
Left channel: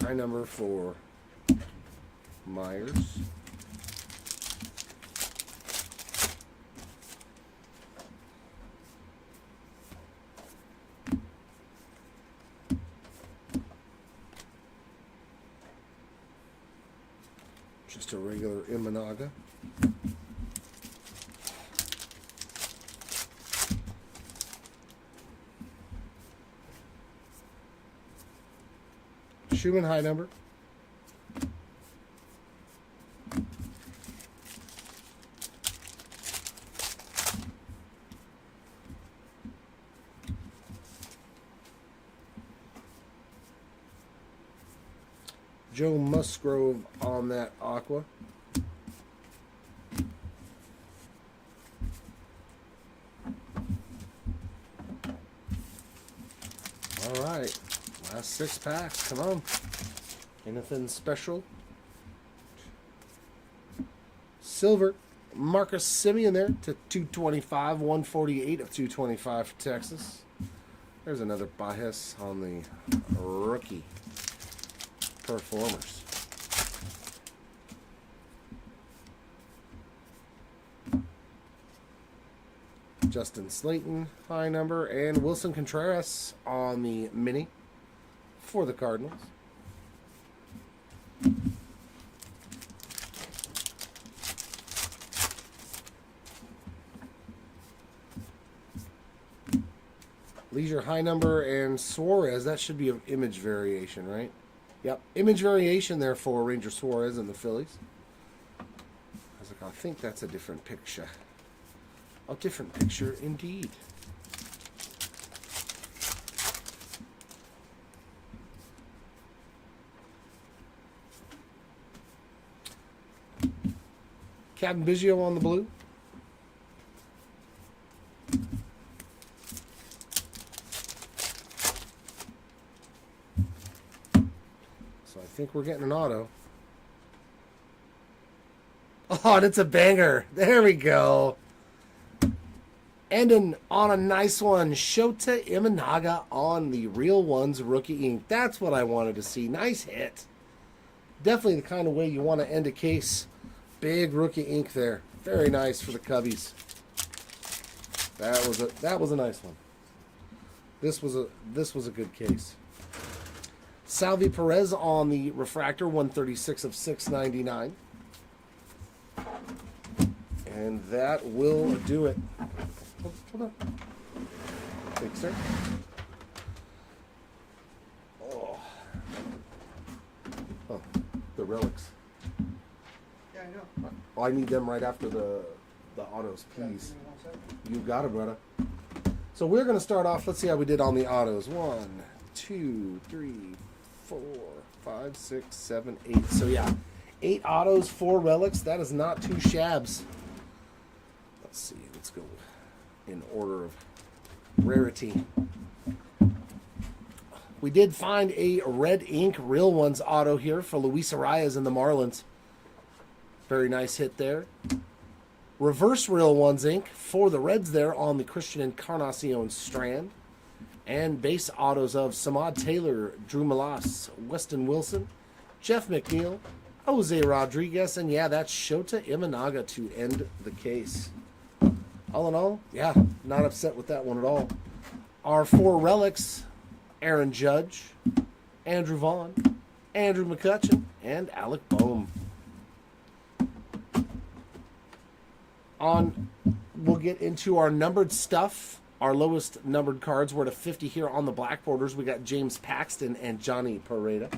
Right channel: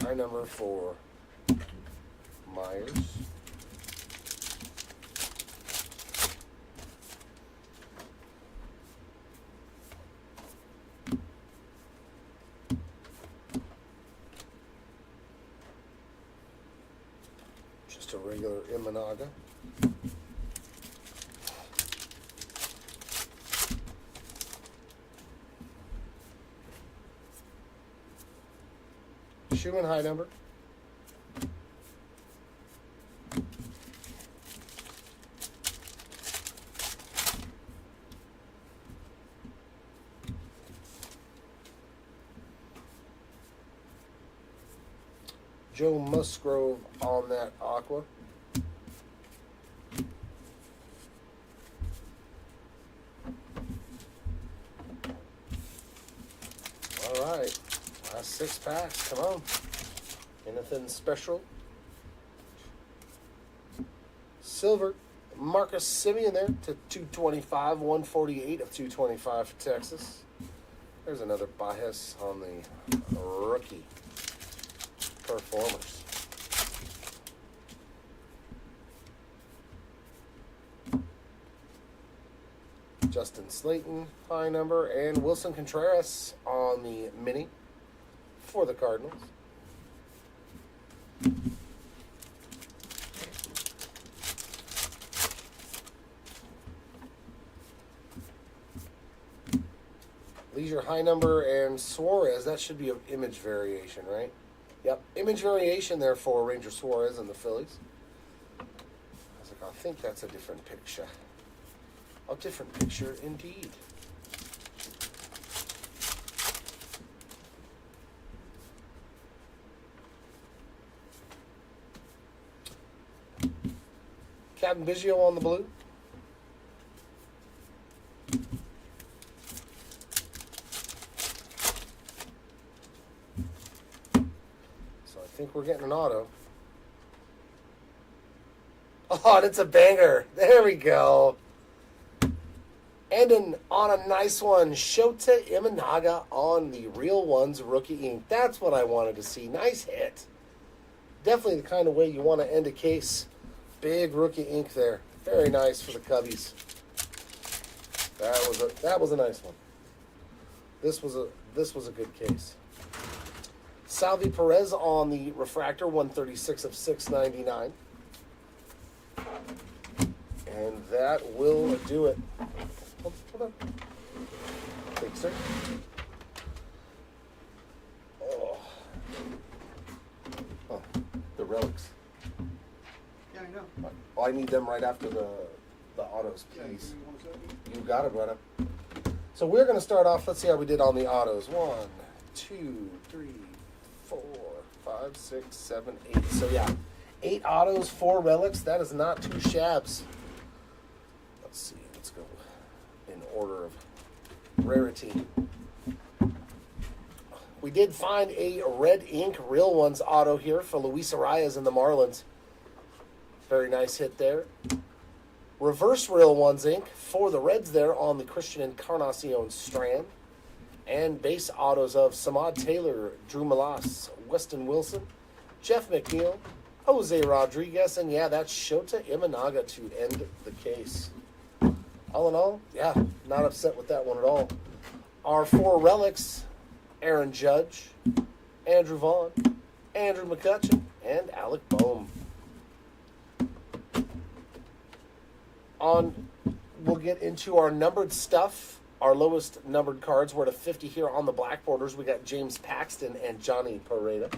High number for Myers. Just a regular Imanaga. Schumann high number. Joe Musgrove on that Aqua. All right. Last 6 packs. Come on. Anything special? Silver. Marcus Simeon there to 225, 148 of 225 for Texas. There's another bias on the rookie performers. Justin Slayton, high number, and Wilson Contreras on the mini for the Cardinals. Leisure high number and Suarez. That should be an image variation, right? Yep, image variation there for Ranger Suarez and the Phillies. I was like, I think that's a different picture. A different picture indeed. Captain Biggio on the blue. So I think we're getting an auto. Oh, and it's a banger. There we go. And on a nice one, Shota Imanaga on the Real Ones Rookie Ink. That's what I wanted to see. Nice hit. Definitely the kind of way you want to end a case. Big rookie ink there. Very nice for the Cubbies. That was a nice one. This was a good case. Salvi Perez on the refractor, 136 of 699. And that will do it. Hold on. Big sir. Oh, the relics. Yeah, I know. Oh, I need them right after the autos, Yeah, please. give me 1 second. You got it, brother. So we're going to start off. Let's see how we did on the autos. 1, 2, 3, 4, 5, 6, 7, 8. So yeah, 8 autos, 4 relics. That is not 2 shabs. Let's see. Let's go in order of rarity. We did find a red ink Real Ones auto here for Luis Arias and the Marlins. Very nice hit there. Reverse Real Ones ink for the Reds there on the Christian Encarnacion strand. And base autos of Samad Taylor, Drew Malas, Weston Wilson, Jeff McNeil, Jose Rodriguez, and yeah, that's Shota Imanaga to end the case. All in all, yeah, not upset with that one at all. Our 4 relics, Aaron Judge, Andrew Vaughn, Andrew McCutcheon, and Alec Boehm. We'll get into our numbered stuff. Our lowest numbered cards were to 50 here on the black borders. We got James Paxton and Johnny Pareda.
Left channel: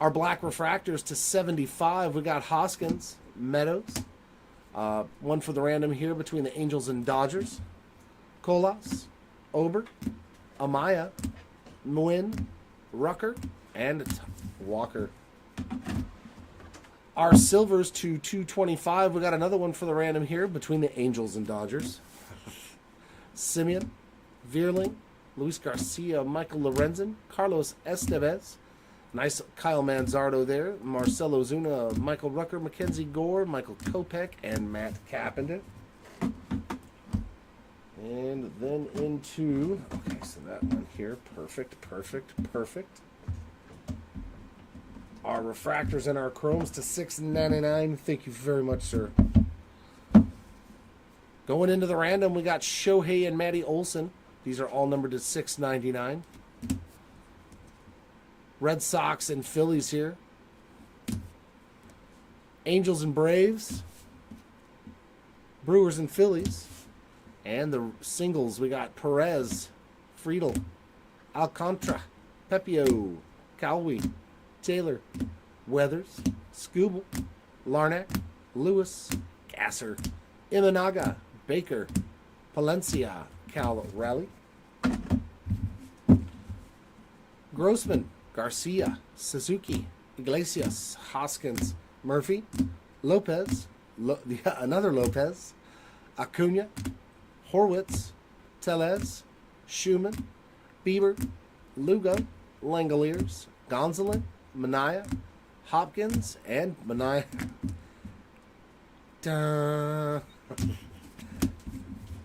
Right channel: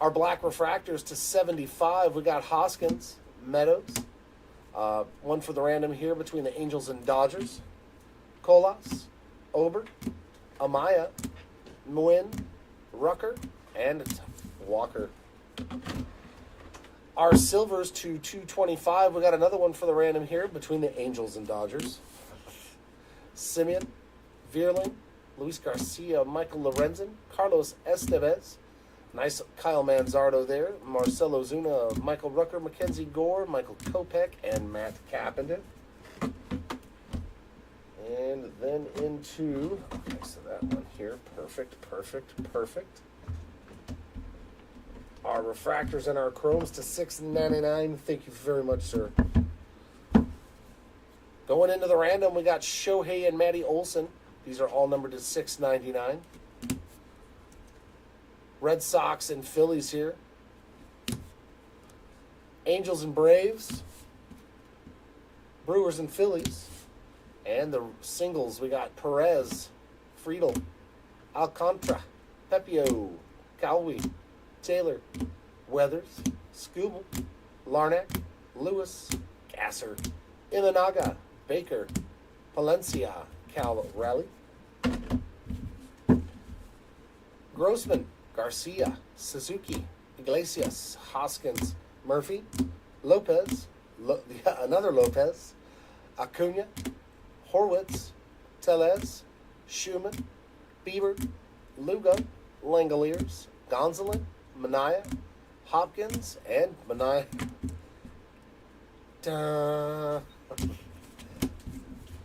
Our black refractors to 75. We got Hoskins, Meadows. One for the random here between the Angels and Dodgers. Colas, Ober, Amaya, Nguyen, Rucker, and Walker. Our silvers to 225. We got another one for the random here between the Angels and Dodgers. Simeon, Vierling, Luis Garcia, Michael Lorenzen, Carlos Estevez. Nice Kyle Manzardo there. Marcelo Zuna, Michael Rucker, Mackenzie Gore, Michael Kopech, and Matt Carpenter. And then into, okay, so that one here. Perfect. Our refractors and our chromes to $6.99. Thank you very much, sir. Going into the random, we got Shohei and Matty Olson. These are all numbered to $6.99. Red Sox and Phillies here. Angels and Braves. Brewers and Phillies. And the singles, we got Perez, Friedel, Alcantara, Pepio, Calwi, Taylor, Weathers, Scooble, Larnack, Lewis, Gasser, Imanaga, Baker, Palencia, Cal Raleigh, Grossman, Garcia, Suzuki, Iglesias, Hoskins, Murphy, Lopez, another Lopez, Acuna, Horwitz, Tellez, Schumann, Bieber, Lugo, Langoliers, Gonzalez, Mania, Hopkins, and Mania.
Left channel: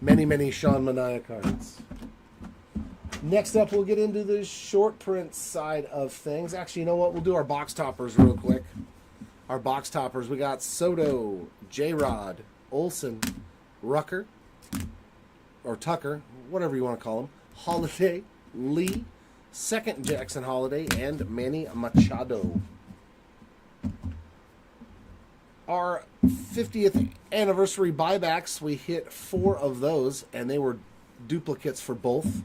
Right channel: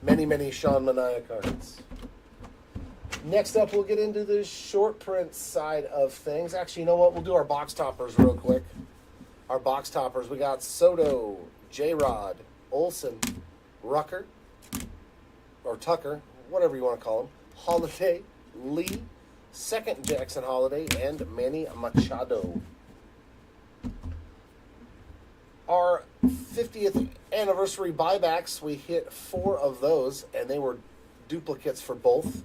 Many Sean Mania cards. Next up, we'll get into the short print side of things. Actually, you know what? We'll do our box toppers real quick. Our box toppers, we got Soto, J-Rod, Olsen, Rucker, or Tucker, whatever you want to call him, Holiday, Lee, second Jackson Holiday, and Manny Machado. Our 50th anniversary buybacks, we hit 4 of those, and they were duplicates for both.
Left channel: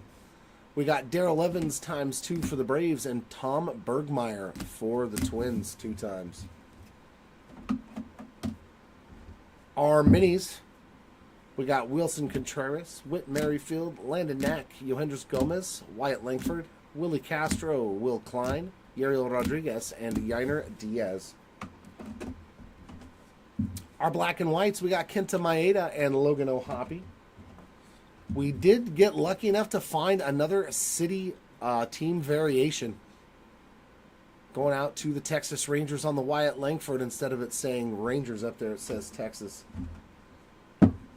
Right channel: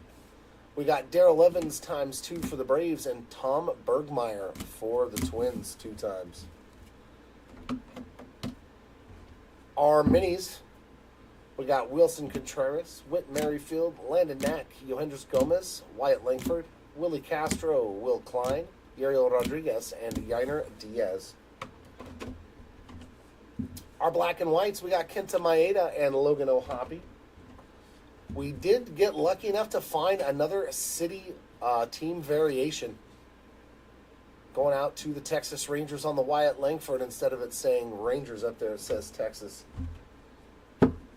We got Darrell Evans ×2 for the Braves, and Tom Bergmeyer for the Twins 2 times. Our minis, we got Wilson Contreras, Whit Merrifield, Landon Knack, Yohendris Gomez, Wyatt Langford, Willie Castro, Will Klein, Yariel Rodriguez, and Yainer Diaz. Our black and whites, we got Kenta Maeda and Logan O'Hoppe. We did get lucky enough to find another city team variation. Going out to the Texas Rangers on the Wyatt Langford. Instead of it saying Rangers up there, it says Texas.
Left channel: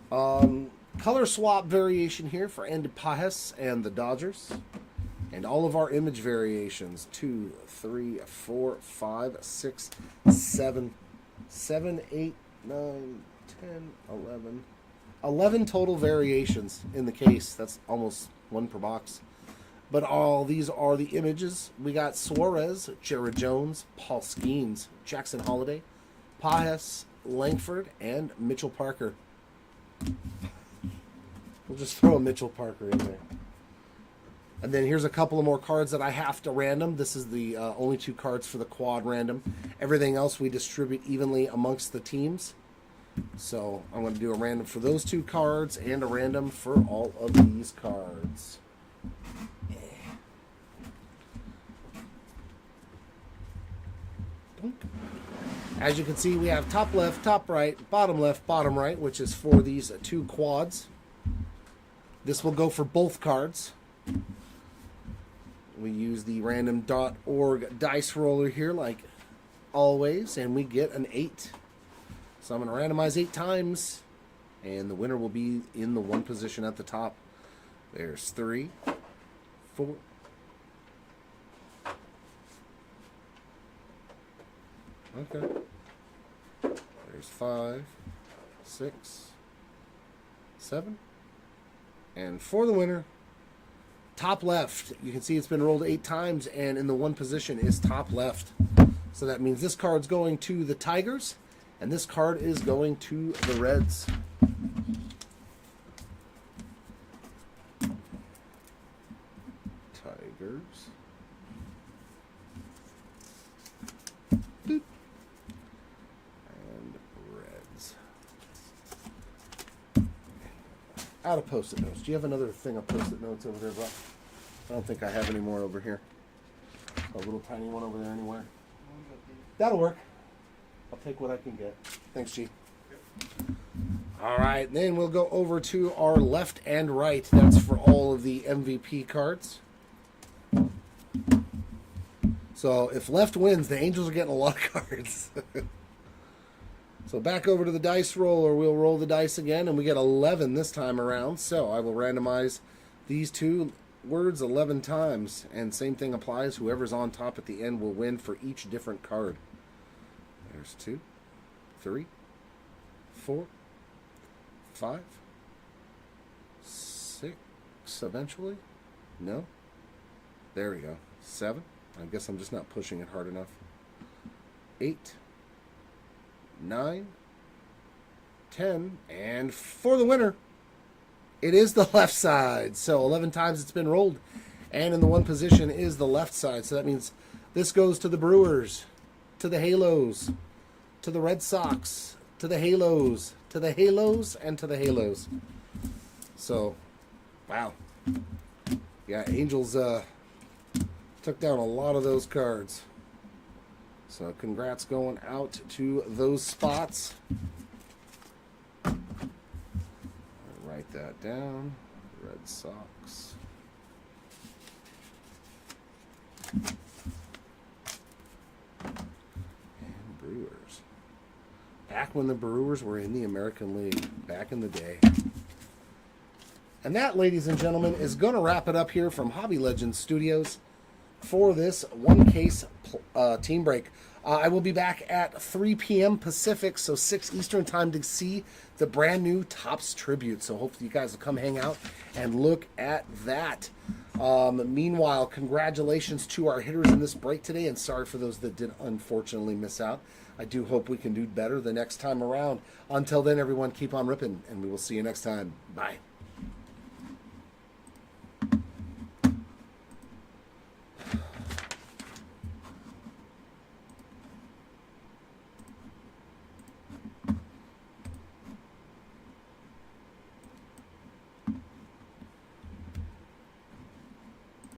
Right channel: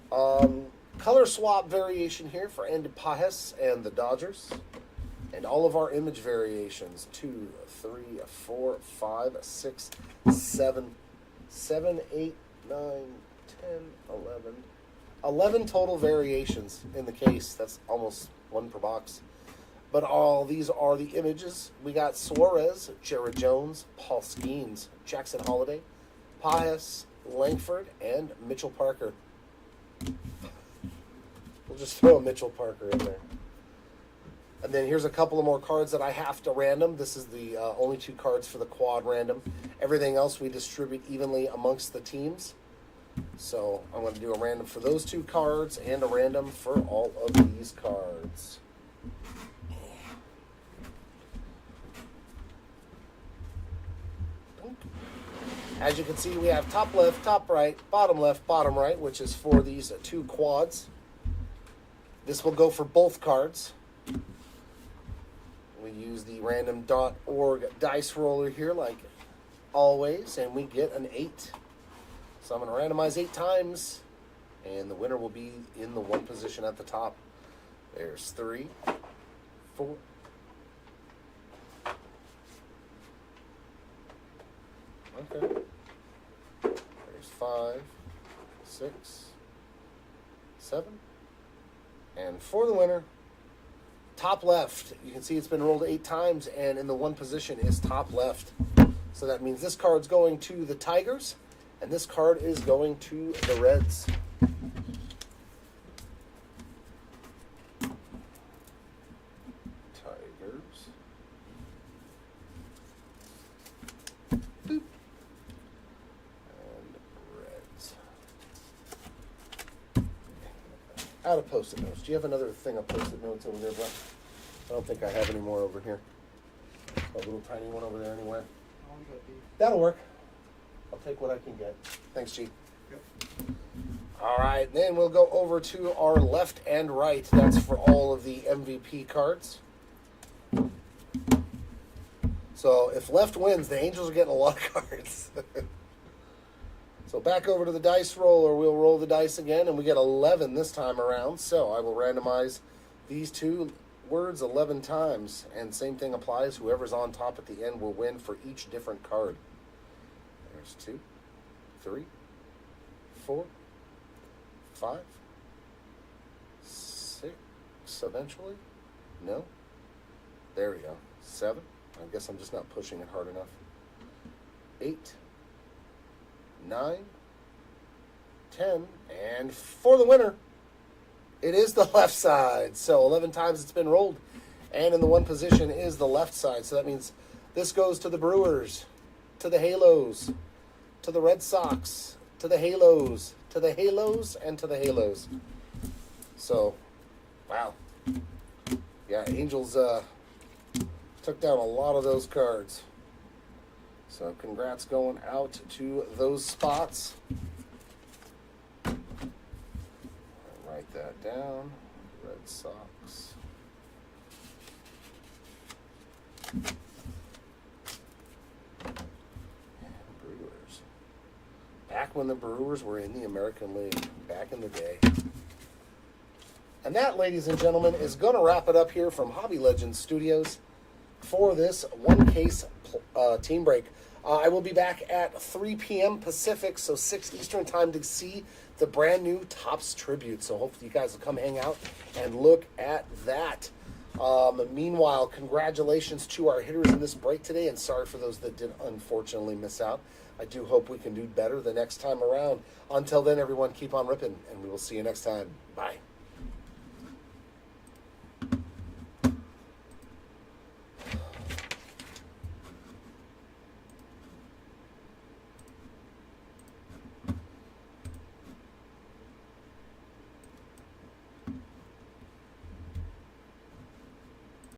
Color swap variation here for Andy Pajes and the Dodgers. And all of our image variations. 2, 3, 4, 5, 6, 7, 8, 9, 10, 11. 11 total variations in the case. That's almost 1 per box. But all these are the images. We got Suarez, Jared Jones, Paul Skeens, Jackson Holiday, Pajes, Langford, and Mitchell Parker. We'll just throw Mitchell Parker in there. And then here's a couple of more cards that I have to random. This is the only 2 cards for the quad random. Everything else we distribute evenly amongst the teams. So I'm going to do a random for those 2 cards and a random for all of these cards. As you can see, we have top left, top right, bottom left, bottom right, which is for these 2 quads. This will go for both cards. We use the random.org dice roller here like always, and we get an 8. So I'm going to randomize 8 times, and the winner will be in the 1 position at the top. There's 3, 4, okay. There's 5, 6, 7, and for the winner, top left. You can see it's been rolled 8 times, and in the 1 position is top left. So that means this card's going to the Tigers, and this card is going to the Reds. Tigers. Boop. And Reds. Out of Post-it notes. Do you have another thing of Post-it notes over there, bro? I don't think I have any more over here. A little tiny one over there anyway. That'll work. I'll take what I can get. Thanks, Chief. Yep. All right, then we'll go over to our left and right. That's for all of the MVP cards. So if left wins, the Angels are getting a lot of cards. So back over to the dice roller. We'll roll the dice again, and we get 11 this time around. So I will randomize these 2 words 11 times, and same thing applies. Whoever's on top at the end will win for each different card. There's 2, 3, 4, 5, 6, eventually. No. There we go. 7. I guess I'm just not pushing it hard enough. 8, 9, 10, and for the winner, it is the left side. So 11 times it's been rolled, and in the 1 position is the left side. So that means this goes to the Brewers, to the Halos, to the Red Sox, to the Halos, to the Halos, and to the Halos. So, wow. Yeah, Angels took down a lot of those cards. So congrats going out to those spots. Write that down. Red Sox. back when the Brewers were in the American League, back in the day. And that, ladies and gentlemen, is going to wrap it up here from Hobby Legends Studios for this one case team break. I will be back at 3 p.m. Pacific, so 6 Eastern time to see the brand new Topps Tribute. So hopefully you guys will come hang out and look at that. Meanwhile, congratulations to our hitters in this break today, and sorry for those that did unfortunately miss out. I do hope we can do better the next time around. Until then, everyone, keep on ripping, and we will see you next time. Bye.